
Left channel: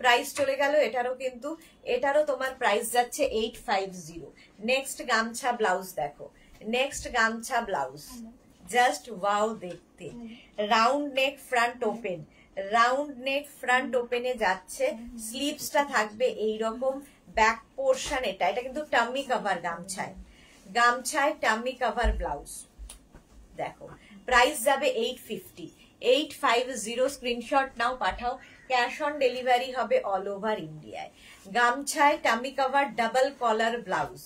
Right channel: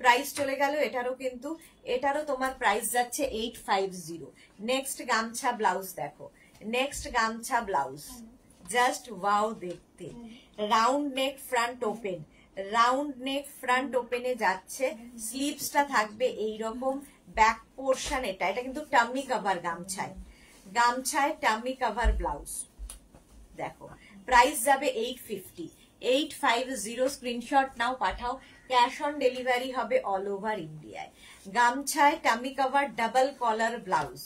প্রাইস চলে গেল এটারও, কিন্তু এটারও তোমার প্রাইস যাচ্ছে 850। নেক্সট গামছা ব্লাউজ দেখো, নেক্সট গামছা ব্লাউজ জাস্ট ওয়াও দেখতে। Round neck front open, round neck front ওপেনে যাচ্ছে, স্লিভসটা থাকবে এইরকম, ব্যাক পোর্শন এটা, এটা কিন্তু tummy cover গামছায়, গামছায় tummy cover blouse. দেখো প্রাইস যাবে 850, 850। স্ক্রিনশট নাও, পাঠাও। ক্যাশ অন ডেলিভারি হবে অল ওভার ইন্ডিয়ায়। গামছায় tummy cover double collar blouse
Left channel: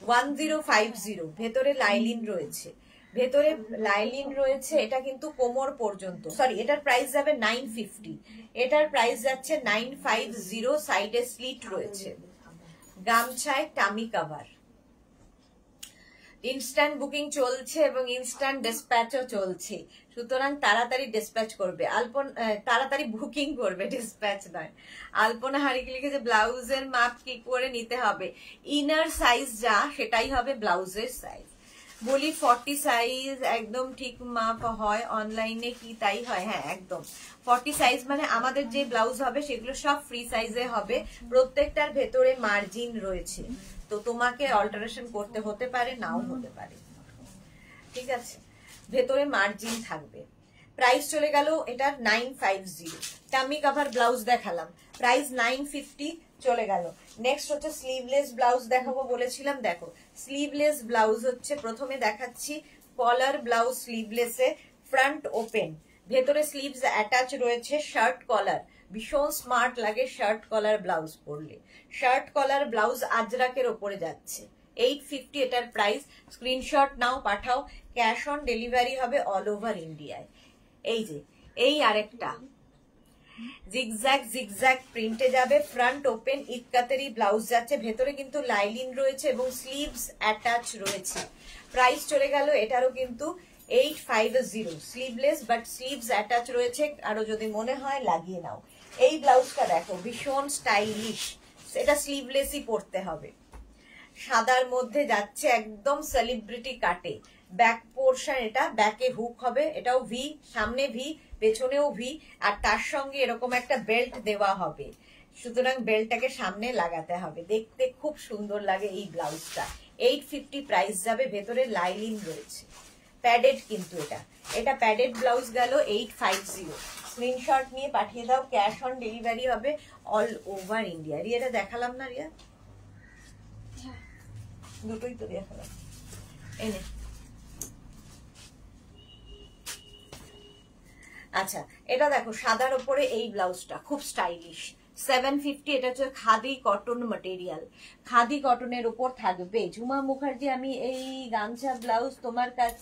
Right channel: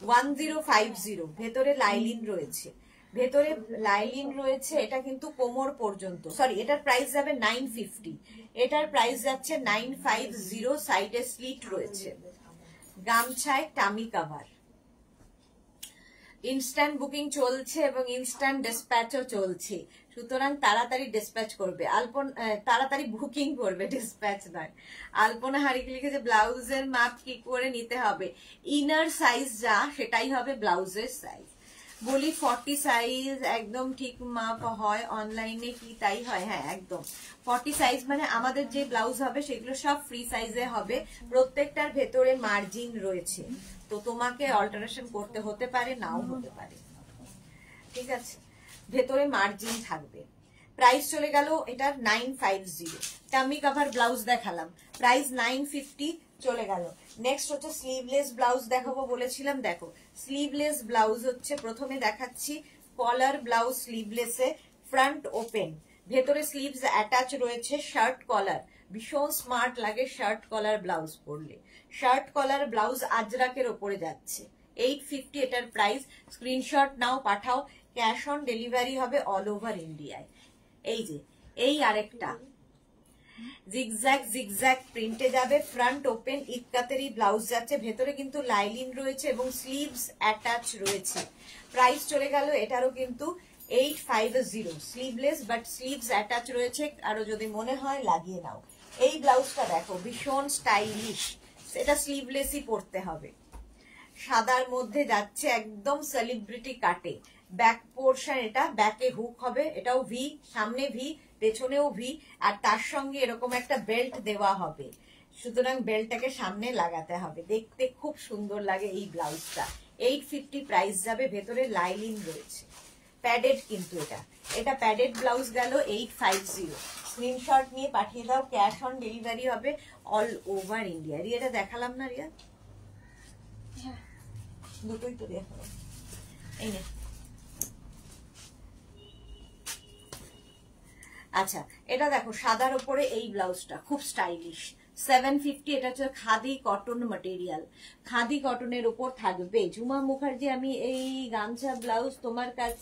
1050। ভেতরে লাইলিন রয়েছে, ভেতরে লাইলিন রয়েছে। এটা কিন্তু কোমর পর্যন্ত, সরি এটার প্রাইস যাবে 950, এটার প্রাইস যাচ্ছে 950। সাইডে স্লিট রয়েছে। গামছায় টামি কভার। ইনস্ট্যান্ট বুকিং চলছে এবং ইনস্ট্যান্ট ডিসপ্যাচও চলছে, সুতরাং তাড়াতাড়ি ডিসপ্যাচ করবে। তাড়াতাড়ি বুকিং করবে, ডিসপ্যাচ নয়। আলপনা হারিকে লিখেছে ব্লাউজের মাপ কি করে নিতে হবে? ইনার সাইজ যা সেটাই হবে ব্লাউজের সাইজ। বলি 40 সাইজ একদম ঠিক মাপ হয়, অনলাইনে কি তাই হয়? হ্যাঁ একদম 40 সাইজ, মানে আমাদের যে ব্লাউজ হবে সেগুলো সব ফ্রি সাইজে হবে। প্রত্যেকটার ভেতরে মার্জিন রয়েছে, তো তোমাকে অল্টারেশন করতে হতে পারে, নাও হতে পারে, ঠিক আছে? ভেতরে মার্জিন থাকবে। প্রাইস চলে গেল এটার 950। টামি কভার ব্লাউজ দেখালাম, প্রাইস 950 চলে গেল। নেক্সট হচ্ছে স্লিভলেস ব্লাউজ দেখাবো বলেছিলাম। দেখো স্লিভলেস ব্লাউজ হচ্ছে, প্রথমে দেখাচ্ছি কলার ব্লাউজ স্লিভলেসে, ফ্রন্ট ওপেন, ভেতরে স্লিভস অ্যাটাচ রয়েছে, শার্ট কলার, ভীষণ স্মার্ট লাগে শার্ট কলার ব্লাউজ পরলে। শার্ট কলার ব্লাউজ আজরাকের ওপরে যাচ্ছে, 850 এটার প্রাইস। স্ক্রিনশট নাও, পাঠাও। ক্যাশ অন ডেলিভারি হবে অল ওভার ইন্ডিয়ায়। এই যে এই আরেকটা জিগজ্যাগ জিগজ্যাগ প্রিন্টে যাবে, ফ্রন্ট ওপেন ইক্কাতেরি ব্লাউজ যাচ্ছে, ভেতরে কিন্তু লাইলিন রয়েছে এবং স্লিভস অ্যাটাচ রয়েছে। প্রাইস চলে গেল এটারও কিন্তু 850। স্লিভলেস বাট স্লিভস অ্যাটাচ রয়েছে, আরো যদি মনে হয় লাগিয়ে নাও। এই ব্লাউজটা দেখো ভীষণ স্টাইলিশ, এটা স্লিভলেসই পরতে হবে। সাদার মধ্যে যাচ্ছে একদম সেলিব্রিটি কাটে, ব্যাক পোর্শন, এটা ব্যাকে হুক হবে, এটাও ভি, সামনে ভি, পেছনেও ভি, আর তার সঙ্গে এরকম একটা বেল্ট দেওয়া হবে, সুতরাং বেল্টটাকে সামনে লাগাতে হবে। দেখতে খুব সুন্দর লাগে এই ব্লাউজটা। 850 প্রাইস যাবে, ভেতরে লাইলিন রয়েছে, প্যাডেড কিন্তু এটা, এটা প্যাডেড ব্লাউজ গেল 850। স্ক্রিনশট নিয়ে পাঠিয়ে দাও, ক্যাশ অন ডেলিভারি হবে অল ওভার ইন্ডিয়া। রিয়াটা দেখালাম না রিয়া? দুটোই তো দেখালাম। এই নে, আচ্ছা এটা দেখো সাদার উপরে এই ব্লাউজটা খুব স্টাইলিশ, 750। এটা হচ্ছে খাদি কটন ম্যাটেরিয়াল, খাদি কটনের উপর থাকবে। ঝুমা মুখার্জি, আমি এই গামছা ব্লাউজ তোমার কাছ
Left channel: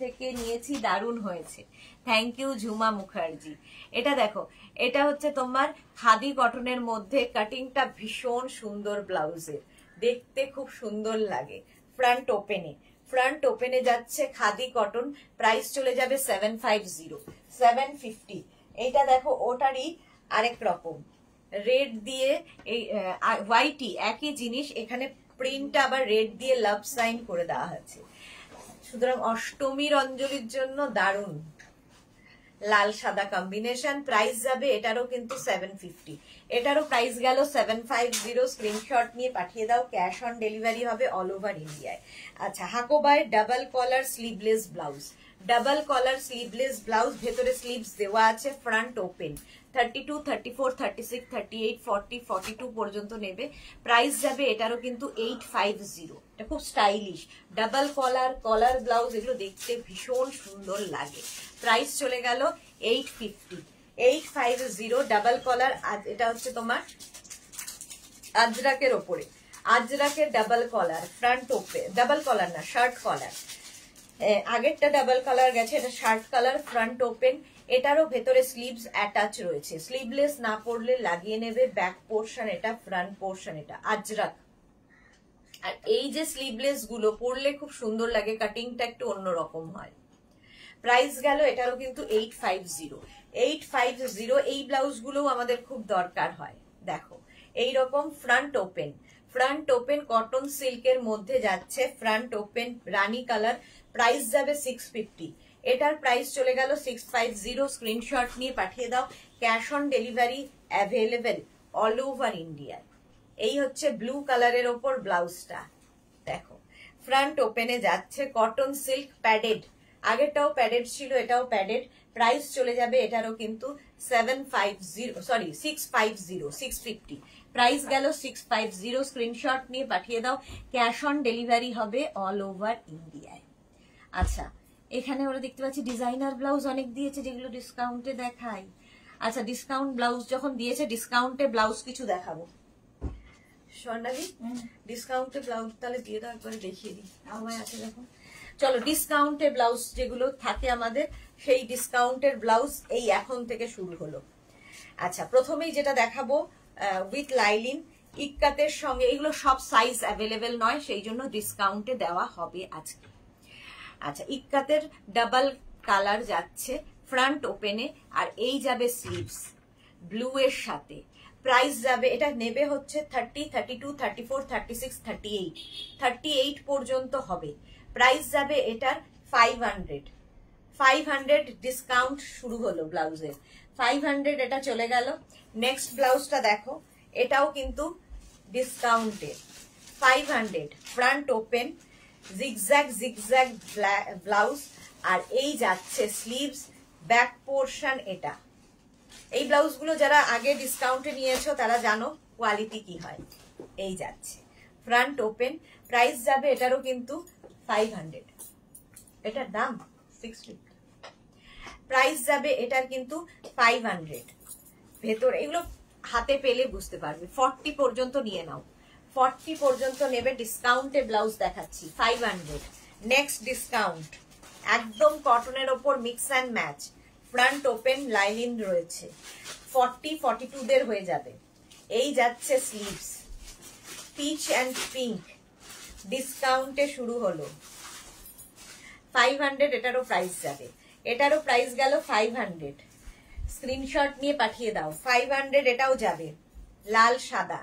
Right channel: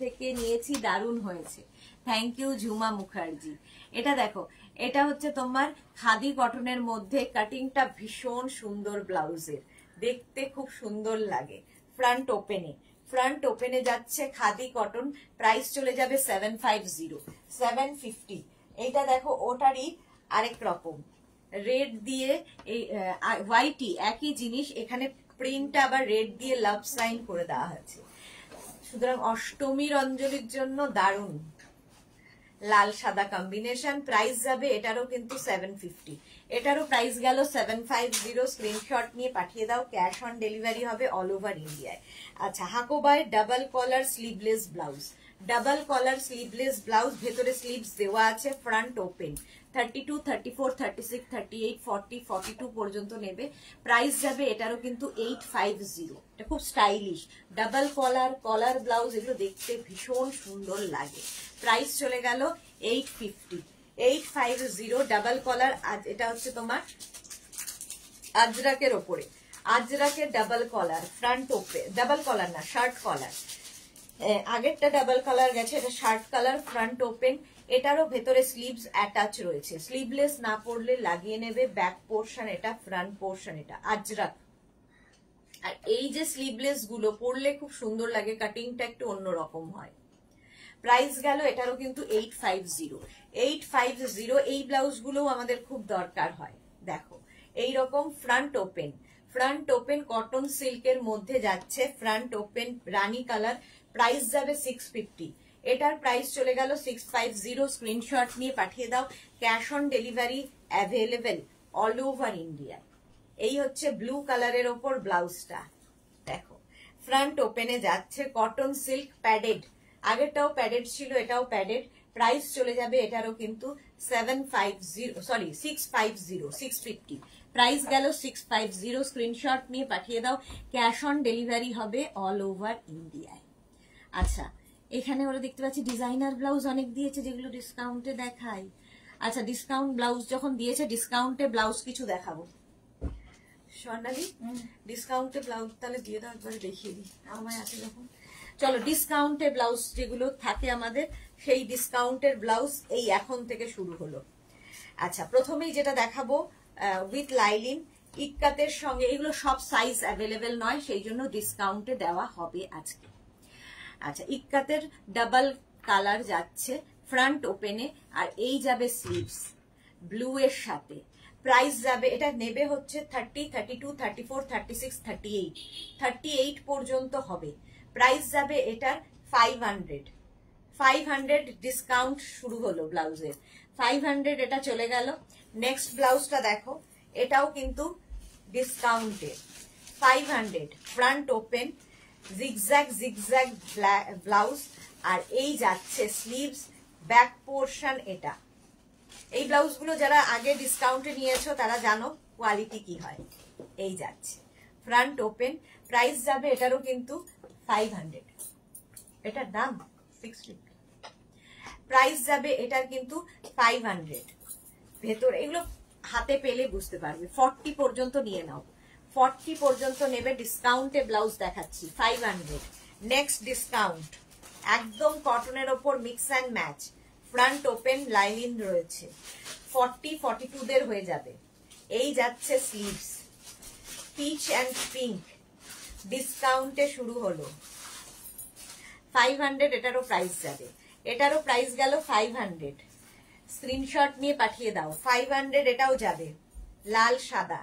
থেকে নিয়েছি, দারুণ হয়েছে, থ্যাংক ইউ ঝুমা মুখার্জি। এটা দেখো, এটা হচ্ছে তোমার খাদি কটনের মধ্যে, কাটিংটা ভীষণ সুন্দর ব্লাউজের, দেখতে খুব সুন্দর লাগে। ফ্রন্ট ওপেনে, ফ্রন্ট ওপেনে যাচ্ছে খাদি কটন, প্রাইস চলে যাবে 750, 750। এইটা দেখো ওটারই আরেক রকম, রেড দিয়ে এই হোয়াইটই একই জিনিস, এখানে প্রিন্টটা আবার রেড দিয়ে লাভ সাইন করে দেওয়া হয়েছে, সুতরাং অষ্টমীর অঞ্জলির জন্য দারুণ লাল সাদা কম্বিনেশন। প্রাইস যাবে এটারও কিন্তু 750, এটারও প্রাইস গেল 750। স্ক্রিনশট নিয়ে পাঠিয়ে দাও, ক্যাশ অন ডেলিভারি হবে অল ওভার ইন্ডিয়ায়। আচ্ছা হাকোবাই ডাবল কলার স্লিভলেস ব্লাউজ, ডাবল কলার স্লিভলেস ব্লাউজ, ভেতরে স্লিভস দেওয়া আছে, ফ্রন্ট ওপেন, 32, 34, 36, 38, 40, 42 পর্যন্ত নেবে। প্রাইস যাবে এটারও কিন্তু 850। এটা খুব স্টাইলিশ ডাবল কলার, কলার ব্লাউজ, এগুলো দেখতে ভীষণ সুন্দর লাগে। প্রাইস চলে গেল 850, 850 ডাবল কলার। এটা হচ্ছে তোমার আজরাকের ওপরে, আজরাকের ডাবল কলার, ফ্রন্ট ওপেন, ডাবল কলার না শার্ট কলার, আগেরটা ডাবল কালার গেছে, এটা শার্ট কালার, ফ্রন্ট ওপেন। এটারও ভেতরে স্লিভস অ্যাটাচ রয়েছে, স্লিভলেস না পরলে লাগিয়ে নেবে। ব্যাক পোর্শন এটা, ফ্রন্ট পোর্শন এটা, আজরাক। আর এই যে স্লিভলেস গুলো পরলে খুব সুন্দর লাগে, কাটিংটা একটু অন্যরকম হয়। প্রাইস গেল এটারও কিন্তু 850। এই ব্লাউজ গুলো আমাদের খুব দরকার হয়। দেখো এইরকম front open, front open cotton সিল্কের মধ্যে যাচ্ছে, ফ্রন্ট ওপেন রানী কালার। প্রাইস যাবে 650, এটার প্রাইস চলে গেল 650। স্ক্রিনশট নিয়ে পাঠিয়ে দাও। Cash on delivery available all over India. এই হচ্ছে ব্লু কালারের ওপর ব্লাউজটা, দেখো ফ্রন্ট ওপেনে যাচ্ছে, কটন সিল্ক প্যাডেড, আগেরটাও প্যাডেড ছিল, এটাও প্যাডেড। প্রাইস চলে যাবে এটারও কিন্তু 650। প্রাইস গেল 650। স্ক্রিনশট নিয়ে পাঠিয়ে দাও। ক্যাশ অন ডেলিভারি হবে অল ওভার ইন্ডিয়ায়। আচ্ছা, এখানে ওরা দেখতে পাচ্ছি ডিজাইনার ব্লাউজ অনেক দিয়েছে, যেগুলো ডিসকাউন্টে দেখাই। আচ্ছা, ডিসকাউন্ট ব্লাউজ যখন দিয়েছে, ডিসকাউন্টে ব্লাউজ কিছু দেখাবো। স্বর্ণালী, ডিসকাউন্টে ব্লাউজ তাহলে দিয়ে দাও, একবারে দেখিয়ে দিই। আমার আছে দেখো। চলো, ডিসকাউন্টের ব্লাউজ যেগুলো থাকে আমাদের, সেই ডিসকাউন্টের ব্লাউজ এই এখন থেকে শুরু হলো। আচ্ছা, প্রথমেই যেটা দেখাবো উইথ লাইলিন, ইক্কাতের সঙ্গে। এগুলো সব সাইজ অ্যাভেলেবেল নয়, সেই জন্য ডিসকাউন্টে দেওয়া হবে আজকে। আচ্ছা, ইক্কাতের ডাবল কালার যাচ্ছে ফ্রন্ট ওপেনে, আর এই যাবে স্লিভস ব্লু এর সাথে। প্রাইস যাবে, এটা নেবে হচ্ছে 30, 32, 34, 36, 38, 38 পর্যন্ত হবে। প্রাইস যাবে এটার 500 ডিসকাউন্ট শুরু হলো ব্লাউজের, 500 এটা চলে গেল। নেক্সট ব্লাউজটা দেখো, এটাও কিন্তু ডিসকাউন্টে 500, ফ্রন্ট ওপেন, জিগজ্যাগ ব্লাউজ, আর এই যাচ্ছে স্লিভস, ব্যাক পোর্শন এটা। এই ব্লাউজগুলো যারা আগে ডিসকাউন্টে নিয়েছো তারা জানো কোয়ালিটি কি হয়। এই যাচ্ছে ফ্রন্ট ওপেন, প্রাইস যাবে এটারও কিন্তু 500, এটার দাম 650। প্রাইস যাবে এটার কিন্তু 500। ভেতরে এগুলো হাতে পেলে বুঝতে পারবে। 40 পর্যন্ত নিয়ে নাও, 40 পর্যন্ত নেবে। ডিসকাউন্টে ব্লাউজ দেখাচ্ছি 500। নেক্সট ডিসকাউন্ট, একদম কটনের ওপর mix and match, front open lining রয়েছে, 40, 42 দের হয়ে যাবে। এই যাচ্ছে স্লিভস, পিচ অ্যান্ড পিঙ্ক, ডিসকাউন্টে শুরু হলো 500। এটারও প্রাইস যাবে, এটারও প্রাইস গেল 500। স্ক্রিনশট নিয়ে পাঠিয়ে দাও। 500 এটাও যাবে, লাল সাদা,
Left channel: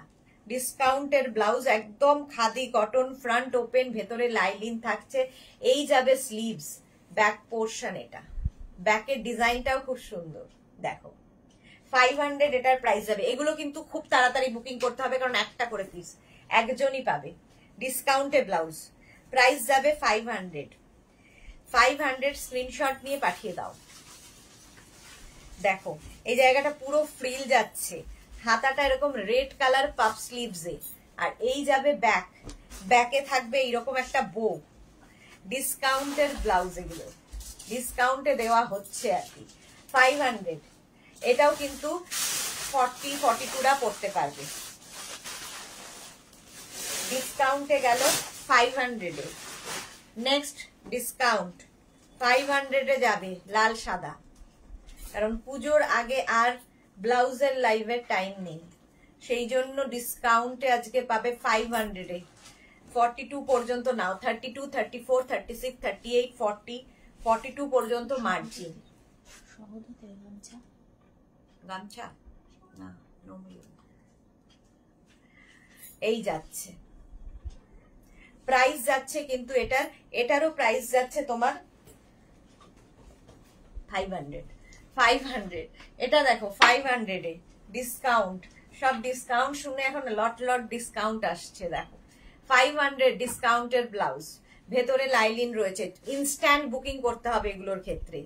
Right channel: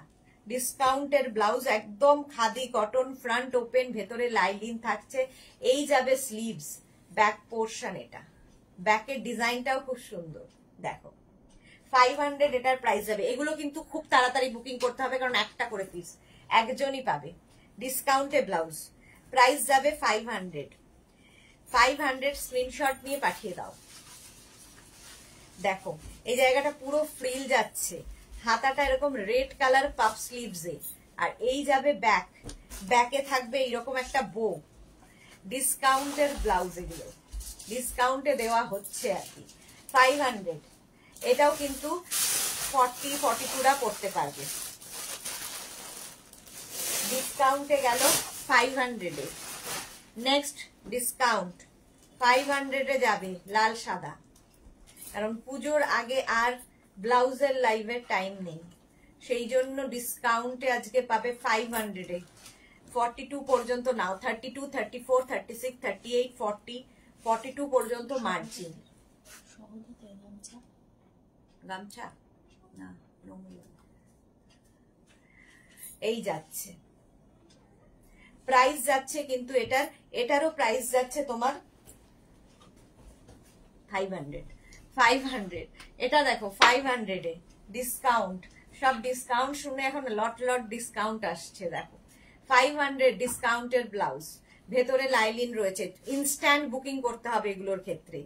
ডিসকাউন্টের ব্লাউজ, একদম খাদি কটন, ফ্রন্ট ওপেন, ভেতরে লাইলিং থাকছে। এই যাবে স্লিভস, ব্যাক পোর্শন এটা, ব্যাকের ডিজাইনটাও খুব সুন্দর। দেখো 500 এটার প্রাইস যাবে। এগুলো কিন্তু খুব তাড়াতাড়ি বুকিং করতে হবে, কারণ একটা করে পিস একজনই পাবে। ডিসকাউন্টে ব্লাউজ, প্রাইস যাবে 500। স্ক্রিনশট নিয়ে পাঠিয়ে দাও। দেখো এই জায়গাটা পুরো ফ্রিল যাচ্ছে, হাতাটা এরকম রেড কালার পাফ স্লিভসে, আর এই যাবে ব্যাক, ব্যাকে থাকবে এইরকম একটা বো। ডিসকাউন্টের ব্লাউজ, এগুলো ডিসকাউন্টে দেওয়া হচ্ছে আর কি। 500, এটাও কিন্তু 40, 42রা পড়তে পারবে। ডিসকাউন্টে গেল 500-এ। নেক্সট ডিসকাউন্ট 500-এ যাবে লাল সাদা, কারণ পুজোর আগে আর ব্লাউজের লাইভের টাইম নেই, সেই জন্য ডিসকাউন্টে আজকে পাবে 500-এ। 42 পর্যন্ত নাও, 32, 34, 36, 38, 40, 42 পর্যন্ত মার্জিন। গামছা না, এই যাচ্ছে প্রাইস যাচ্ছে কিন্তু এটারও প্রাইস যাচ্ছে তোমার 500। এটা দেখো 500-এ ডিসকাউন্ট, সব ডিসকাউন্ট শুনে এখন লট লট ডিসকাউন্ট আসছে। দেখো 500 ডিসকাউন্টের ব্লাউজ, ভেতরে লাইলিন রয়েছে। ইনস্ট্যান্ট বুকিং করতে হবে এগুলোর ক্ষেত্রে।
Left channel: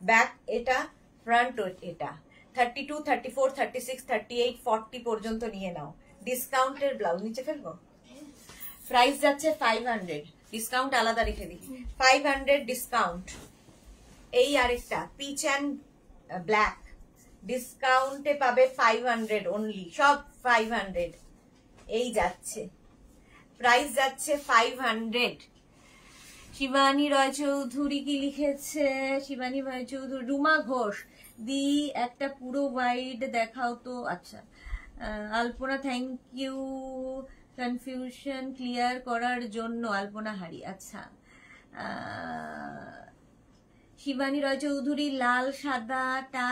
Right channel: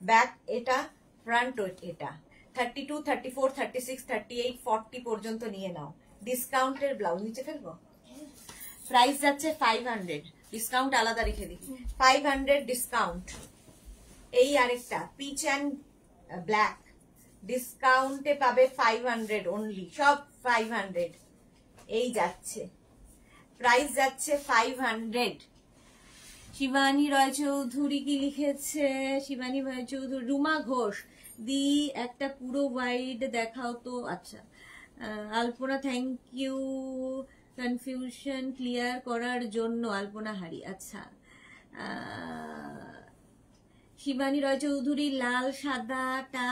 ব্যাক এটা, ফ্রন্ট এটা, 32, 34, 36, 38, 40 পর্যন্ত নিয়ে নাও। ডিসকাউন্টের ব্লাউজ নিচে ফেলবো। প্রাইস যাচ্ছে 500, ডিসকাউন্ট আলাদা রেখে দিই। 500 ডিসকাউন্ট। এই আরেকটা পিচ অ্যান্ড ব্ল্যাক, ডিসকাউন্টে পাবে 500 অনলি, সব 500। এই যাচ্ছে, প্রাইস যাচ্ছে 500। শিবানী রয় চৌধুরী কি লিখেছে? শিবানী রয় চৌধুরী, রুমা ঘোষ দি একটা পুরো ওয়াইড দেখাও তো। আচ্ছা, আলপনা থ্যাংক ইউ কনফিউশন ক্লিয়ার করার জন্য। আলপনা হারি, আচ্ছা। শিবানী রয় চৌধুরী, লাল সাদাটা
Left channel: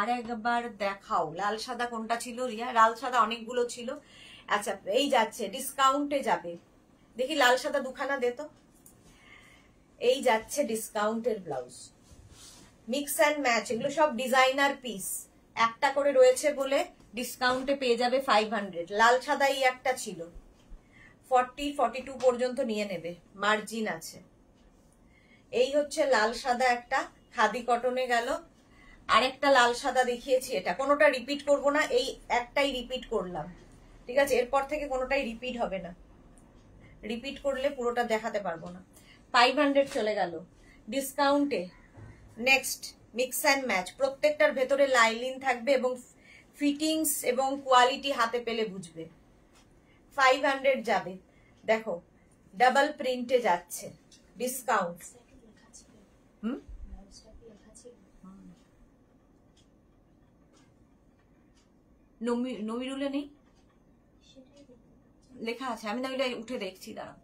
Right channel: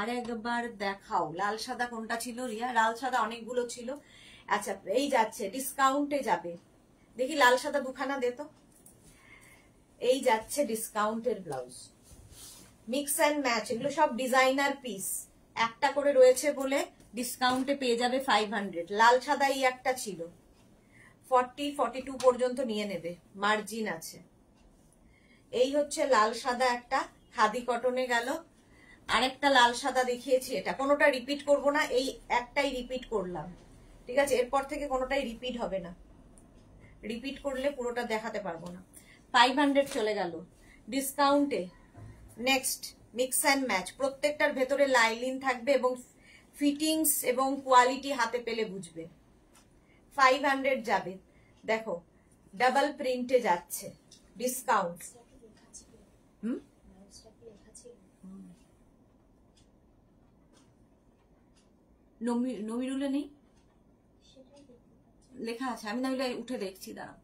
আরেকবার দেখাও। লাল সাদা কোনটা ছিল রিয়া? লাল সাদা অনেকগুলো ছিল। আচ্ছা, এই যাচ্ছে, ডিসকাউন্টে যাবে। দেখি লাল সাদা দুখানা দে তো। এই যাচ্ছে ডিসকাউন্টের ব্লাউজ, মিক্স অ্যান্ড ম্যাচ, এগুলো সব ডিজাইনার পিস। একটা করে রয়েছে বলে ডিসকাউন্টে পেয়ে যাবে 500। লাল সাদা এই একটা ছিল, 40-42 পর্যন্ত নিয়ে নেবে, মার্জিন আছে। এই হচ্ছে লাল সাদা একটা, খাদি কটনে গেল। আরেকটা লাল সাদা দেখিয়েছি, এটা কোনোটা রিপিট করব না, এই একটাই রিপিট করলাম, ঠিক আছে? এরপর থেকে কোনোটাই রিপিট হবে না, রিপিট করলে পুরোটা দেখাতে পারবো না। 500 চলে গেল ডিসকাউন্টে। নেক্সট মিক্স অ্যান্ড ম্যাচ, প্রত্যেকটার ভেতরে লাইলিন থাকবে এবং ফিটিংস এবং কোয়ালিটি হাতে পেলে বুঝবে। 500 যাবে। দেখো ডাবল প্রিন্টে যাচ্ছে, ডিসকাউন্ট। নমিরুলে নেই লেখা আছে, আমি না ওইটা উঠে দেখছি, দাঁড়াও।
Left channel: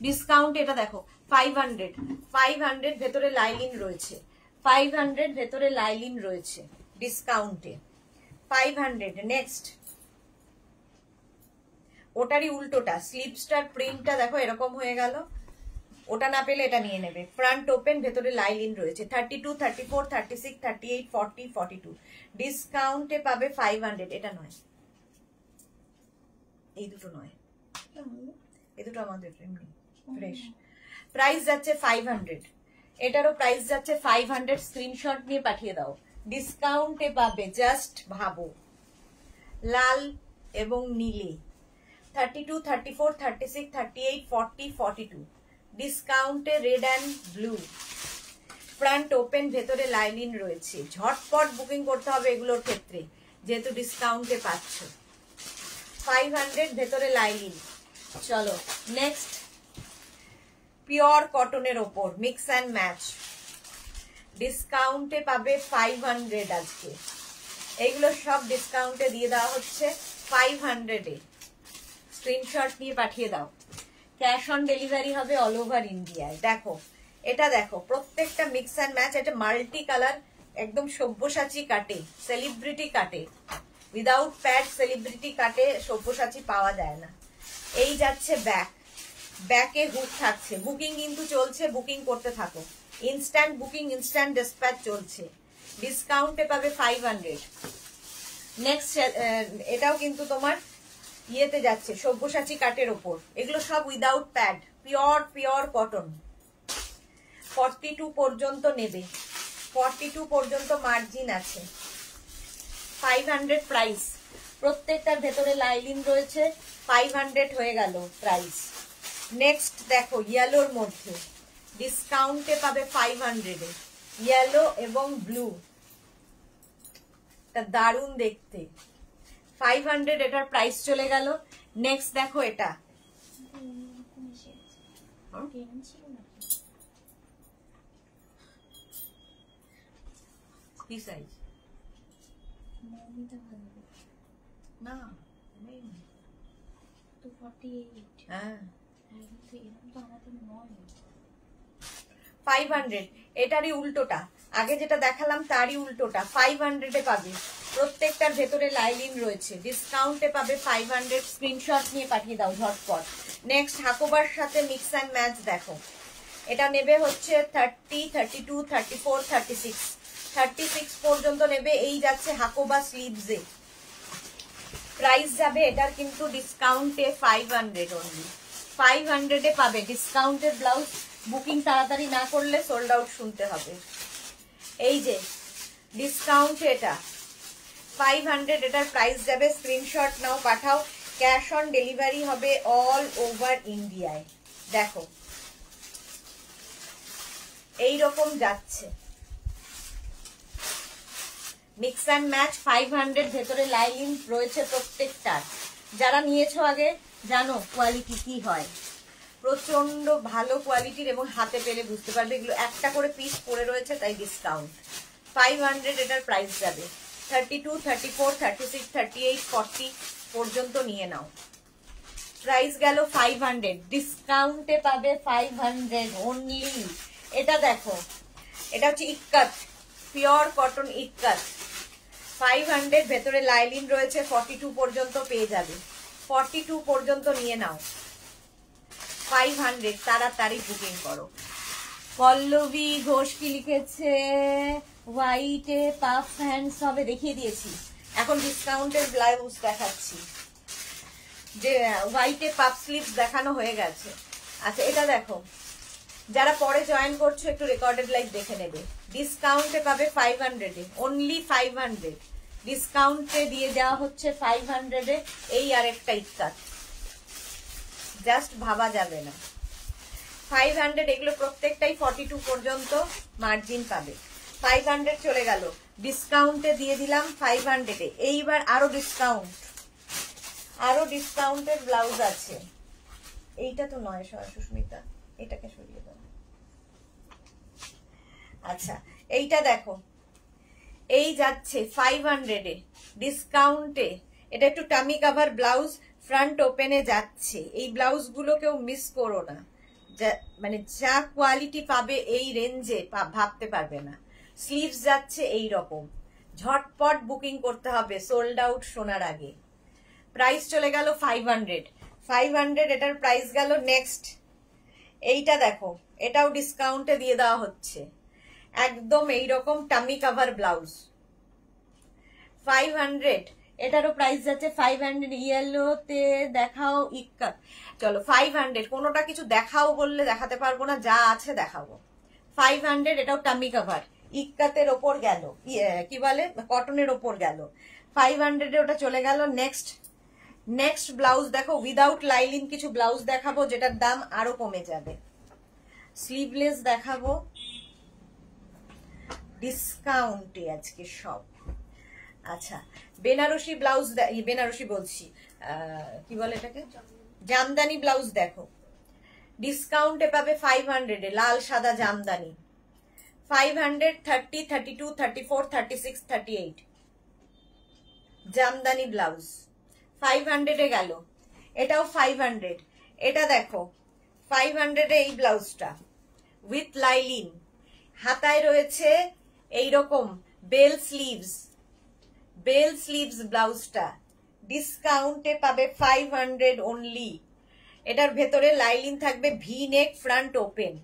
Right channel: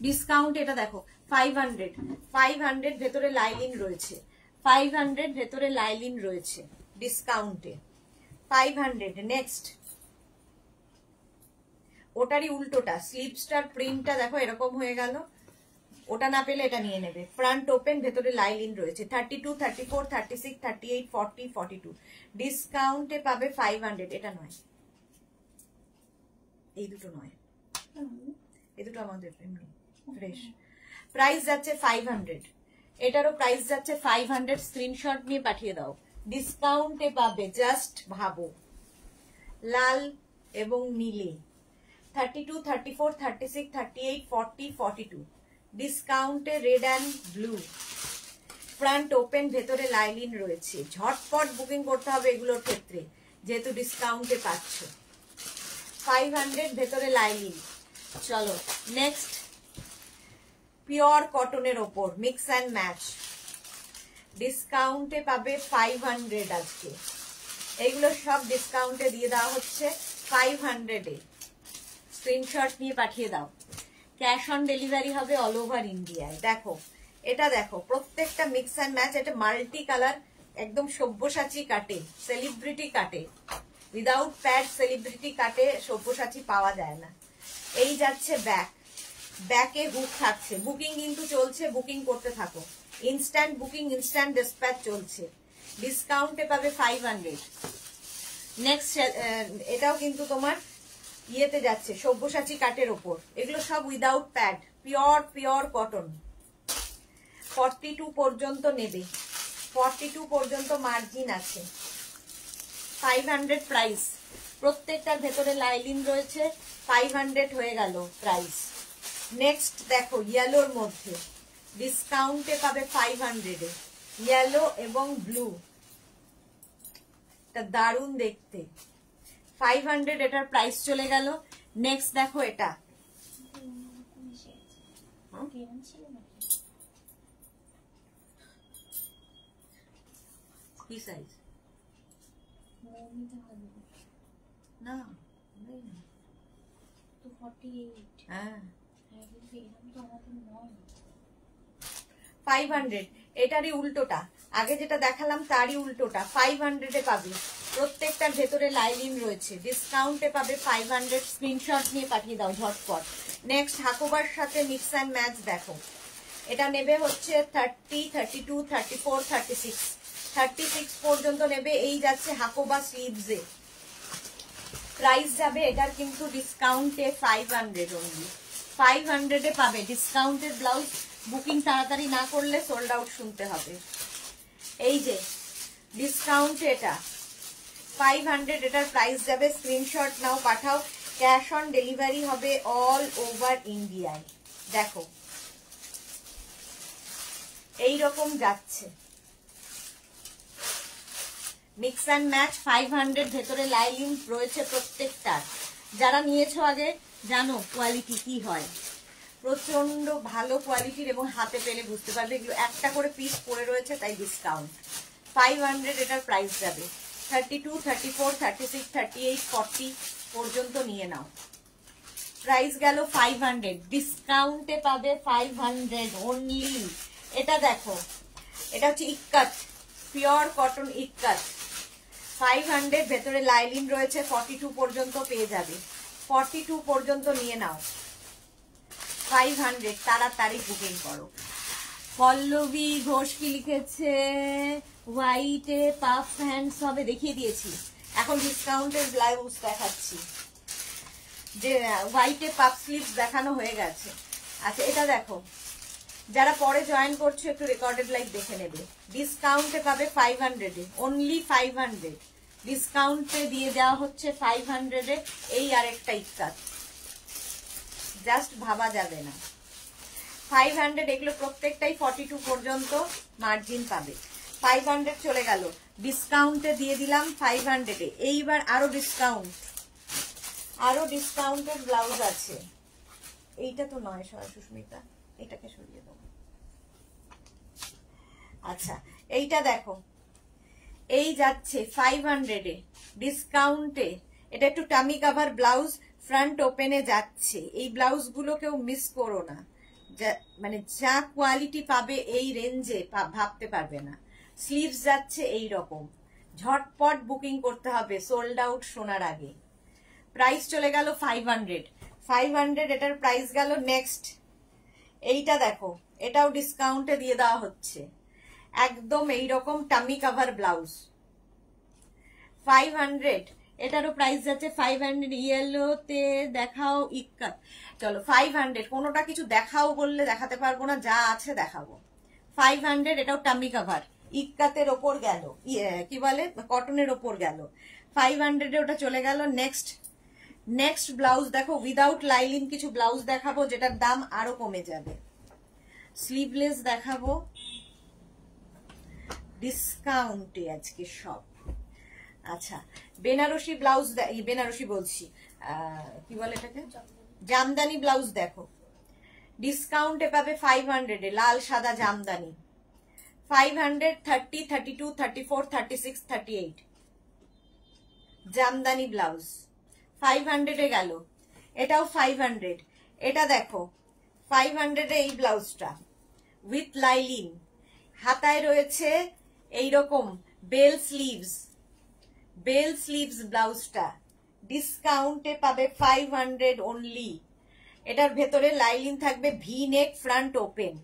ডিসকাউন্ট এটা দেখো 500 ভেতরে লাইলিন রয়েছে, 500 ভেতরে লাইলিন রয়েছে ডিসকাউন্টে 500। নেক্সট ওটারই উল্টোটা, স্লিভসটার প্রিন্টটা দেখো এরকম হয়ে গেল। ওটা না পেলে এটা নিয়ে নেবে। ফ্রন্ট ওপেন, ভেতরে লাইলিন রয়েছে, 32, 34, 36, 38, 40, 42। ডিসকাউন্টে পাবে 500। এটা নয়, এই দুটো নয়, এই দুটো আমাদের ফ্রেশ। প্রাইস যাচ্ছে 500, এটারও প্রাইস যাচ্ছে 500। স্ক্রিনশট নিয়ে পাঠিয়ে দাও। ডিসকাউন্টে পাবে, জাস্ট ভাবো, লাল এবং নীলে, 32, 34, 36, 38, 40, 42। ডিসকাউন্টে red and blue, front open, ভেতরে লাইলিন রয়েছে। ঝটপট বুকিং করতে হবে এগুলোর ক্ষেত্রে, যেহেতু ডিসকাউন্টে পাচ্ছ। 500 ভেতরে লাইলিন। চলো নেক্সট, পিওর কটনের ওপর মিক্স অ্যান্ড ম্যাচ, ডিসকাউন্টে পাবে 500 আজকে। এগুলো সব ডিসকাউন্টে দিয়ে দেওয়া হচ্ছে 500-এ। স্ক্রিনশট নিয়ে পাঠিয়ে দাও। ক্যাশ অন ডেলিভারি হবে অল ওভার ইন্ডিয়ায়। দেখো এটা, দেখো প্রত্যেকটা মিক্স অ্যান্ড ম্যাচ। এটা মাল্টি কালার, একদম সব্যসাচী কাটে, সেলিব্রিটি কাটে, উইদাউট প্যাড সেলিব্রিটি কাটে সব্যসাচী পাওয়া যায় না। এই যাচ্ছে ব্যাক, ব্যাকে হুক থাকছে। বুকিং কিন্তু চলছে, বুকিং করতে থাকো। ইনস্ট্যান্ট বুকিং, ইনস্ট্যান্ট ডিসপ্যাচ চলছে। ডিসকাউন্টে পাবে 500। নেক্সট এটাও কিন্তু তোমার ইয়েতে যাচ্ছে, সব্যসাচী কাটের ওপর। এগুলো সব উইদাউট প্যাড, পিওর কটন। 42 পর্যন্ত নেবে, 42 পর্যন্ত মার্জিন আছে। 500 প্রাইস। প্রত্যেকটার ভেতরে লাইলিন রয়েছে, 500 হয়ে গেল প্রাইস। নেক্সট দেখো ইয়েলোর মধ্যে, ডিসকাউন্টে পাবে 500-এ, ইয়েলো এবং ব্লু, তা দারুণ দেখতে। 500 এটার প্রাইস চলে গেল। নেক্সট দেখো এটা, কি সাইজ? না নেই তো, 48। হ্যাঁ 500। এটারই উল্টোটা, আগে যেটা দেখালাম তারই উল্টোটা, 500-এ পাবে। প্রত্যেকটার ভেতরে লাইলিন রয়েছে, ডিসকাউন্টে পাবে 500। স্ক্রিনশট নিয়ে পাঠিয়ে দাও ঝটপট। নেক্সট হাকোবার সাথে মিক্স অ্যান্ড ম্যাচ দেখো, এটা নেবে হচ্ছে 30, 32, 34, 36, 36 পর্যন্ত নেবে। এই যাচ্ছে হাকোবা স্লিভসে। প্রাইস যাবে এটার কিন্তু ডিসকাউন্টে 500 অনলি। 500-এ পাবে ডিসকাউন্টের ব্লাউজ। বুকিং তাড়াতাড়ি না করলে সোল্ড আউট শুনতে হবে। এই যে ডিসকাউন্টে এটা 500, এটার প্রাইস যাবে। স্ক্রিনশট নাও, পাঠাও। ক্যাশ অন ডেলিভারি হবে অল ওভার ইন্ডিয়ায়। দেখো এই রকম যাচ্ছে। মিক্স অ্যান্ড ম্যাচ 500 ভেতরে লাইলিন রয়েছে প্রত্যেকটার। যারা নিয়েছো আগে জানো কোয়ালিটি কি হয়, প্রচন্ড ভালো কোয়ালিটির এবং হাতে পেলে বুঝতে পারবে। এগুলো একটা করে পিস পড়ে রয়েছে তাই ডিসকাউন্ট। 500 এটার প্রাইস যাবে। 32, 34, 36, 38, 40 পর্যন্ত নিয়ে নাও। প্রাইস গেল 500, ডিসকাউন্টে পাবে 500 অনলি। এটা দেখো, এটা হচ্ছে ইক্কাত, পিওর কটন ইক্কাত। 500 ভেতরে লাইলিন রয়েছে, 42 পর্যন্ত পেয়ে যাবে। 42 পর্যন্ত নিয়ে নাও। 500 তাড়াতাড়ি বুকিং করো। পল্লবী ঘোষ কি লিখেছে, হোয়াইটে পাফ হ্যান্ডস হবে, দেখিয়ে দিয়েছি। এখন ডিসকাউন্টের ব্লাউজ দেখাচ্ছি, যে হোয়াইটে পাফ স্লিভস দেখানো হয়ে গেছে। আচ্ছা এটা দেখো, যারা পরে জয়েন করছো একটু রেকর্ডেড লাইভ দেখে নেবে। ডিসকাউন্টে পাবে 500 এ, অনলি 500 ডিসকাউন্টে দিয়ে দেওয়া হচ্ছে 500 এ। এই আরেকটা ইক্কাত, জাস্ট ভাবা যাবে না। 500 এগুলো প্রত্যেকটাই 42 পর্যন্ত মার্জিন পাবে। 500 চলে গেল, ডিসকাউন্টে দিয়ে দিলাম 500 এ। এইবার আরো ডিসকাউন্ট, আরো ডিসকাউন্টের ব্লাউজ আছে। এইটা তো নয় সুস্মিতা, এটাকে সরিয়ে দাও। আচ্ছা এইটা দেখো, এই যাচ্ছে 500 এ ডিসকাউন্টে। এটা একটু টামি কাভার ব্লাউজ, ফ্রন্ট ওপেনে যাচ্ছে। এই ব্লাউজ গুলো কেউ মিস করো না, মানে যা কোয়ালিটি পাবে এই রেঞ্জে ভাবতে পারবে না। স্লিভস যাচ্ছে এই রকম, ঝটপট বুকিং করতে হবে সোল্ড আউট শোনার আগে। প্রাইস চলে গেল 500, 500 এটার প্রাইস গেল। নেক্সট এইটা দেখো, এটাও ডিসকাউন্টে দিয়ে দেওয়া হচ্ছে, একদম এইরকম টামি কাভার ব্লাউজ। 500 এটারও প্রাইস যাচ্ছে 500। ইয়েলোতে দেখাও ইক্কাত, চলো 500। কোনোটা কিছু দেখাও বললে দেখাতে পারবো না, যা আছে দেখাবো। 500 এটাও টামি কাভার, ইক্কাতের ওপর গেল, কি বলে কটনের ওপর গেল। 500 এ ওটা চলে গেল। নেক্সট ব্লাউজ দেখো, উইদাউট লাইলিন কিছু ব্লাউজ দেখাবো যেটার দাম আরো কমে যাবে। স্লিভলেস দেখাবো ডিসকাউন্টে আজকে সব। আচ্ছা বেনারসি ব্লাউজ, বেনারসি বলছি, কি বলে এটাকে, জামদানি ব্লাউজ দেখো, ডিসকাউন্টে পাবে 500 এ। লাল সাদা জামদানি 500, 30, 32, 34, 36, 38 জামদানি ব্লাউজ 500 এ গেল। এটাও 500। এটা দেখো 500 এ এই ব্লাউজটা উইথ লাইলিন, হাতায় রয়েছে এইরকম বেল স্লিভস, বেল স্লিভস ব্লাউজটা ডিসকাউন্টে পাবে 500 অনলি। এটার ভেতরে লাইলিন থাকবে, ভি নেক, ফ্রন্ট ওপেন।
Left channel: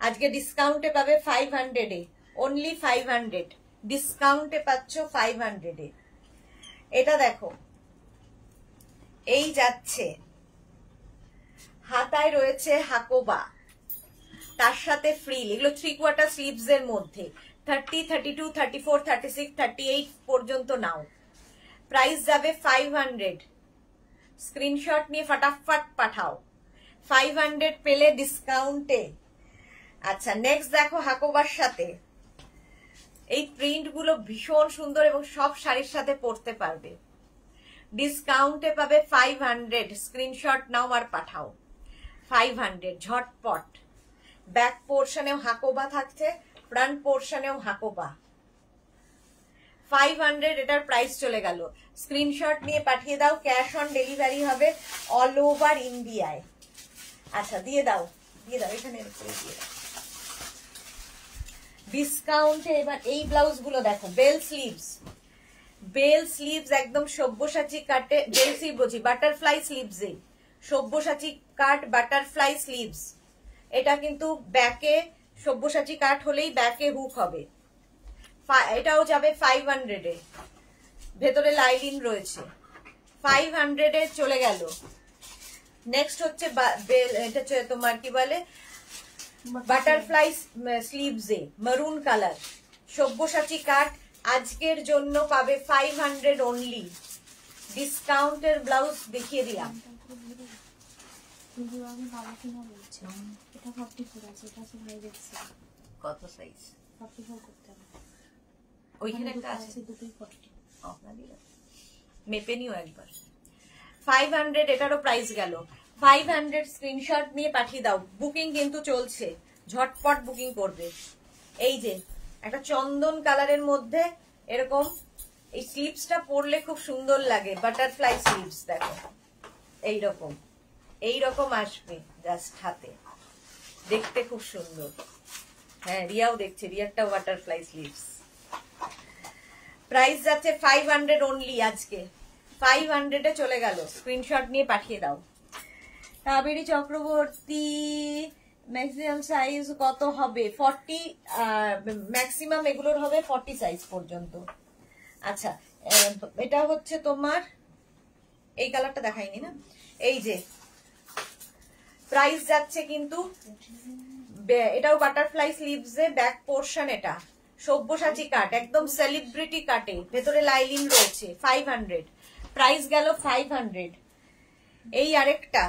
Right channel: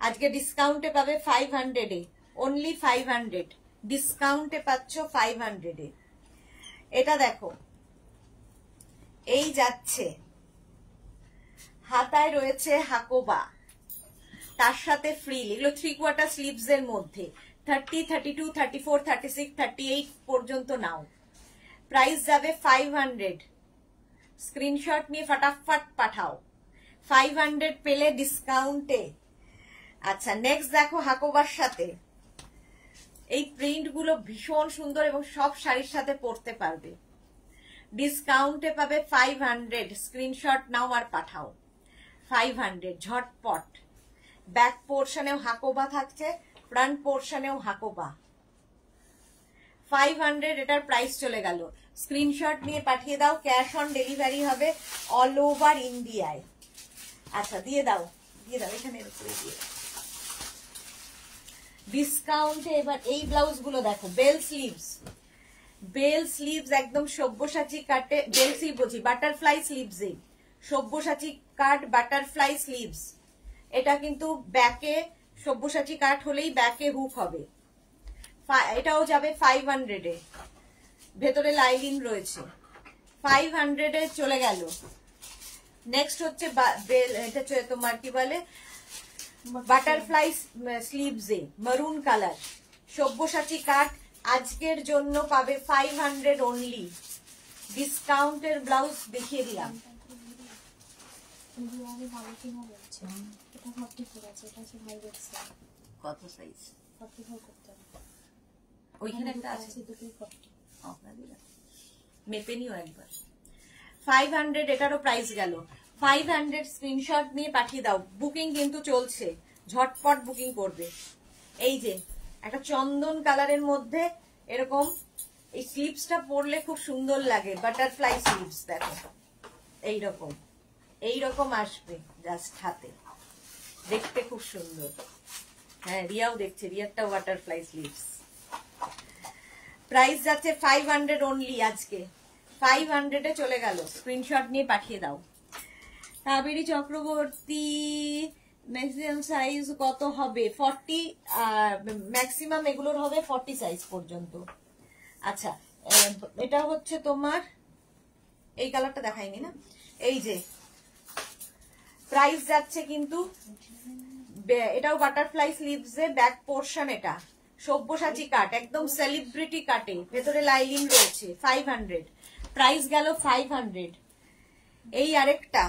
আজকে ডিসকাউন্টে পাবে 500 এ, অনলি 500 ডিসকাউন্টে পাচ্ছ 500 এ। এটা দেখো, এই যাচ্ছে, হাতায় রয়েছে হাকোবা, তার সাথে ফ্রিল। এগুলো 3/4 স্লিভস এর মধ্যে। 30, 32, 34, 36, 38 পর্যন্ত নাও। প্রাইস যাবে 500। স্ক্রিনশট নিয়ে ফটাফট পাঠাও। 500 পেলে ডিসকাউন্টে। আচ্ছা নেক্সট দেখো, হাকোবার সাথে এই প্রিন্ট গুলো ভীষণ সুন্দর এবং সব শাড়ির সাথে পরতে পারবে। ডিসকাউন্টে পাবে 500। স্ক্রিনশট নাও আর পাঠাও। 500 ঝটপট। ব্যাক পোর্শনেও হাকোবা থাকছে, ফ্রন্ট পোর্শনেও হাকোবা। 500 এটার প্রাইস চলে গেল। স্ক্রিনশট নিয়ে পাঠিয়ে দাও, ক্যাশ অন ডেলিভারি হবে অল ওভার ইন্ডিয়ায়। আচ্ছা দিয়ে দাও, দিয়ে দাও, এখানে দিয়ে দাও। ডিসকাউন্টে এবার এই ব্লাউজ গুলো দেখো, বেল স্লিভস, বেল স্লিভস একদম সব্যসাচী কাটে, বেল স্লিভ বলছি, বাটারফ্লাই স্লিভস, সব্যসাচী কাট বাটারফ্লাই স্লিভস। এটা কিন্তু ব্যাকে সব্যসাচী কাট হলেই ব্যাকে হুক হবে। এটাও যাবে 500 এ, ভেতরে লাইলিন রয়েছে। 500 এ চলে গেল। নেক্সট হচ্ছে এটা হচ্ছে তোমার কি বলে, বাটারফ্লাই স্লিভস এ মারুন কালার, সব্যসাচী কাট। আজকের জন্য পাবে 500 অনলি। ডিসকাউন্টের ব্লাউজ দেখিয়ে দিলাম। কত সাইজ? 44 করতে হবে। ওইখানে একটা আছে, মেপে নিও একবার। 500 এটারও প্রাইস গেল। 500 স্ক্রিনশট নিয়ে পাঠিয়ে দাও। বুকিং কিন্তু চলছে, ঝটপট বুকিং করবে। এই যে একটা চন্দন কালারের মধ্যে এরকম, এই স্লিভসটা পরলে খুব সুন্দর লাগে, বাটারফ্লাই স্লিভস দেখো এইরকম এইরকম আসবে জাস্ট হাতে, দেখতে খুব সুন্দর। হ্যাঁ রিয়াও দেখছে, রিয়ারটাও বাটারফ্লাই স্লিভস। প্রাইস যাচ্ছে 500 অনলি আজকে, 500 চলে গেল। স্ক্রিনশট নিয়ে পাঠিয়ে দাও। কাবেরী চক্রবর্তী ম্যাক্সিমাম সাইজ কত হবে? 40, ম্যাক্সিমাম এগুলোর হবে 40 সাইজ পর্যন্ত। আচ্ছা এটা হচ্ছে তোমার, এই কালারটা দেখাইনি না, এই যে প্রাইস যাচ্ছে কিন্তু, এটাও বাটারফ্লাই স্লিভস এ ব্যাক পোর্শন, এটা সব্যসাচী কাট, একদম সেলিব্রিটি কাটে, ভেতরে লাইলিন রয়েছে। 500 প্রাইস গেল 500। এই আরেকটা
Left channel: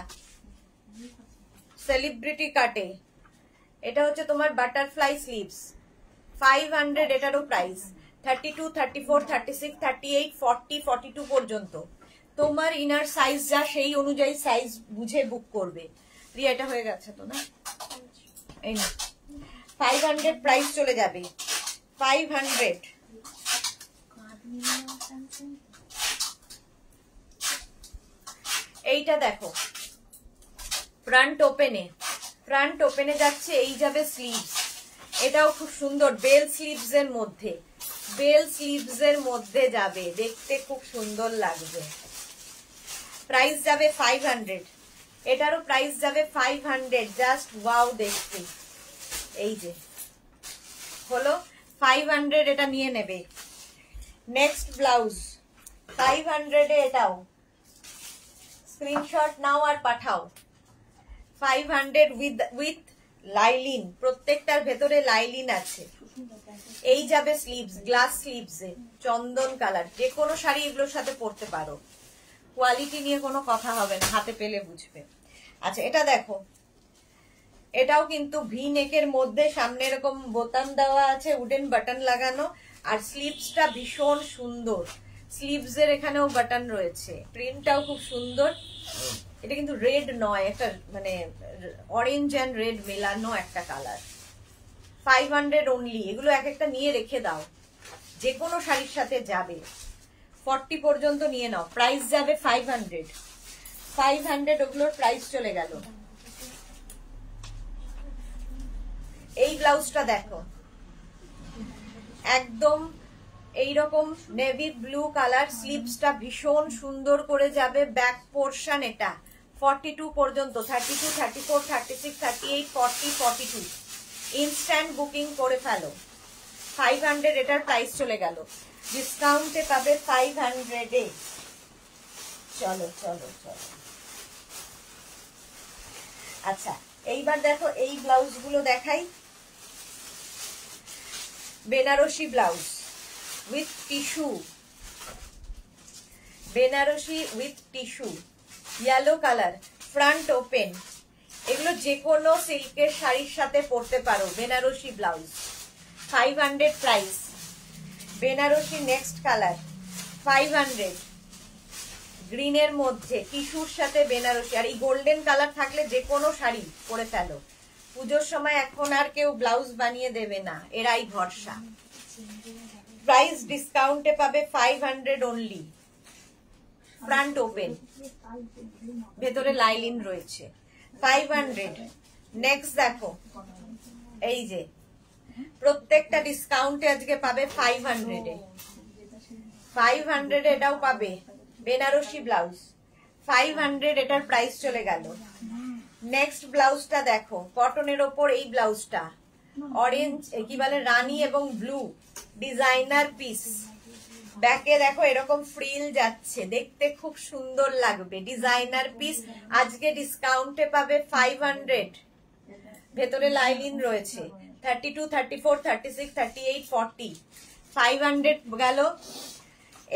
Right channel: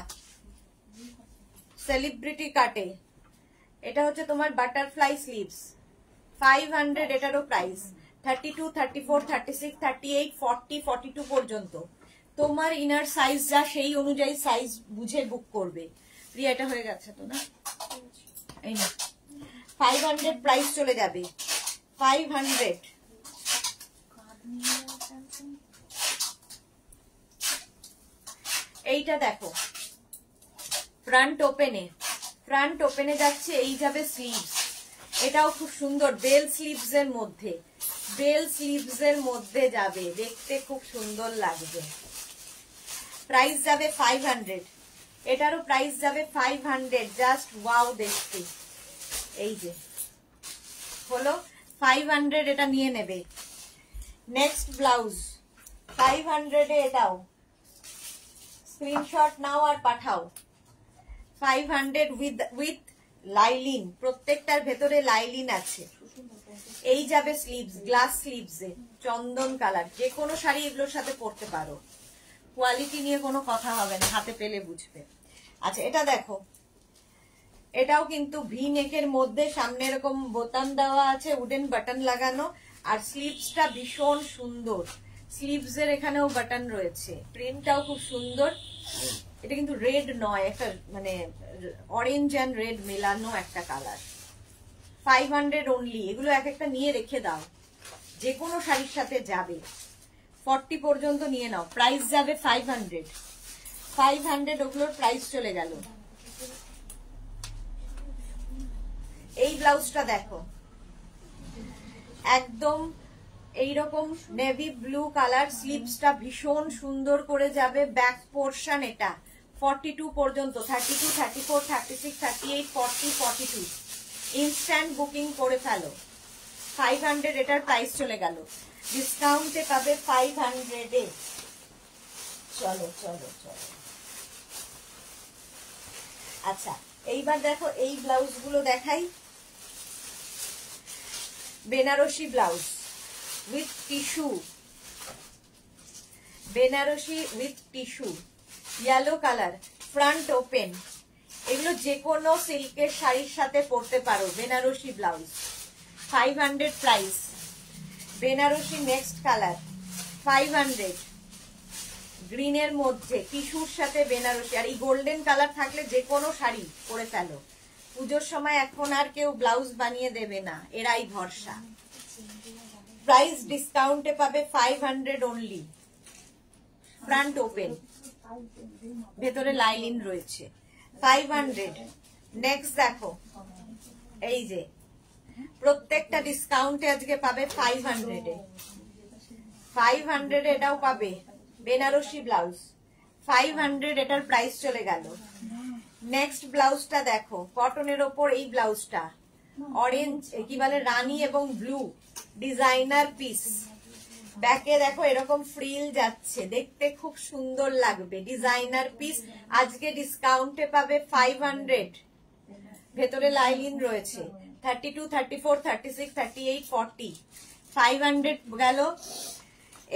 সেলিব্রিটি কাটে, এটা হচ্ছে তোমার বাটারফ্লাই স্লিভস, 500 এটারও প্রাইস। 32, 34, 36, 38, 40, 42 পর্যন্ত। তোমার ইনার সাইজ যা সেই অনুযায়ী সাইজ বুঝে বুক করবে। রিয়া এটা হয়ে গেছে তো না, এই না 500 প্রাইস চলে যাবে। 500 এইটা দেখো ফ্রন্ট ওপেনে, ফ্রন্ট ওপেনে যাচ্ছে, এই যাবে স্লিভস, এটাও খুব সুন্দর, বেল স্লিভস এর মধ্যে, বেল স্লিভস এর মধ্যে যাবে, দেখতে খুব সুন্দর লাগবে। প্রাইস যাবে 500, এটারও প্রাইস যাবে 500, জাস্ট ওয়াও দেখতে। এই যে হলো 500, এটা নিয়ে নেবে। নেক্সট ব্লাউজ 500 এ, এটাও স্ক্রিনশট নাও আর পাঠাও। 500 উইথ লাইলিন, প্রত্যেকটার ভেতরে লাইলিন আছে। এই যাবে স্লিভস, গ্লাস স্লিভস এ, চন্দন কালার, যে কোনো শাড়ি এগুলোর সাথে পরতে পারো, কোয়ালিটি নিয়ে কোনো কথা হবে না, হাতে পেলে বুঝবে। আচ্ছা এটা দেখো, এটাও কিন্তু ভি নেকের মধ্যে, সামনে এরকম বোতাম দেওয়া আছে, উডেন বাটন লাগানো, আর স্লিভসটা ভীষণ সুন্দর, স্লিভস এর এখানেও বাটন রয়েছে, প্রিন্টটাও খুব সুন্দর। এটা কিন্তু রেড নয়, একটা মানে অরেঞ্জ এন্ড রেড মেলানো একটা কালার। 500 অনলি, এগুলো এক একটা নিয়ে রেখে দাও, যে কোনো শাড়ির সাথে যাবে। 40 পর্যন্ত নিয়ে নাও, প্রাইস যাবে 500। 500 ওগুলোর প্রাইস চলে গেল। এই ব্লাউজটা দেখো, একদম এইরকম নেভি ব্লু কালার, স্লিভসটা ভীষণ সুন্দর করে যাবে, ব্যাক পোর্শন এটা 42 পর্যন্ত, 32, 34, 36, 38, 40, 42। ইনস্ট্যান্ট বুকিং করে ফেলো। 500 এটার প্রাইস চলে গেল, ডিসকাউন্টে পাবে 500 এ। চলো চলো চলো। আচ্ছা এইবার দেখো, এই ব্লাউজ গুলো দেখাই। Banarasi blouse with tissue, Banarasi with tissue, yellow colour, front open, এগুলো যে কোনো সিল্কের শাড়ির সাথে পরতে পারো। Banarasi blouse 500 price. Banarasi next colour 500, গ্রিনের মধ্যে টিস্যুর সাথে বেনারসি, আর এই গোল্ডেন কালার থাকলে যে কোনো শাড়ি পরে ফেলো। পুজোর সময় এখন আর কেউ ব্লাউজ বানিয়ে দেবে না, এরাই ভরসা। প্রাইস ডিসকাউন্টে পাবে 500 অনলি। ফ্রন্ট ওপেন, ভেতরে লাইলিন রয়েছে, 500। নেক্সট দেখো, এই যে প্রত্যেকটা ডিসকাউন্টে আজকে পাবে 500 এ। 500 এটাও পাবে। বেনারসি ব্লাউজ 500, এটার প্রাইস চলে গেল। নেক্সট ব্লাউজটা দেখো, কটনের ওপর এই ব্লাউজটা, অরেঞ্জ কি বলে, রানী এবং ব্লু ডিজাইনার পিস, ব্যাকে দেখো এরকম ফ্রিল যাচ্ছে, দেখতে খুব সুন্দর লাগবে, ডিজাইনার পিস। আজকে ডিসকাউন্টে পাবে 500, ভেতরে লাইনিং রয়েছে, 32, 34, 36, 38, 40, 500 গেল।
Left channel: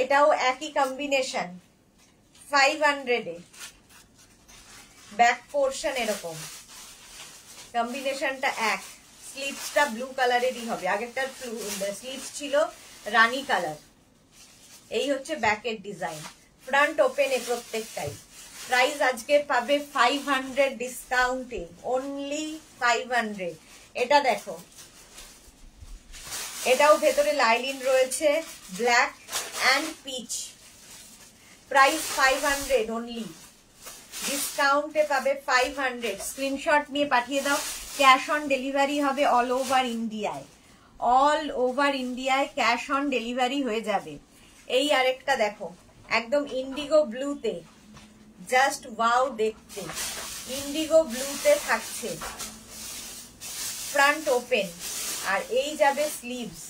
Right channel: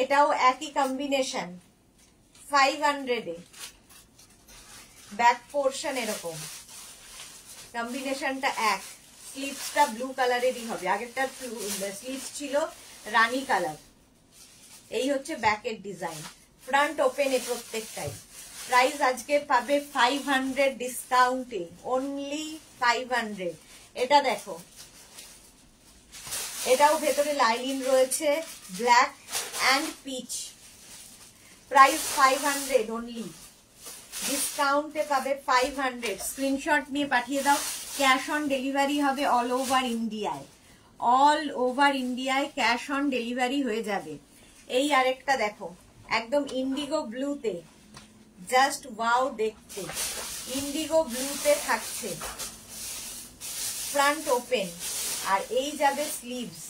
এটাও একই কম্বিনেশন 500 এ, ব্যাক পোর্শন এরকম, কম্বিনেশনটা এক, স্লিভসটা ব্লু কালারেরই হবে। আগেরটা স্লিভস ছিল রানী কালার। এই হচ্ছে ব্যাকের ডিজাইন, ফ্রন্ট ওপেনে প্রত্যেকটাই। প্রাইস আজকে পাবে 500 ডিসকাউন্টে, অনলি 500। এটা দেখো, এটাও ভেতরে লাইলিন রয়েছে, black and peach. Price 500 only, ডিসকাউন্টে পাবে 500। স্ক্রিনশট নিয়ে পাঠিয়ে দাও। ক্যাশ অন ডেলিভারি হবে অল ওভার ইন্ডিয়ায়, অল ওভার ইন্ডিয়ায় ক্যাশ অন ডেলিভারি হয়ে যাবে। এই আরেকটা দেখো, একদম ইন্ডিগো ব্লুতে, জাস্ট ওয়াও দেখতে, ইন্ডিগো ব্লুতে থাকছে, ফ্রন্ট ওপেন, আর এই যাবে স্লিভস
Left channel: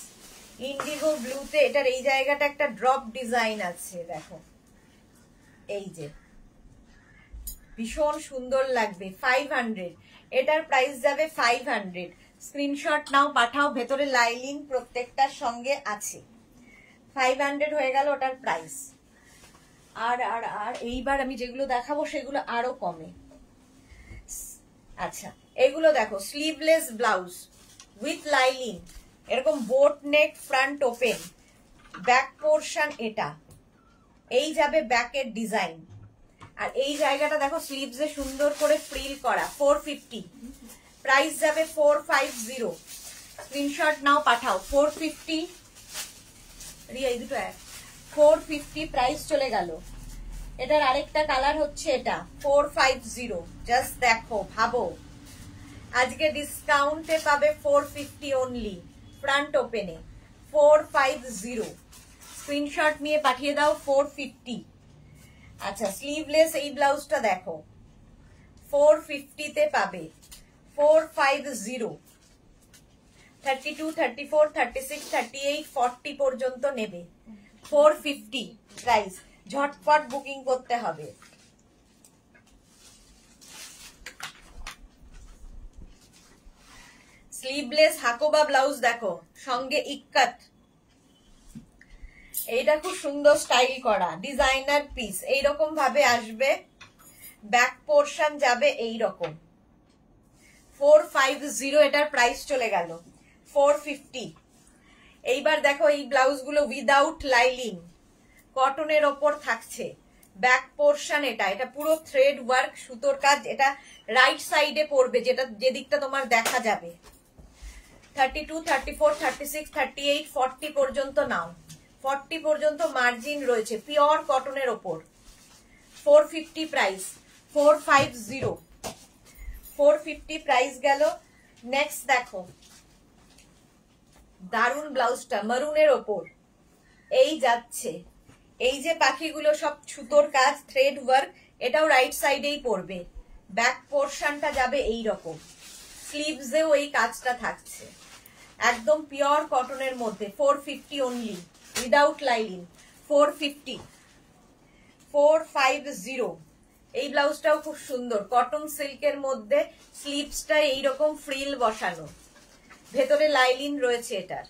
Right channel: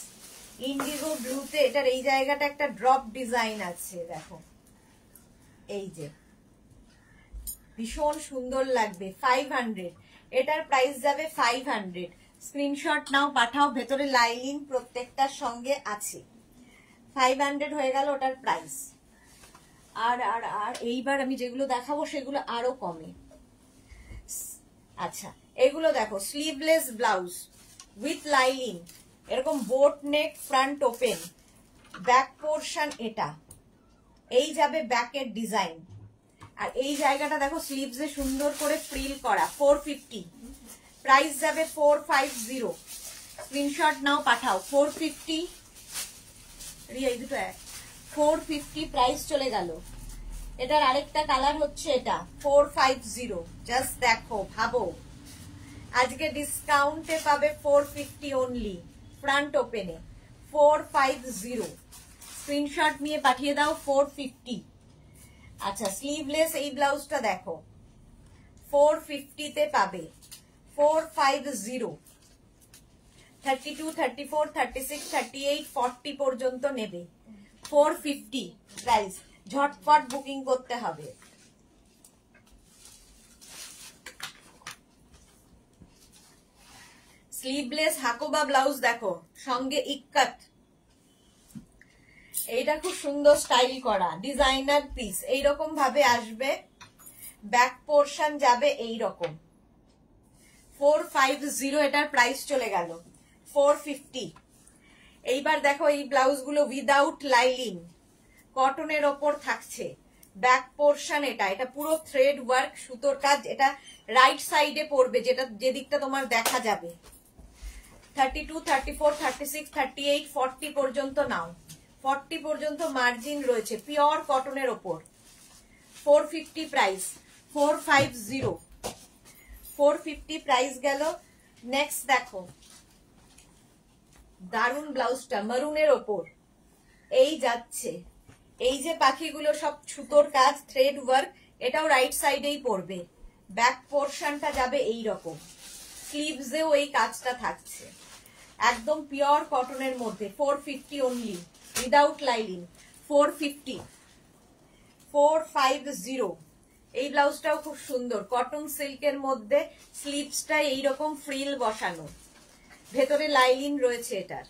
ইন্ডিগো ব্লুতে। এটার এই জায়গাটা একটা ড্রপ ডিজাইন আছে, দেখো এই যে, ভীষণ সুন্দর লাগবে। 500, এটার প্রাইস যাবে 500। স্ক্রিনশট নাও, পাঠাও। ভেতরে লাইলিন প্রত্যেকটার সঙ্গে আছে। 500 হয়ে গেল ওটার প্রাইস। আর আর আর এইবার আমি যেগুলো দেখাবো সেগুলো আরো কমে। আচ্ছা, এগুলো দেখো, স্লিভলেস ব্লাউজ উইথ লাইলিন, এরকম বোট নেক, ফ্রন্ট ওপেন, ব্যাক পোর্শন এটা, এই যাবে ব্যাকের ডিজাইন। আর এই জায়গাটা দেখো, স্লিভসে সুন্দর করে ফ্রিল করা। 450, প্রাইস যাবে 450। স্ক্রিনশট নাও, পাঠাও। 450, এই দুটো 450 প্রাইস চলে গেল। এটার আরেকটা কালার হচ্ছে এটা 450। জাস্ট দেখো, ভাবো, আজকে ডিসকাউন্টে পাবে 450 অনলি, ফ্রন্ট ওপেনে 450। স্ক্রিনশট নিয়ে পাঠিয়ে দাও 450। আচ্ছা, স্লিভলেস এই ব্লাউজটা দেখো, 450 তে পাবে, 450। 32, 34, 36, 38, 40 পর্যন্ত নেবে। 450 প্রাইস, ঝটপট বুকিং করতে হবে। স্লিভলেস হাকোবা ব্লাউজ দেখো, সঙ্গে ইক্কাত, এইটা খুব সুন্দর স্টাইল করা ডিজাইনার পিস। এইরকম ভাবে আসবে, ব্যাক পোর্শন যাবে এইরকম। 450, এটার প্রাইস চলে গেল 450। এইবার দেখো, এই ব্লাউজ গুলো উইদাউট লাইলিন, কটনের ওপর থাকছে, ব্যাক পোর্শন এটা, এটা পুরো থ্রেড ওয়ার্ক, সুতোর কাজ। এটা রাইট সাইডে পড়বে, যেটা যেদিকটা তোমার দেখা যাবে। 32, 34, 36, 38, 40 পর্যন্ত নাও। 40 পর্যন্ত মার্জিন রয়েছে, পিওর কটনের ওপর। 450 প্রাইস, 450, 450 প্রাইস গেল। নেক্সট দেখো, দারুন ব্লাউজটা, মারুনের ওপর, এই যাচ্ছে, এই যে পাখিগুলো সব সুতোর কাজ, থ্রেড ওয়ার্ক, এটাও রাইট সাইডেই পড়বে। ব্যাক পোর্শনটা যাবে এই রকম, স্লিভসেও এই কাজটা থাকছে, একদম পিওর কটনের মধ্যে। 450 অনলি, উইদাউট লাইলিন। 450, 450। এই ব্লাউজটাও খুব সুন্দর, কটন সিল্কের মধ্যে, স্লিভসটা এইরকম ফ্রিল বসানো, ভেতরে লাইলিন রয়েছে এটার।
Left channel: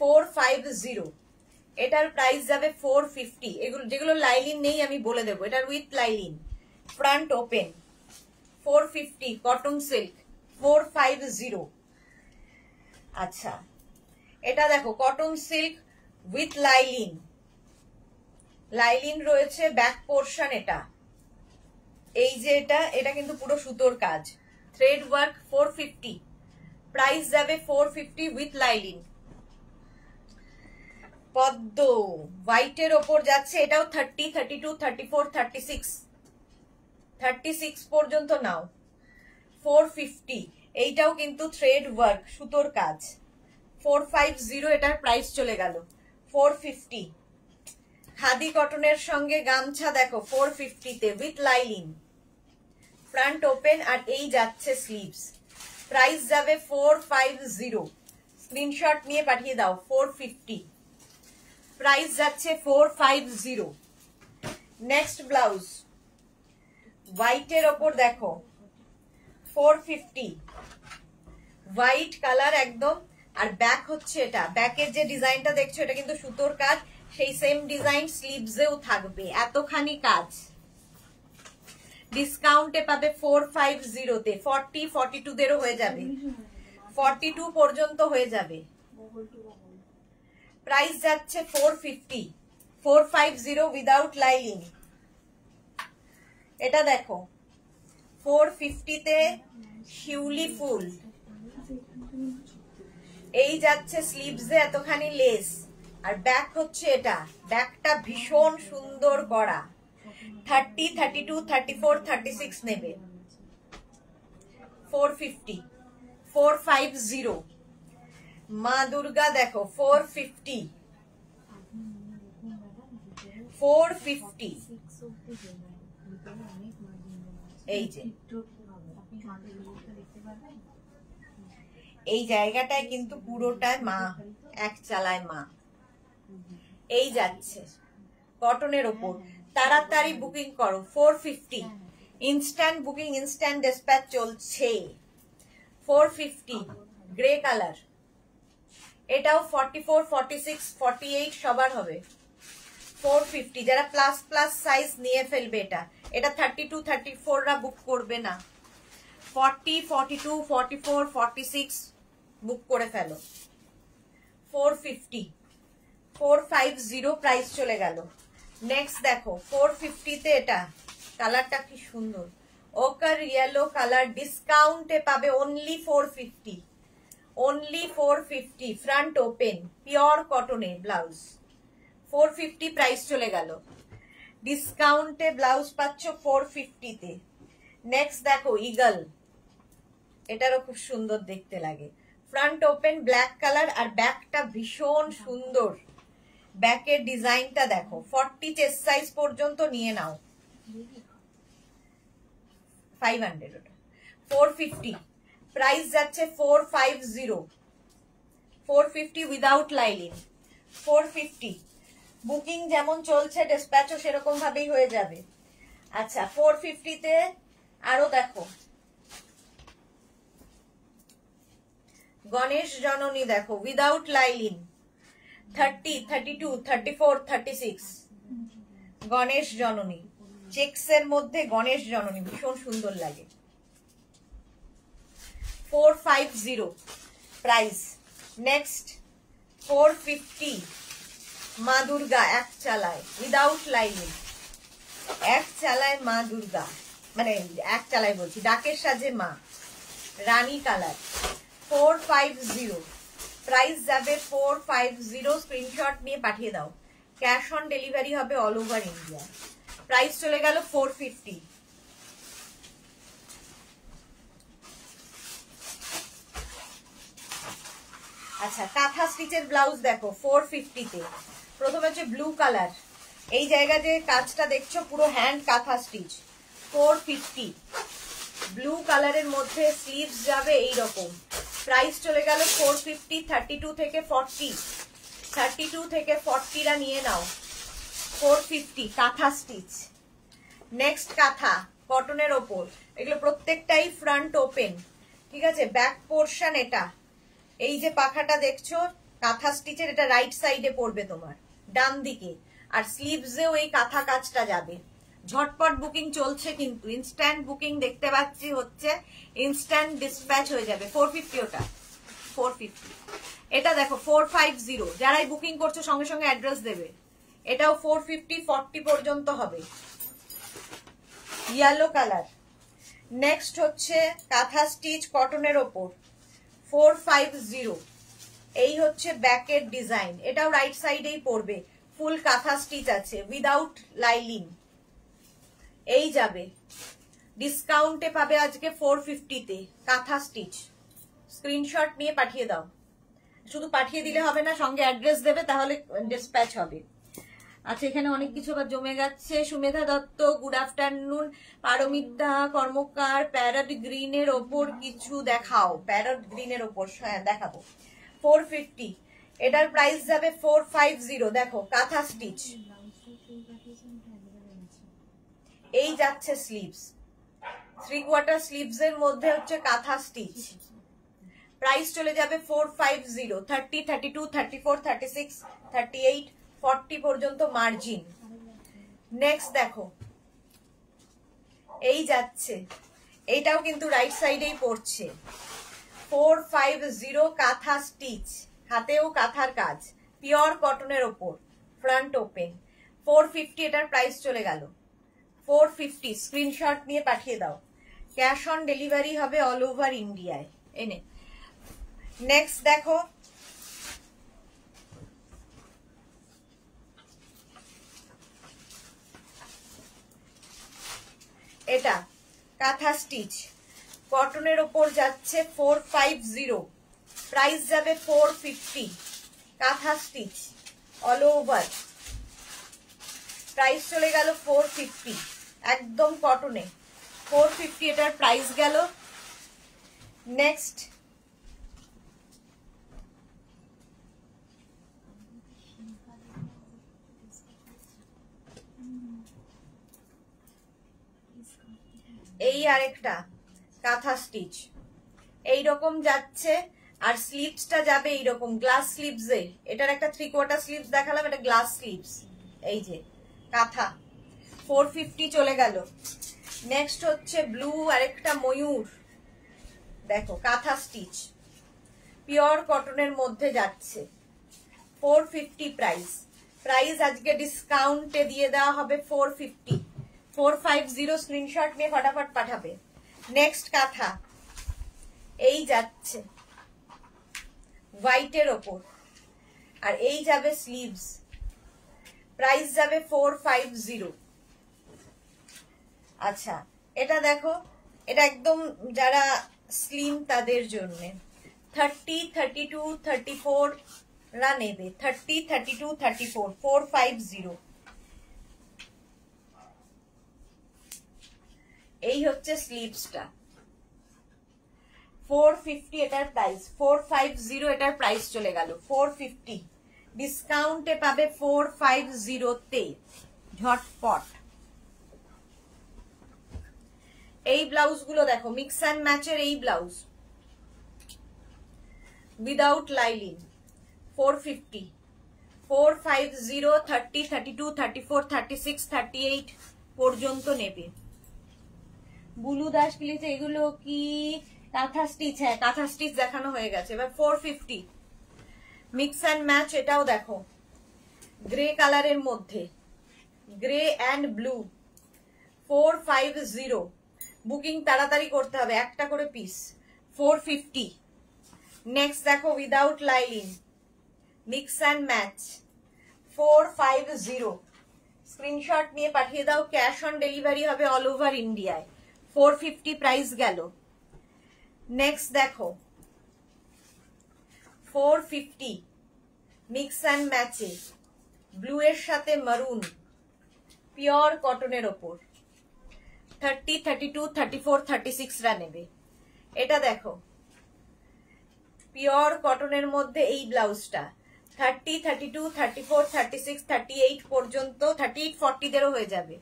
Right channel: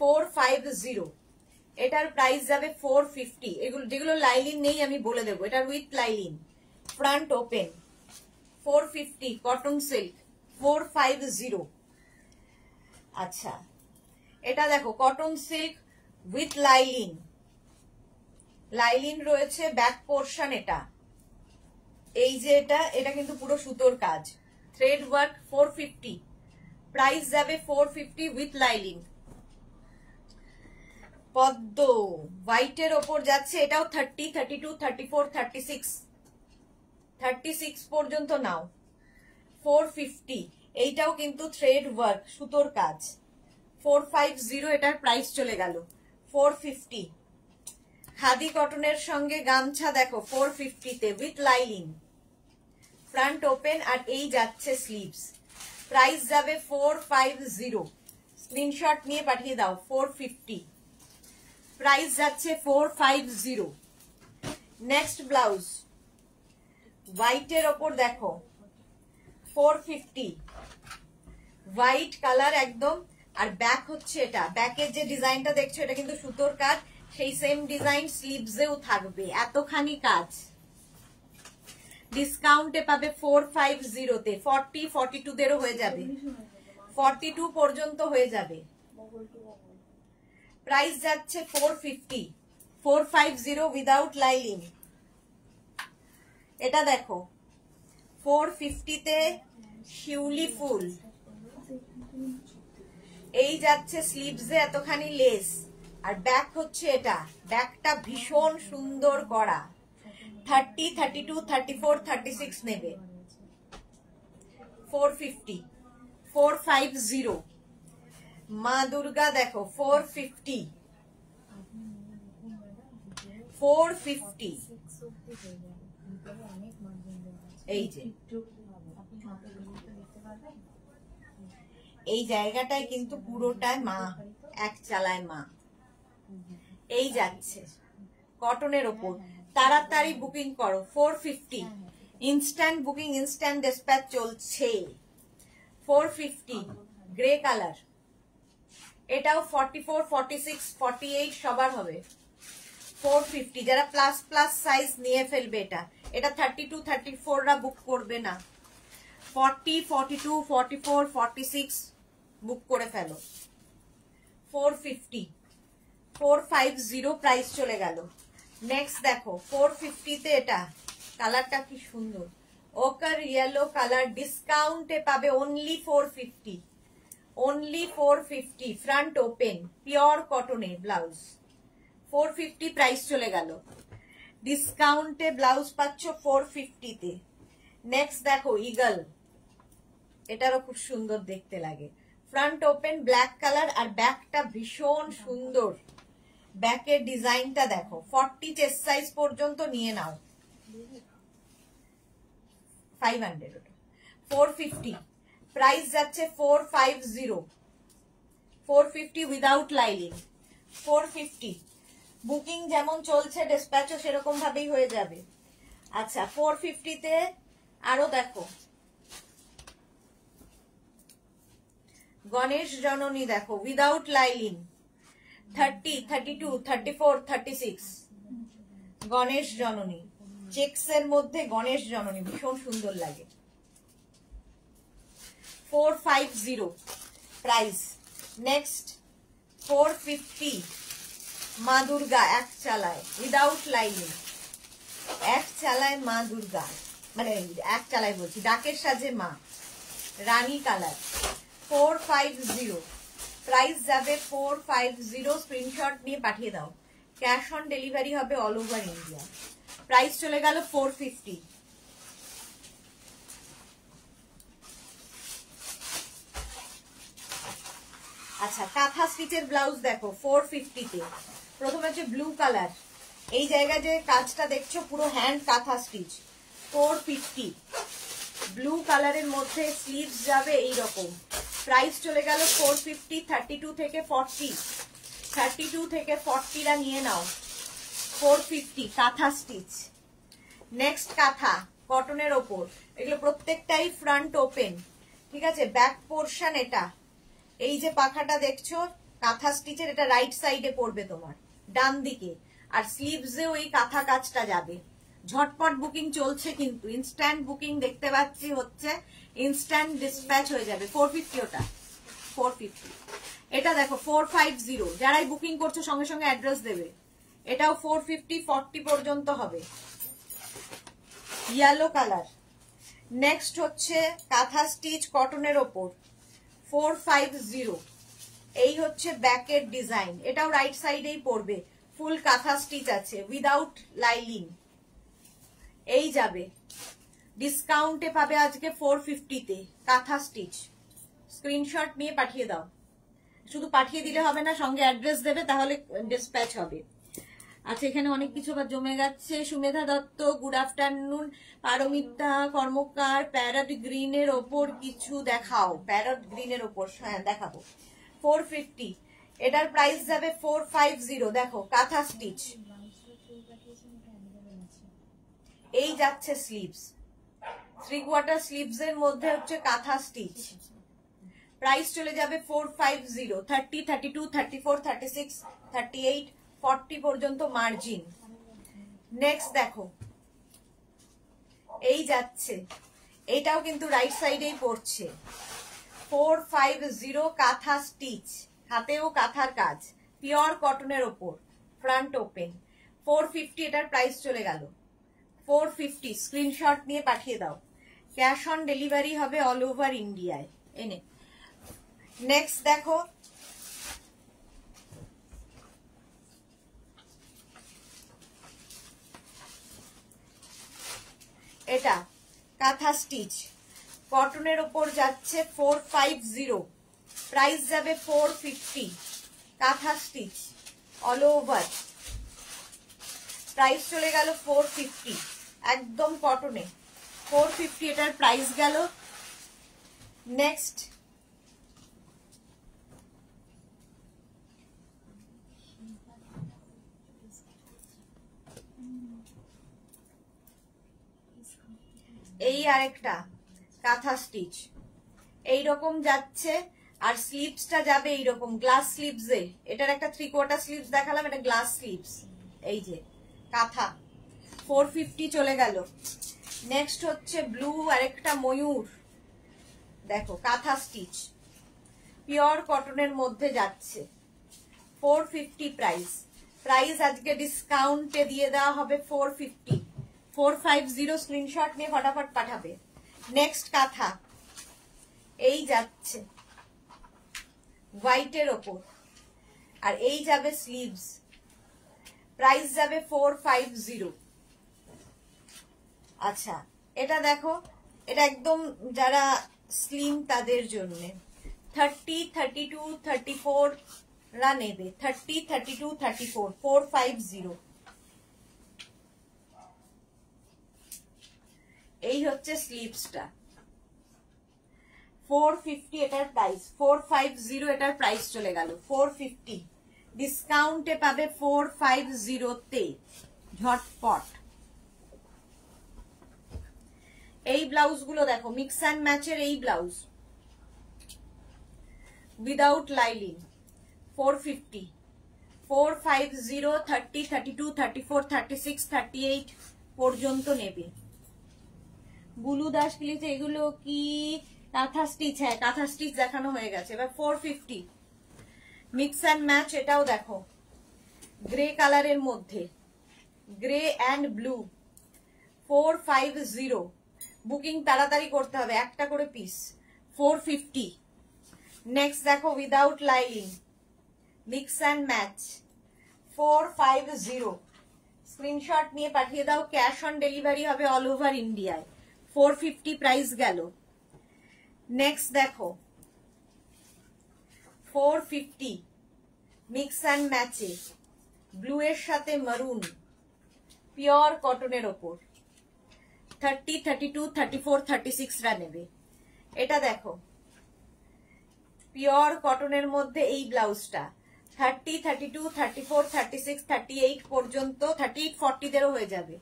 450, এটার প্রাইস যাবে 450। এগুলো যেগুলো লাইলিন নেই আমি বলে দেবো, এটার with lining, front open, 450, cotton silk, 450। আচ্ছা, এটা দেখো, cotton silk with lining, lining রয়েছে, ব্যাক পোর্শন এটা, এই যে এটা কিন্তু পুরো সুতোর কাজ, থ্রেড ওয়ার্ক। 450, প্রাইস যাবে 450 উইথ লাইলিন। পদ্ম হোয়াইটের ওপর যাচ্ছে, এটাও 30, 32, 34, 36, 36 পর্যন্ত নাও। 450, এইটাও কিন্তু থ্রেড ওয়ার্ক, সুতোর কাজ। 450, এটার প্রাইস চলে গেল 450। খাদি কটনের সঙ্গে গামছা দেখো, 450 তে উইথ লাইলিন, ফ্রন্ট ওপেন, আর এই যাচ্ছে স্লিভস। প্রাইস যাবে 450। স্ক্রিনশট নিয়ে পাঠিয়ে দাও। 450 প্রাইস যাচ্ছে 450। নেক্সট ব্লাউজ হোয়াইটের ওপর দেখো, 450, হোয়াইট কালার একদম। আর ব্যাক হচ্ছে এটা, ব্যাকের যে ডিজাইনটা দেখছো এটা কিন্তু সুতোর কাজ, সেই সেম ডিজাইন স্লিভসেও থাকবে, এতখানি কাজ। ডিসকাউন্টে পাবে 450 তে। 40, 42 দেরও হয়ে যাবে, 42 পর্যন্ত হয়ে যাবে। প্রাইস যাচ্ছে 450, 450 উইদাউট লাইলিং। এটা দেখো 450 তে শিউলি ফুল। এই যাচ্ছে স্লিভসে এতখানি লেস, আর ব্যাক হচ্ছে এটা। ব্যাকটা ভীষণ সুন্দর করা। 30, 32, 34, 36 নেবে। 450, 450। মা দুর্গা দেখো 450, 450। এই যে এই জায়গাটায় কিন্তু পুরোটাই মা, এক চালায় মা। এই যাচ্ছে কটনের ওপর, তাড়াতাড়ি বুকিং করো। 450 ইনস্ট্যান্ট বুকিং, ইনস্ট্যান্ট ডিসপ্যাচ চলছে। 450 গ্রে কালার। এটাও 44, 46, 48 সবার হবে। 450 যারা প্লাস প্লাস সাইজ নিয়ে ফেলবে। এটা 32, 34 রা বুক করবে না। 40, 42, 44, 46 বুক করে ফেলো। 450, 450 প্রাইস চলে গেল। নেক্সট দেখো 450 তে এটা কালারটা কি সুন্দর, ওকার ইয়েলো কালার। ডিসকাউন্টে পাবে only 450, only 450। Front open, pure কটনে ব্লাউজ। 450 প্রাইস চলে গেল। ডিসকাউন্টে ব্লাউজ পাচ্ছ 450 তে। নেক্সট দেখো ইগল, এটারও খুব সুন্দর দেখতে লাগে। ফ্রন্ট ওপেন ব্ল্যাক কালার, আর ব্যাকটা ভীষণ সুন্দর। ব্যাকের ডিজাইনটা দেখো। 40 চেস্ট সাইজ পর্যন্ত নিয়ে নাও। 500 ওটা। 450 প্রাইস যাচ্ছে 450, 450 উইদাউট লাইলিং। 450 বুকিং যেমন চলছে ডিসপ্যাচও সেরকম ভাবেই হয়ে যাবে। আচ্ছা 450 তে আরো দেখো গণেশ জননী দেখো উইদাউট লাইলিং। 30, 32, 34, 36 গণেশ জননী। চেক্স এর মধ্যে গণেশ জননী ভীষণ সুন্দর লাগে। 450 প্রাইস। নেক্সট 450 মা দুর্গা এক চালায় উইদাউট লাইলিং। এক চালায় মা দুর্গা, মানে এক চালায় বলছি, ডাকের সাজে মা, রানী কালার। 450 প্রাইস যাবে 450। স্ক্রিনশট নিয়ে পাঠিয়ে দাও। ক্যাশ অন ডেলিভারি হবে অল ওভার ইন্ডিয়া। প্রাইস চলে গেল 450। আচ্ছা কাঁথা স্টিচের ব্লাউজ দেখো 450 তে। প্রথমে হচ্ছে ব্লু কালার, এই জায়গা যে কাজটা দেখছো পুরো হ্যান্ড কাঁথা স্টিচ। 450 ব্লু কালারের মধ্যে স্লিভস যাবে এইরকম। প্রাইস চলে গেল 450। 32 থেকে 40, 32 থেকে 40 রা নিয়ে নাও। 450 কাঁথা স্টিচ। নেক্সট কাঁথা কটনের ওপর, এগুলো প্রত্যেকটাই ফ্রন্ট ওপেন, ঠিক আছে। ব্যাক পোর্শন এটা, এই যে পাখাটা দেখছো কাঁথা স্টিচের, এটা রাইট সাইডে পড়বে তোমার ডান দিকে, আর স্লিভসেও এই কাঁথা কাজটা যাবে। ঝটপট বুকিং চলছে কিন্তু, ইনস্ট্যান্ট বুকিং দেখতে পাচ্ছি হচ্ছে, ইনস্ট্যান্ট ডিসপ্যাচ হয়ে যাবে। 450 ওটা 450। এটা দেখো 450, যারাই বুকিং করছো সঙ্গে সঙ্গে অ্যাড্রেস দেবে। এটাও 450, 40 পর্যন্ত হবে। Yellow colour. নেক্সট হচ্ছে কাঁথা স্টিচ কটনের ওপর 450। এই হচ্ছে ব্যাকের ডিজাইন, এটাও রাইট সাইডেই পড়বে। ফুল কাঁথা স্টিচ আছে উইদাউট লাইলিং। এই যাবে ডিসকাউন্টে পাবে আজকে 450 তে কাঁথা স্টিচ। স্ক্রিনশট নিয়ে পাঠিয়ে দাও। শুধু পাঠিয়ে দিলে হবে না, সঙ্গে অ্যাড্রেস দেবে, তাহলে ডিসপ্যাচ হবে। আচ্ছা এখানে অনেক কিছু আবার জমে গেছে। Sumedha Dutta good afternoon. Paramita Karmakar parrot গ্রিনের ওপর কিছু দেখাও। প্যারট গ্রিনের ওপর হ্যাঁ দেখাবো। 450 এটার প্রাইস যাবে 450। দেখো কাঁথা স্টিচ। এই যাচ্ছে স্লিভস, 3/4 স্লিভস এর মধ্যে হচ্ছে কাঁথা স্টিচ। প্রাইস চলে যাবে 450। 30, 32, 34, 36, 38, 40 পর্যন্ত মার্জিন। নেক্সট দেখো এই যাচ্ছে, এইটাও কিন্তু রাইট সাইডেই পড়ছে। 450 কাঁথা স্টিচ, হাতেও কাঁথার কাজ, পিওর কটনের ওপর, ফ্রন্ট ওপেন, 450 এটার প্রাইস চলে গেল 450। স্ক্রিনশট নিয়ে পাঠিয়ে দাও, ক্যাশ অন ডেলিভারি হবে অল ওভার ইন্ডিয়ায়। এনে নেক্সট দেখো, এটা কাঁথা স্টিচ কটনের ওপর যাচ্ছে 450, প্রাইস যাবে 450। কাঁথা স্টিচ অল ওভার, প্রাইস চলে গেল 450, একদম কটনে 450 এটার প্রাইস গেল। নেক্সট এই আরেকটা কাঁথা স্টিচ এইরকম যাচ্ছে, আর স্লিভসটা যাবে এইরকম গ্লাস স্লিভসে। এটার একটা 3/4 স্লিভস দেখালাম, এটা গ্লাস স্লিভস। এই যে কাঁথা 450 চলে গেল। নেক্সট হচ্ছে ব্লু আরেকটা ময়ূর, দেখো কাঁথা স্টিচ পিওর কটনের মধ্যে যাচ্ছে 450 প্রাইস। প্রাইস আজকে ডিসকাউন্টে দিয়ে দেওয়া হবে 450, 450। স্ক্রিনশট নিয়ে ফটাফট পাঠাবে। নেক্সট কাঁথা এই যাচ্ছে হোয়াইটের ওপর, আর এই যাবে স্লিভস, প্রাইস যাবে 450। আচ্ছা এটা দেখো, এটা একদম যারা স্লিম তাদের জন্য 30, 32, 34 রা নেবে। 30, 32, 34, 450। এই হচ্ছে স্লিভসটা 450 এটার প্রাইস, 450 এটার প্রাইস চলে গেল 450। ডিসকাউন্টে পাবে 450 তে, ঝটপট। এই ব্লাউজ গুলো দেখো, মিক্স অ্যান্ড ম্যাচের এই ব্লাউজ উইদাউট লাইলিং 450, 450, 30, 32, 34, 36, 38 পর্যন্ত নেবে। বুলু দাস লিখেছে এগুলো কি কাঁথা স্টিচ? হ্যাঁ কাঁথা স্টিচ দেখানো হয়ে গেছে। এবার 450 মিক্স অ্যান্ড ম্যাচ, এটাও দেখো গ্রে কালারের মধ্যে, গ্রে অ্যান্ড ব্লু 450। বুকিং তাড়াতাড়ি করতে হবে, একটা করে পিস 450। নেক্সট দেখো without লাইলিং mix and match 450। Screenshot নিয়ে পাঠিয়ে দাও, ক্যাশ অন ডেলিভারি হবে অল ওভার ইন্ডিয়ায়। 450 প্রাইস গেল। নেক্সট দেখো 450 মিক্স অ্যান্ড ম্যাচে ব্লু এর সাথে মারুন, পিওর কটনের ওপর 30, 32, 34, 36 রা নেবে। এটা দেখো পিওর কটনের মধ্যে এই ব্লাউজটা 30, 32, 34, 36, 38 পর্যন্ত, 38, 40 দেরও হয়ে যাবে,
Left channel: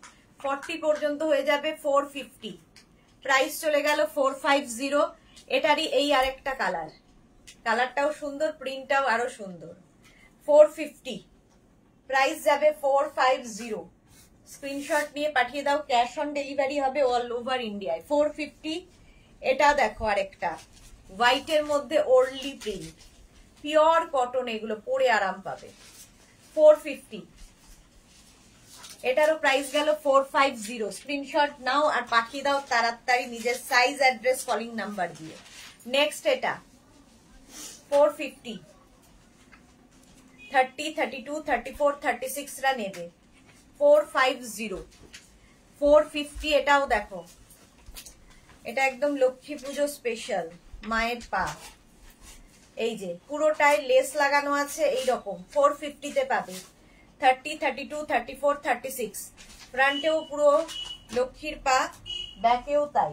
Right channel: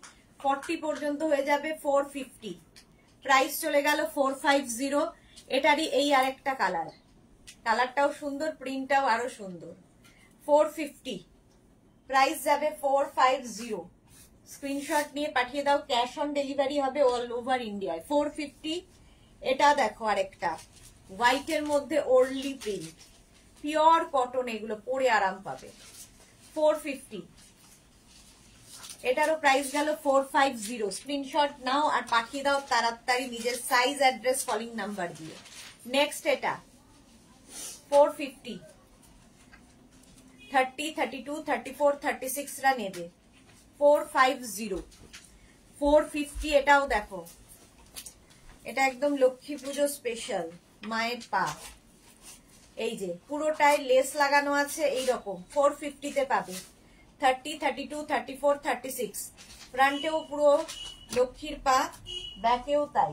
40 পর্যন্ত হয়ে যাবে 450। প্রাইস চলে গেল 450। এটারই এই আরেকটা কালার, কালারটাও সুন্দর, প্রিন্টটাও আরো সুন্দর। 450 প্রাইস যাবে 450। স্ক্রিনশট নিয়ে পাঠিয়ে দাও, ক্যাশ অন ডেলিভারি হবে অল ওভার ইন্ডিয়ায়। 450। এটা দেখো আরেকটা হোয়াইটের মধ্যে ওরলি প্রিন্ট, পিওর কটন, এগুলো পরে আরাম পাবে 450। এটারও প্রাইস গেল 450। স্ক্রিনশট নাও আর পাঠিয়ে দাও তাড়াতাড়ি নিজের সাইজ, অ্যাড্রেস, কলিং নাম্বার দিয়ে। নেক্সট এটা 450, 30, 32, 34, 36 রা নেবে 450, 450। এটাও দেখো, এটা একদম লক্ষ্মী পুজো স্পেশাল, মায়ের পা, এই যে পুরোটায় লেস লাগানো আছে এইরকম 450 তে পাবে। 30, 32, 34, 36 ফ্রন্টেও পুরো লক্ষ্মীর পা, ব্যাকেও তাই।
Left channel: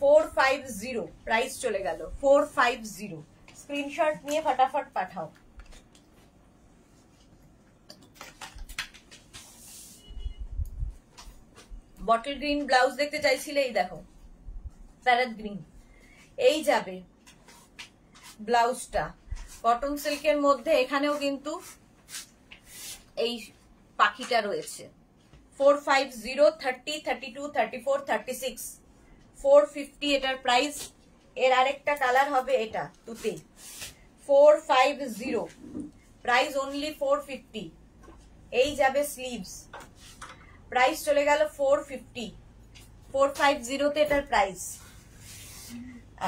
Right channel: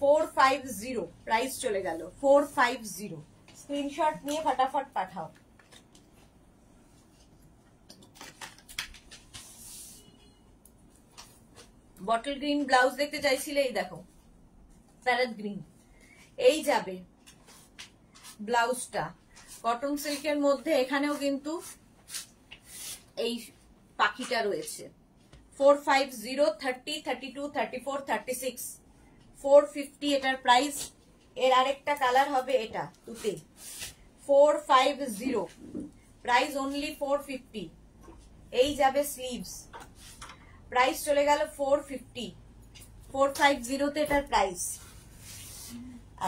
450 প্রাইস চলে গেল 450। স্ক্রিনশট নিয়ে ফটাফট পাঠাও। বটল গ্রিন ব্লাউজ দেখতে চাইছিলে, এই দেখো প্যারেট গ্রিন। এই যাবে ব্লাউজটা কটন সিল্কের মধ্যে, এখানেও কিন্তু এই পাখিটা রয়েছে। 450, 30, 32, 34, 36 450 এটার প্রাইস। এর আরেকটা কালার হবে এটা তুতে 450, প্রাইস অনলি 450। এই যাবে স্লিভস, প্রাইস চলে গেল 450, 450 তে এটার প্রাইস।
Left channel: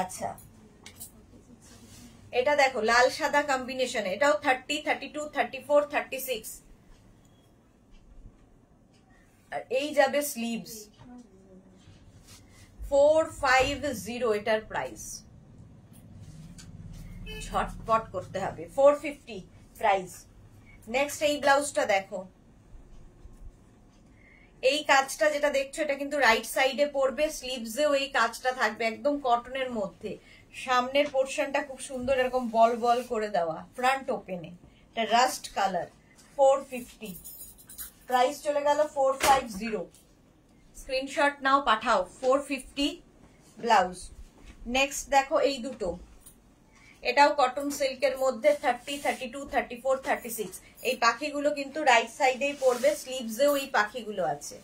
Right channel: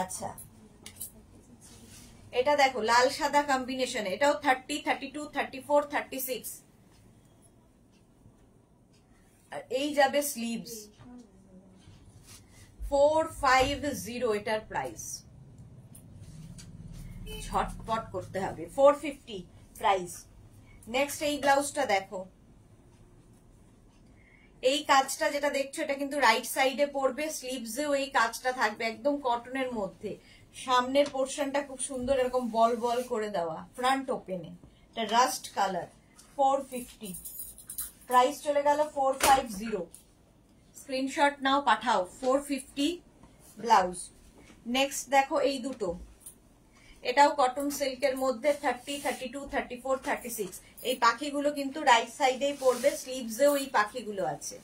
আচ্ছা, এটা দেখো লাল সাদা কম্বিনেশন, এটাও 30, 32, 34, 36। আর এই যাবে স্লিভস, 450 এটার প্রাইস। ঝটপট করতে হবে, 450 প্রাইস। নেক্সট এই ব্লাউজটা দেখো, এই কাজটা যেটা দেখছো এটা কিন্তু রাইট সাইডে পড়বে, স্লিভসেও এই কাজটা থাকবে, একদম কটনের মধ্যে। সামনের পোর্শনটা খুব সুন্দর এরকম বল বল করে দেওয়া, ফ্রন্ট ওপেনে, এটা রাস্ট কালার। 450 প্রাইস চলে গেল 450। স্ক্রিনশট নাও, পাঠাও। 450 ব্লাউজ। নেক্সট দেখো এই দুটো, এটাও কটন সিল্কের মধ্যে, 30, 32, 34, 36। এই পাখিগুলো কিন্তু রাইট সাইডেই পড়বে, স্লিভসেও এই পাখিগুলো আছে।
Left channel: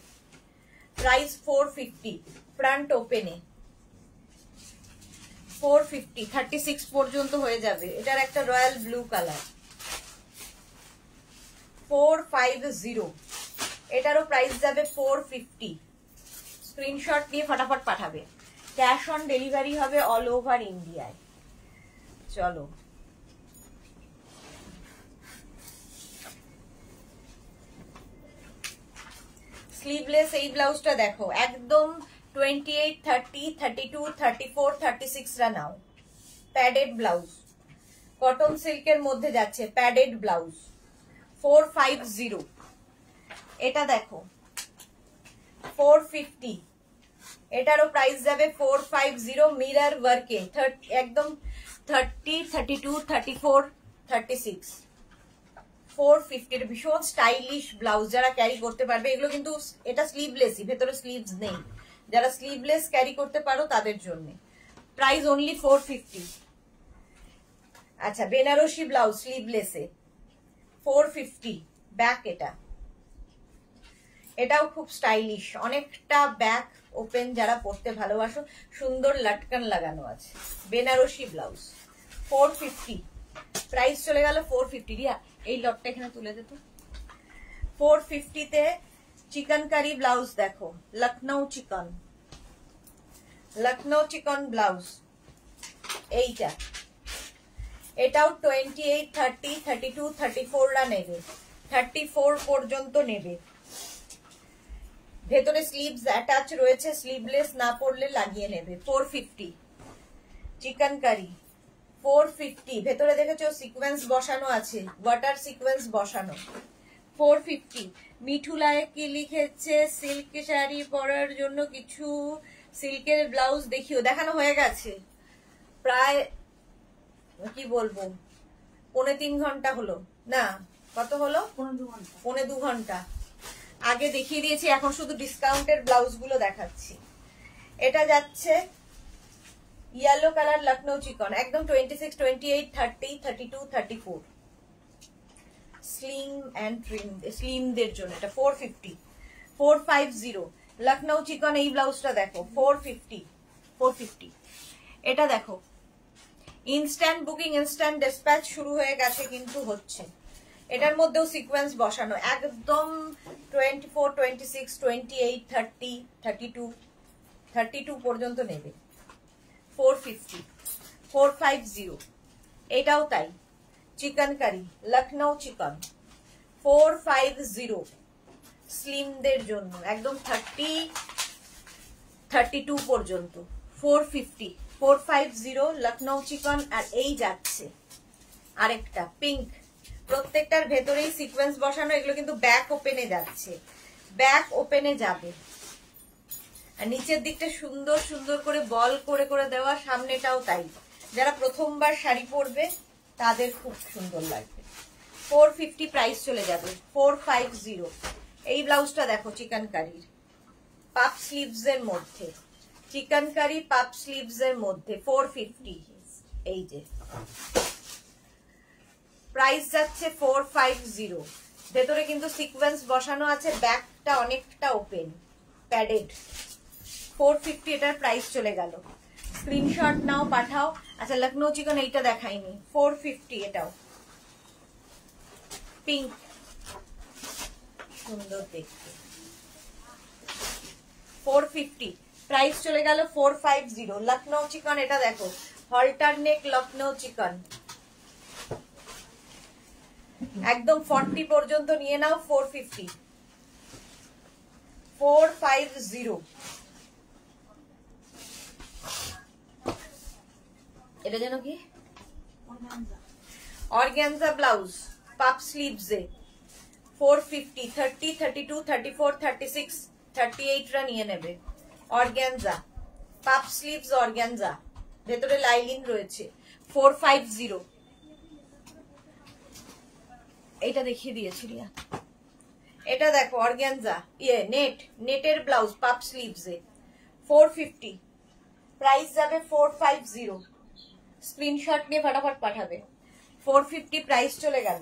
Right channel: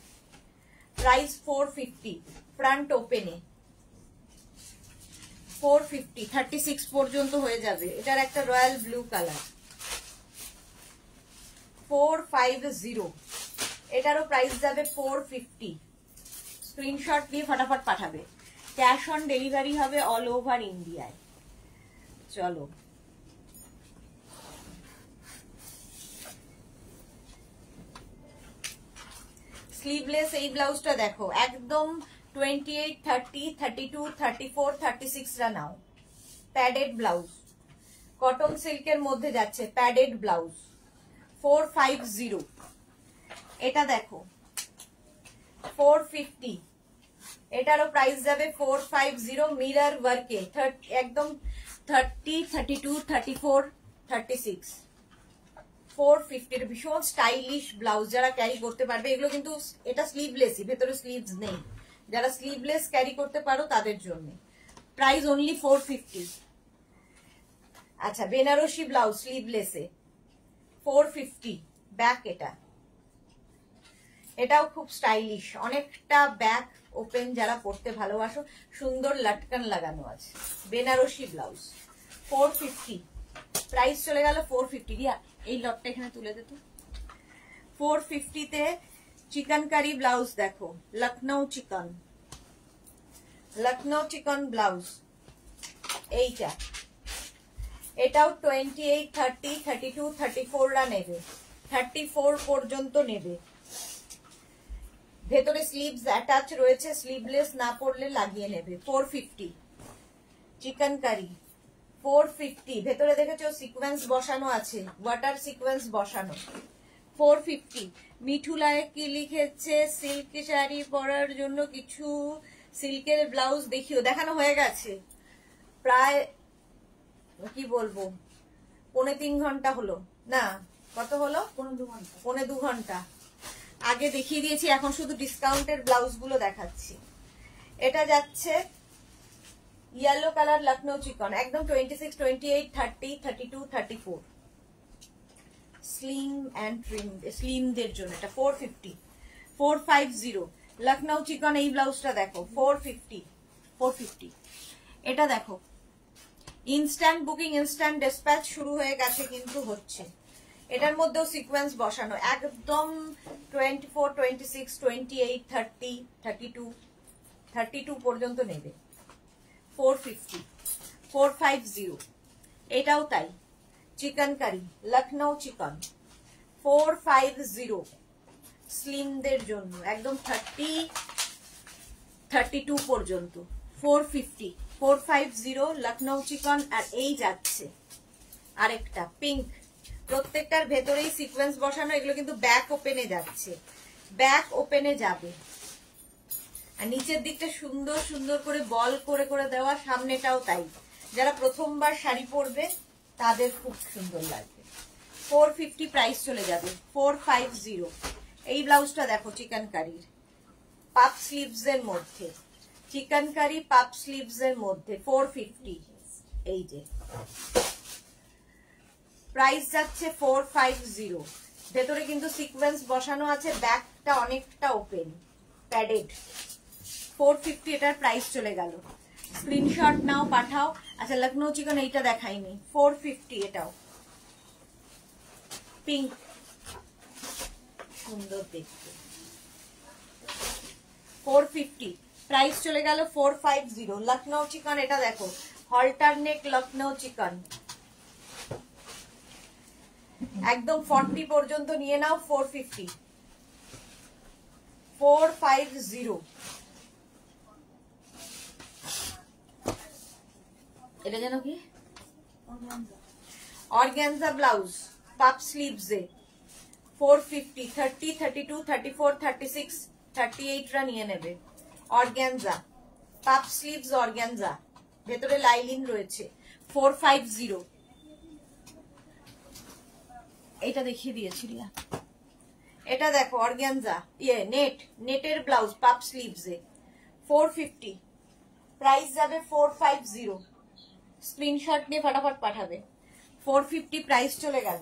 প্রাইস 450, ফ্রন্ট ওপেনে। 450, 36 পর্যন্ত হয়ে যাবে। এটার একটা রয়্যাল ব্লু কালার। 450, এটারও প্রাইস যাবে 450। স্ক্রিনশট দিয়ে ফটাফট পাঠাবে। ক্যাশ অন ডেলিভারি হবে অল ওভার ইন্ডিয়ায়। চলো, স্লিভলেস এই ব্লাউজটা দেখো, একদম 28, 30, 32, 34, 36 রা নাও। প্যাডেড ব্লাউজ, কটন সিল্কের মধ্যে যাচ্ছে, প্যাডেড ব্লাউজ। 450, এটা দেখো 450, এটারও প্রাইস যাবে 450। মিরর ওয়ার্কে, একদম 30, 32, 34, 36। 450 ভীষণ স্টাইলিশ ব্লাউজ, যারা ক্যারি করতে পারবে। এগুলো কিন্তু এটা স্লিভলেসই, ভেতরে স্লিভস নেই। যারা স্লিভলেস ক্যারি করতে পারো তাদের জন্য। Price only 450। আচ্ছা, বেনারসি ব্লাউজ স্লিভলেসে 450 ব্যাক। এটাও খুব স্টাইলিশ, অনেকটা ব্যাক ওপেন, যারা পরতে ভালোবাসো। সুন্দর লাটকান লাগানো আছে, বেনারসি ব্লাউজ। 450 প্রাইস চলে গেল 450। রিয়া এই লটটা এখানে তুলে দে তো। 450 তে চিকেনকারি ব্লাউজ দেখো, লখনৌ চিকন, লখনৌ চিকন ব্লাউজ। এইটা, এটাও 28, 30, 32, 34 রা নেবে, 34 পর্যন্ত নেবে। ভেতরে স্লিভস অ্যাটাচ রয়েছে, স্লিভলেস না পরলে লাগিয়ে নেবে। 450 চিকেনকারি, 450। ভেতরে দেখেছো সিকোয়েন্স বসানো আছে, ওয়াটার সিকোয়েন্স বসানো। 450। মিঠুলায় কি লিখেছে, সিল্ক শাড়ি পরার জন্য কিছু সিল্কের ব্লাউজ দেখিও। দেখানো হয়ে গেছে, প্রায় কি বলবো 3.25 ঘন্টা হলো, না কত হলো, 2.25 ঘন্টা আগে দেখিয়ে দিয়েছি। এখন শুধু ডিসকাউন্টের ব্লাউজ গুলো দেখাচ্ছি। এটা যাচ্ছে ইয়েলো কালার লখনৌ চিকন, একদম 26, 28, 30, 32, 34। স্লিম অ্যান্ড ট্রিম, স্লিমদের জন্য এটা 450। 450 লখনৌ চিকন। এই ব্লাউজটা দেখো 450, 450। এটা দেখো ইনস্ট্যান্ট বুকিং, ইনস্ট্যান্ট ডিসপ্যাচ শুরু হয়ে গেছে, কিন্তু হচ্ছে। এটার মধ্যেও সিকোয়েন্স বসানো, একদম 24, 26, 28, 30, 32, 32 পর্যন্ত নেবে। 450, 450। এটাও তাই, চিকেনকারি লখনৌ চিকন 450 স্লিমদের জন্য, একদম 30, 32 পর্যন্ত। 450, 450 লখনৌ চিকন। আর এই যাচ্ছে আরেকটা পিঙ্ক, প্রত্যেকটার ভেতরেই সিকোয়েন্স বসানো। এগুলো কিন্তু ব্যাক ওপেনে যাচ্ছে, ব্যাক ওপেনে যাবে। আর নিচের দিকটা সুন্দর সুন্দর করে বল করে করে দেওয়া, সামনেটাও তাই। যারা প্রথমবার শাড়ি পরবে তাদের খুব সুন্দর লাগবে। 450 প্রাইস চলে যাবে। 450। এই ব্লাউজটা দেখো চিকেনকারির, পাপ স্লিভস এর মধ্যে, চিকেনকারি পাপ স্লিভস এর মধ্যে 450। এই যে প্রাইস যাচ্ছে 450। ভেতরে কিন্তু সিকোয়েন্স বসানো আছে, ব্যাকটা অনেকটা ওপেন, প্যাডেড। 450 এটার প্রাইস চলে গেল। স্ক্রিনশট নাও, পাঠাও। আচ্ছা লখনৌ চিকন এইটা দেখাইনি, 450 এটাও পিঙ্ক, সুন্দর দেখতে, 450 প্রাইস চলে গেল 450। লখনৌ চিকন এটা দেখো, হল্টার নেক লখনৌ চিকন, একদম 40 পর্যন্ত নিয়ে নাও, 450, 450। এটা যেন কি অর্গানজা ব্লাউজ পাপ স্লিভস এ 450, 30, 32, 34, 36, 38 রা নিয়ে নেবে। অর্গানজা পাপ স্লিভস, অর্গানজা ভেতরে লাইলিন রয়েছে, 450। এটা দেখিয়ে দিয়েছি রিয়া। এটা দেখো অর্গানজা নেটের ব্লাউজ পাপ স্লিভস এ 450, প্রাইস যাবে 450। স্ক্রিনশট নিয়ে ফটাফট পাঠাবে। 450 প্রাইস চলে গেল।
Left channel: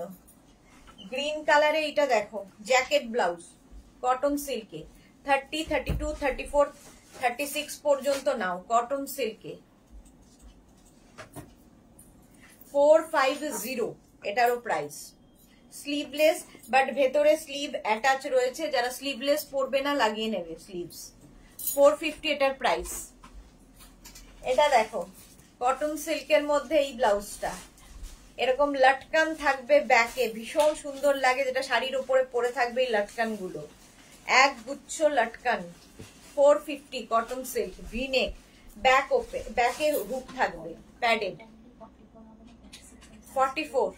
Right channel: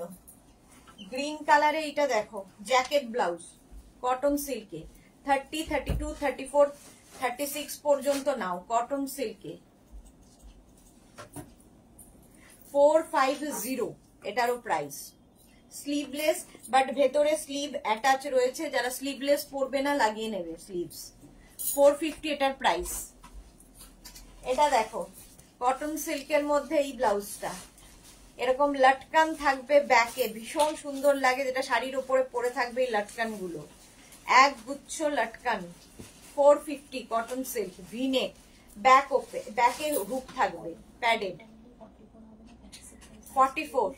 গ্রিন কালারে এটা দেখো জ্যাকেট ব্লাউজ কটন সিল্কে, 30, 32, 34, 36 পর্যন্ত নাও, কটন সিল্কে 450 এটারও প্রাইস। স্লিভলেস বাট ভেতরে স্লিভ অ্যাটাচ রয়েছে, যারা স্লিভলেস পরবে না লাগিয়ে নেবে স্লিভস, 450 এটার প্রাইস। এটা দেখো কটন সিল্কের মধ্যে এই ব্লাউজটা এরকম লটকান থাকবে ব্যাকে, ভীষণ সুন্দর লাগে, যেটা শাড়ির উপরে পরে থাকবে এই লটকান গুলো, এক গুচ্ছ লটকান, 450 কটন সিল্ক, ভিনেক, ব্যাক ওপে, ব্যাকে হুক থাকবে প্যাডেড, 44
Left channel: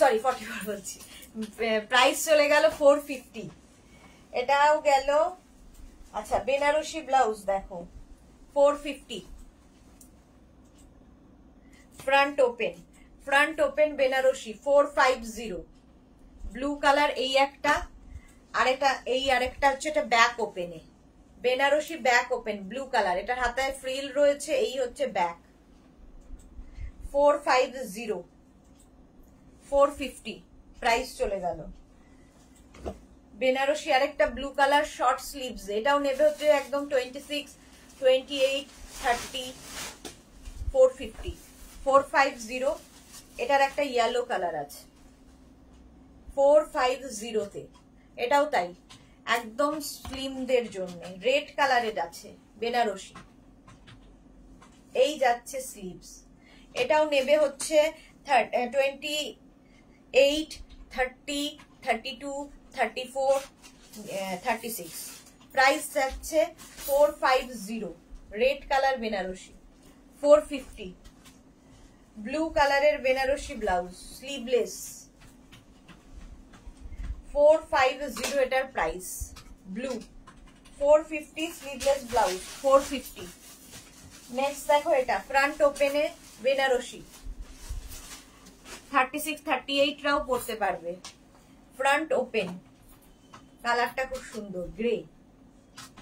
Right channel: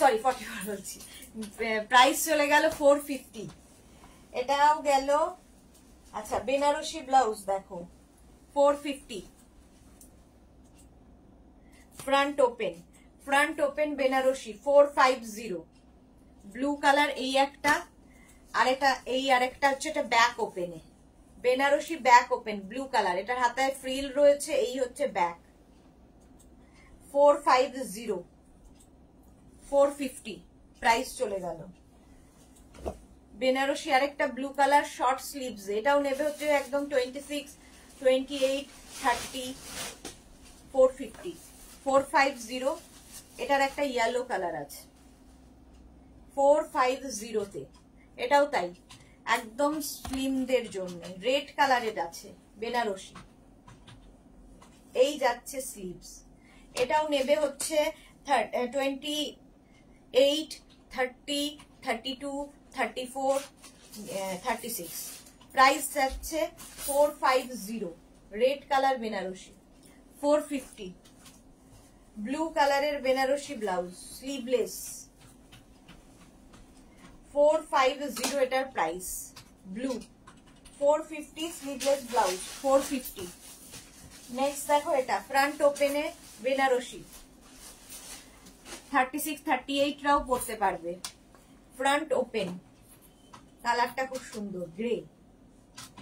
সরি 44 বলছি, প্রাইস চলে গেল 450। এটাও গেল। আচ্ছা বেনারসি ব্লাউজ দেখো 450, front open Banarasi 450, blue colour এই একটা, আরেকটা এই আরেকটা হচ্ছে এটা ব্যাক ওপেনে, Banarasi back open blue colour, এটার হাতায় ফ্রিল রয়েছে, এই হচ্ছে ব্যাক, 450, 450 প্রাইস চলে গেল। বেনারসি আরেকটা ব্লু কালার শর্ট স্লিভস, এটাও নেবে হচ্ছে একদম 26, 28, 30, 450, 450। এটার একটা ইয়েলো কালার আছে 450 তে, এটাও তাই একদম স্লিমদের জন্য, রেড কালারের আছে বেনারসি, এই যাচ্ছে স্লিভস, এটাও নেবে হচ্ছে 28, 30, 32, 34, 36, প্রাইস যাচ্ছে 450। রেড কালার বেনারসি 450, ব্লু কালারের বেনারসি ব্লাউজ স্লিভলেস 450 এটার price, blue 450 sleeveless blouse 450। Next দেখো এটা ফ্রন্ট ওপেনে বেনারসি 36, 38 রাও পরতে পারবে, ফ্রন্ট ওপেন, কালারটা খুব সুন্দর grey,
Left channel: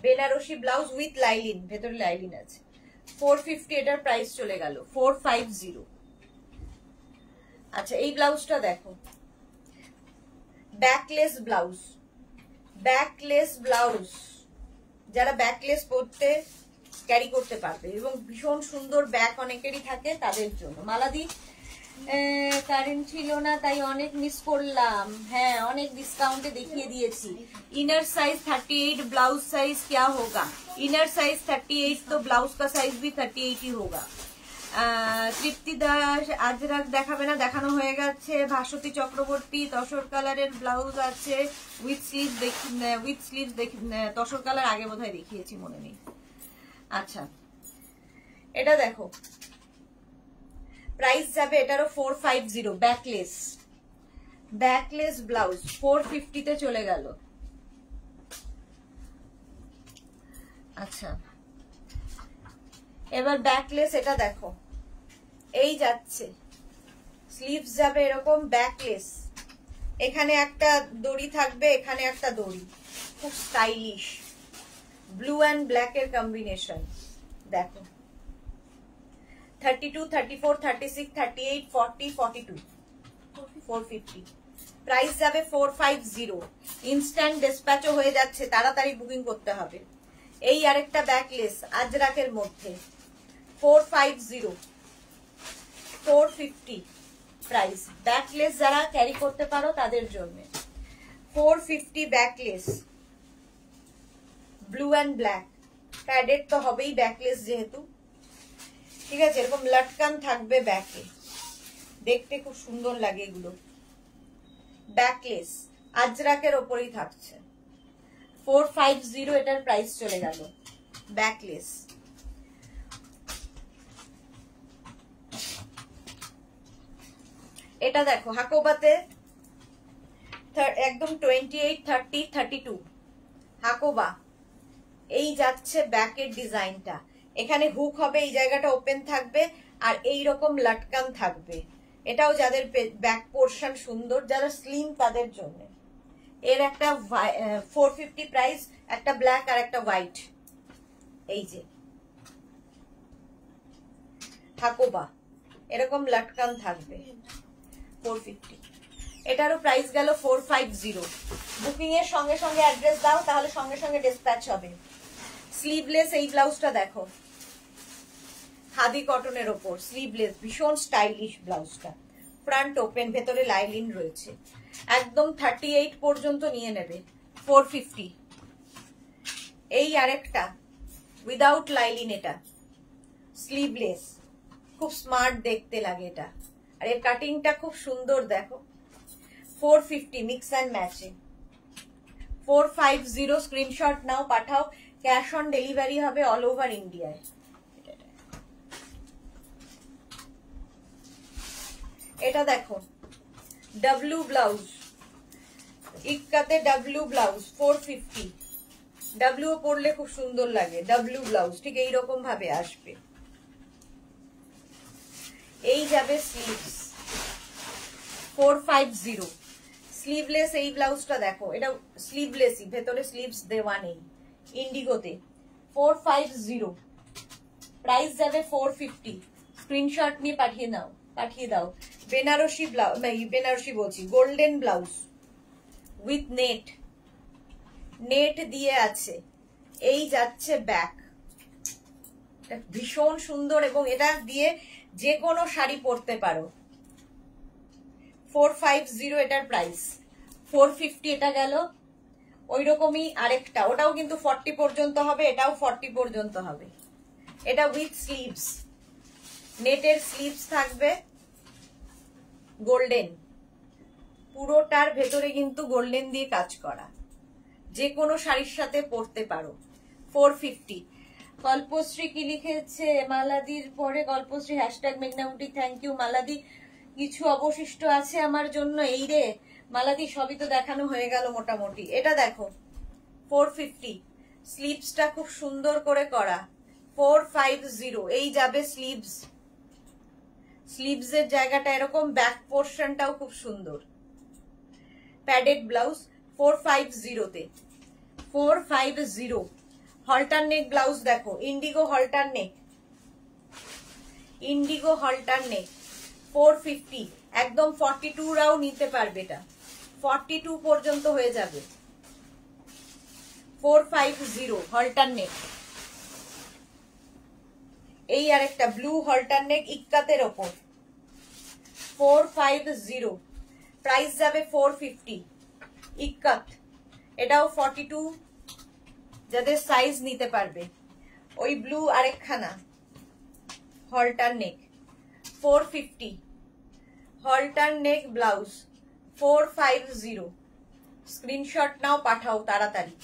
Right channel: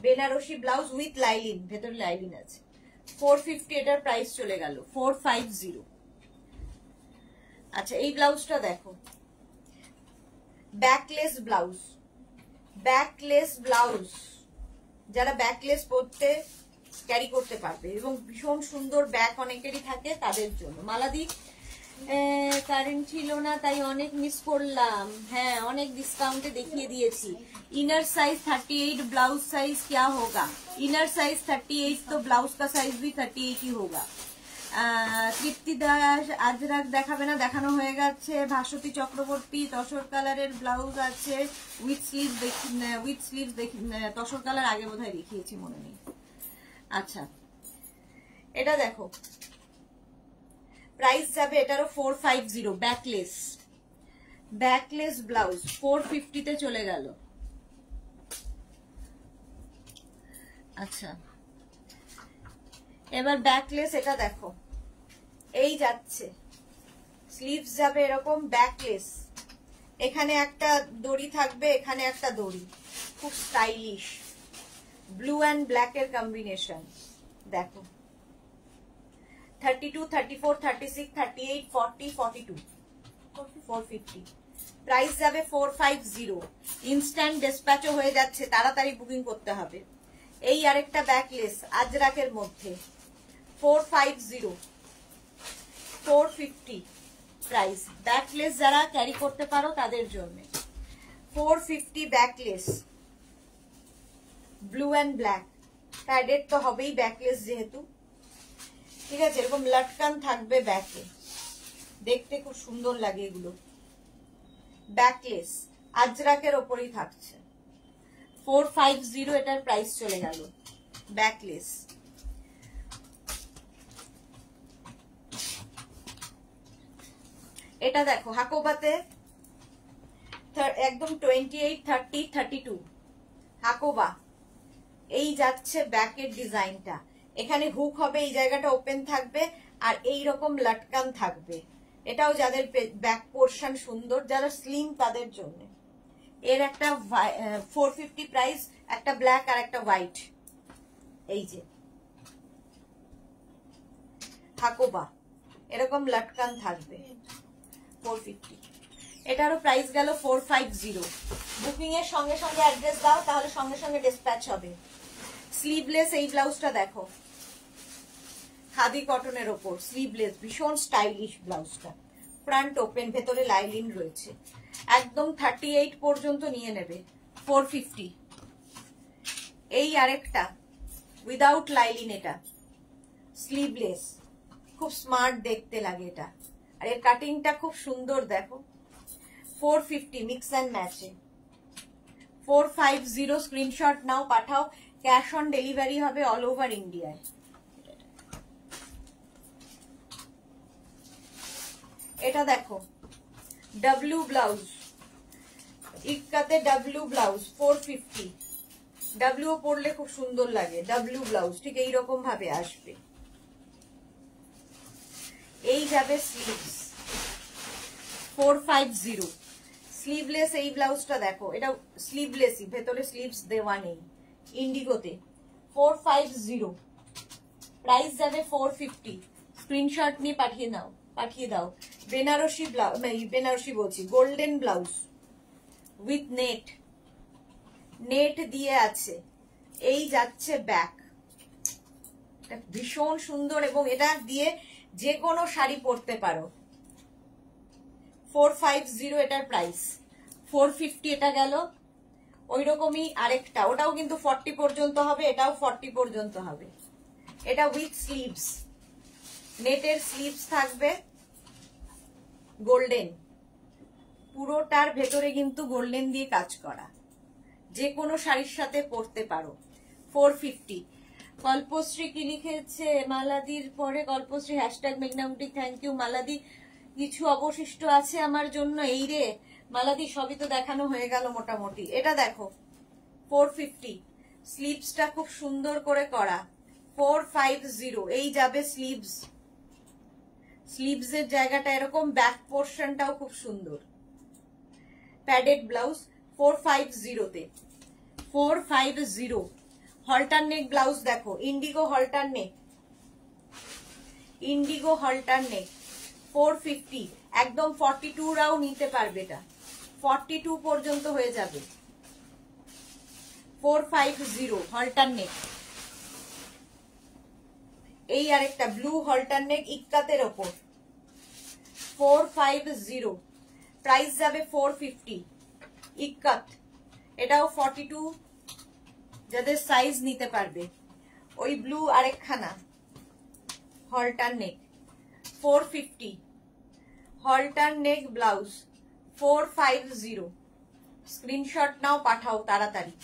Banarasi blouse with lining, ভেতরে লাইলিন আছে, 450 এটার প্রাইস চলে গেল 450। আচ্ছা এই ব্লাউজটা দেখো ব্যাকলেস ব্লাউজ, যারা ব্যাকলেস পরতে ক্যারি করতে পারবে এবং ভীষণ সুন্দর ব্যাক অনেকেরই থাকে তাদের জন্য। মালাদি কারেন্ট ছিল না তাই অনেক মিস করলাম, হ্যাঁ অনেক ডিসকাউন্টে দেখিয়ে দিয়েছি। इनर साइज 38, ब्लाउज साइज क्या होगा? इनर साइज 38 तो ब्लाउज का साइज भी 38 ही होगा। তৃপ্তি দাস আজরাক দেখাবে না, দেখানো হয়ে গেছে। ভাস্বতী চক্রবর্তী তসর কালারের ব্লাউজ আছে উইথ স্লিভ তসর কালার আগে বোধহয় দেখিয়েছি, মনে নেই। আচ্ছা এটা দেখো প্রাইস যাবে এটারও 450, ব্যাকলেস ব্লাউজ 450 তে চলে গেল। আচ্ছা এবার ব্যাকলেস এটা দেখো, এই যাচ্ছে স্লিভস যাবে এরকম ব্যাকলেস, এখানে একটা দড়ি থাকবে, এখানে একটা দড়ি, খুব স্টাইলিশ, ব্লু অ্যান্ড ব্ল্যাক এর কম্বিনেশন দেখো, 32, 34, 36, 38, 40, 42, 450, প্রাইস যাবে 450। ইনস্ট্যান্ট ডিসপ্যাচও হয়ে যাচ্ছে, তাড়াতাড়ি বুকিং করতে হবে। এই আরেকটা ব্যাকলেস আজরাকের মধ্যে 450, 450 প্রাইস। ব্যাকলেস যারা ক্যারি করতে পারো তাদের জন্য 450 backless, blue and black. Padded তো হবেই ব্যাকলেস যেহেতু, ঠিক আছে। এরকম লটকান থাকবে ব্যাকে, দেখতে খুব সুন্দর লাগে এগুলো। ব্যাকলেস আজরাকের ওপরই থাকছে। 450 এটার প্রাইস চলে গেল। ব্যাকলেস এটা দেখো হাকোবাতে একদম 28, 30, 32 হাকোবা। এই যাচ্ছে ব্যাকের ডিজাইনটা, এখানে হুক হবে, এই জায়গাটা ওপেন থাকবে আর এই রকম লটকান থাকবে। এটাও যাদের ব্যাক পোর্শন সুন্দর, যারা স্লিম তাদের জন্য। এর একটা 450 প্রাইস, একটা ব্ল্যাক আর একটা হোয়াইট। এই যে হাকোবা এরকম লটকান থাকবে 450। এটারও প্রাইস গেল 450। বুকিং এর সঙ্গে সঙ্গে অ্যাড্রেস দাও, তাহলে সঙ্গে সঙ্গে ডিসপ্যাচ হবে। স্লিভলেস এই ব্লাউজটা দেখো, খাদি কটনের ওপর স্লিভলেস, ভীষণ স্টাইলিশ ব্লাউজটা। ফ্রন্ট ওপেন, ভেতরে লাইলিন রয়েছে, একদম 38 পর্যন্ত নিয়ে নেবে। 450। এই আরেকটা উইদাউট লাইলিন, এটা স্লিভলেস, খুব স্মার্ট দেখতে লাগে এটা, আর এর কাটিংটা খুব সুন্দর দেখো। 450 মিক্স অ্যান্ড ম্যাচে। 450 স্ক্রিনশট নাও, পাঠাও। ক্যাশ অন ডেলিভারি হবে অল ওভার ইন্ডিয়ায়। এটা দেখো ডাব্লু ব্লাউজ, ইক্কাতে ডাব্লু ব্লাউজ 450। ডাব্লু পরলে খুব সুন্দর লাগে। ডাব্লু ব্লাউজ ঠিক এইরকম ভাবে আসবে। এই যাবে স্লিভস 450। স্লিভলেস এই ব্লাউজটা দেখো, এটা স্লিভলেসই, ভেতরে স্লিভস দেওয়া নেই, ইন্ডিগোতে। 450 প্রাইস যাবে 450। স্ক্রিনশট নিয়ে পাঠিয়ে দাও। বেনারসি ব্লাউজ, বেনারসি বলছি, গোল্ডেন ব্লাউজ উইথ নেট দিয়ে আছে। এই যাচ্ছে ব্যাক, ভীষণ সুন্দর, এবং এটা দিয়ে যে কোনো শাড়ি পরতে পারো। 450 এটার প্রাইস। 450 এটা গেল। ওই রকমই আরেকটা, ওটাও কিন্তু 40 পর্যন্ত হবে, এটাও 40 পর্যন্ত হবে। এটা উইথ স্লিভস, নেটের স্লিভস থাকবে, গোল্ডেন, পুরোটার ভেতরে কিন্তু গোল্ডেন দিয়ে কাজ করা, যে কোনো শাড়ির সাথে পরতে পারো। 450। কল্পশ্রী কি লিখেছে মালাদির পরে? কল্পশ্রী হ্যাশট্যাগ মেঘনামুটি, থ্যাংক ইউ মালাদি। কিছু অবশিষ্ট আছে আমার জন্য? এই রে মালাদি, সবই তো দেখানো হয়ে গেল মোটামুটি। এটা দেখো 450, স্লিভসটা খুব সুন্দর করে করা। 450 এই যাবে স্লিভস। স্লিভসের জায়গাটা এরকম, ব্যাক পোর্শনটাও খুব সুন্দর। প্যাডেড ব্লাউজ 450 তে। 450 হলটার নেক ব্লাউজ দেখো, ইন্ডিগো হলটার নেক, ইন্ডিগো হলটার নেক 450। একদম 42 রাও নিতে পারবে, এটা 42 পর্যন্ত হয়ে যাবে। 450 হলটার নেক। এই আরেকটা ব্লু হলটার নেক ইক্কাতের ওপর 450 প্রাইস যাবে 450। ইক্কাত, এটাও 42 যাদের সাইজ নিতে পারবে। ওই ব্লু আরেকখানা হলটার নেক 450, হলটার নেক ব্লাউজ 450। স্ক্রিনশট নাও, পাঠাও তাড়াতাড়ি।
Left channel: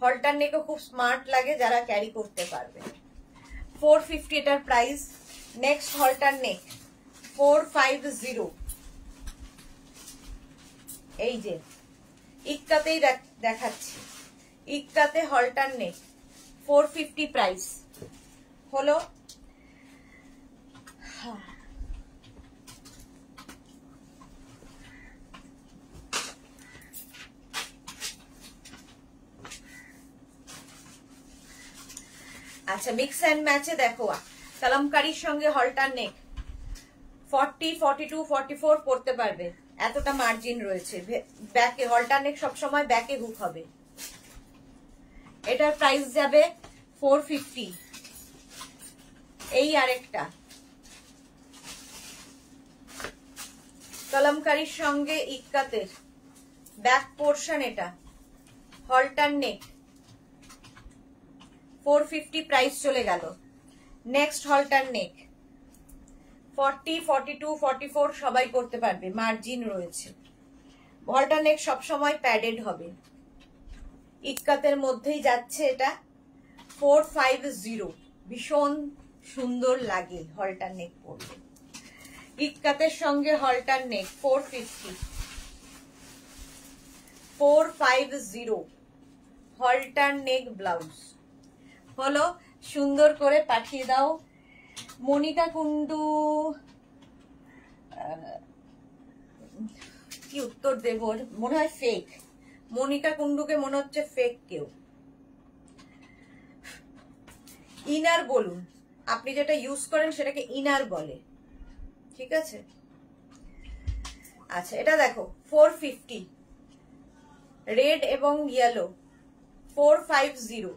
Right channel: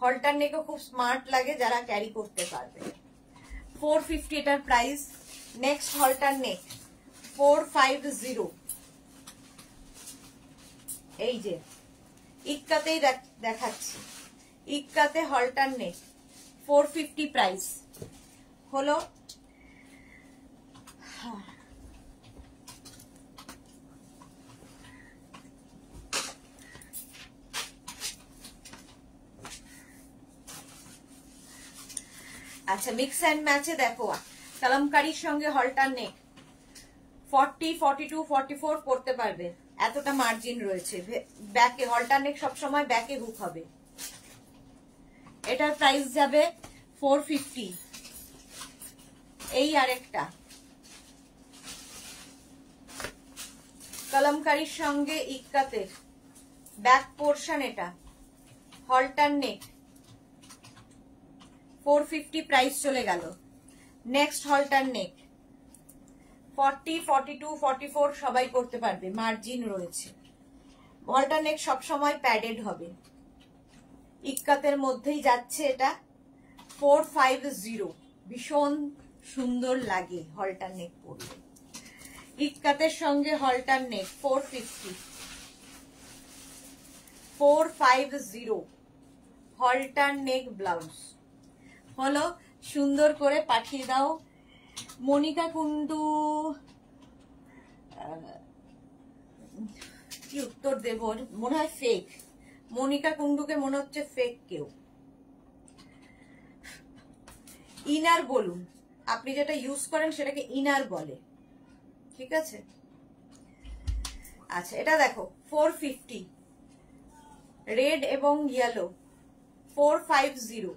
হলটার নেকও খুব স্মার্ট লাগে, যারা ক্যারি করতে পারবে। 450 এটার প্রাইস। নেক্সট হলটার নেক 450। এই যে ইক্কাতেই দেখাচ্ছি, ইক্কাতে হলটার নেক 450 প্রাইস হলো। আচ্ছা, মিক্স অ্যান্ড ম্যাচে দেখো কালামকারীর সঙ্গে হলটার নেক 40, 42, 44 পড়তে পারবে, এতটা মার্জিন রয়েছে। ব্যাকে হলটার নেক সবসময় ব্যাকে হুক হবে। এটার প্রাইস যাবে 450। এই আরেকটা কলমকারীর সঙ্গে ইক্কাতের ব্যাক পোর্শন, এটা হলটার নেক, 450 প্রাইস চলে গেল। নেক্সট হলটার নেক 40, 42, 44 সবাই করতে পারবে, মার্জিন রয়েছে। হলটার নেক সবসময় প্যাডেড হবে, ইক্কাতের মধ্যেই যাচ্ছে এটা, 450, ভীষণ সুন্দর লাগে হলটার নেক পরলে। ইক্কাতের সঙ্গে হলটার নেক 450, 450 হলটার নেক ব্লাউজ হলো। সুন্দর করে পাঠিয়ে দাও। মনিকা কুন্ডু, কি উত্তর দেব, মনে হয় ফেক। মনিকা কুন্ডুকে মনে হচ্ছে ফেক কেউ। ইনার বলুন, আপনি যেটা ইউজ করেন সেটাকে ইনার বলে, ঠিক আছে? আচ্ছা, এটা দেখো 450, রেড এবং ইয়েলো, 450,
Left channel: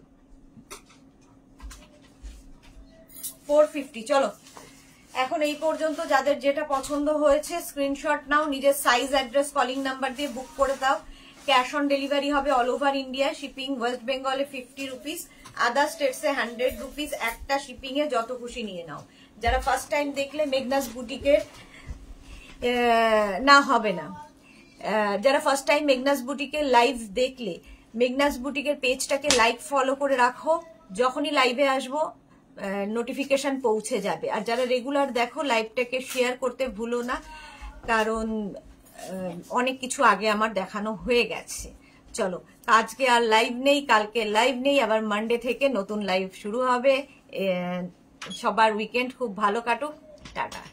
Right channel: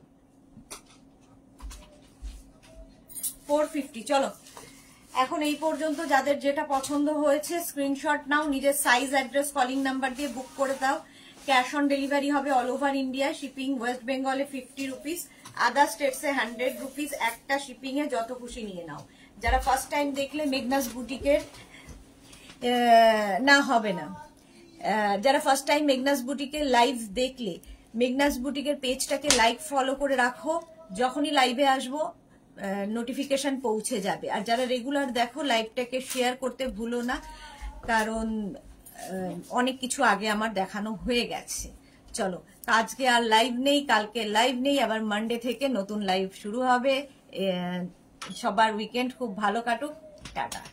450। চলো, এখন এই পর্যন্ত যাদের যেটা পছন্দ হয়েছে স্ক্রিনশট নাও, নিজের সাইজ, অ্যাড্রেস, কলিং নাম্বার দিয়ে বুক করে দাও। ক্যাশ অন ডেলিভারি হবে all over India. Shipping West বেঙ্গলে 50 রুপিস, আদার স্টেটসে 100 রুপিস। একটা শিপিং এ যত খুশি নিয়ে নাও। যারা ফার্স্ট টাইম দেখলে মেঘনাস বুটিকের না হবে না, যারা ফার্স্ট টাইম মেঘনাস বুটিকের লাইভ দেখলে মেঘনাস বুটিকের পেজটাকে লাইক ফলো করে রাখো, যখনই লাইভে আসবো নোটিফিকেশন পৌঁছে যাবে। আর যারা রেগুলার দেখো লাইভটাকে শেয়ার করতে ভুলো না, কারণ অনেক কিছু আগে আমার দেখানো হয়ে গেছে। চলো, আজকে আর লাইভ নেই, কালকে লাইভ নেই, আবার মানডে থেকে নতুন লাইভ শুরু হবে। সবার উইকেন্ড খুব ভালো কাটুক, টাটা।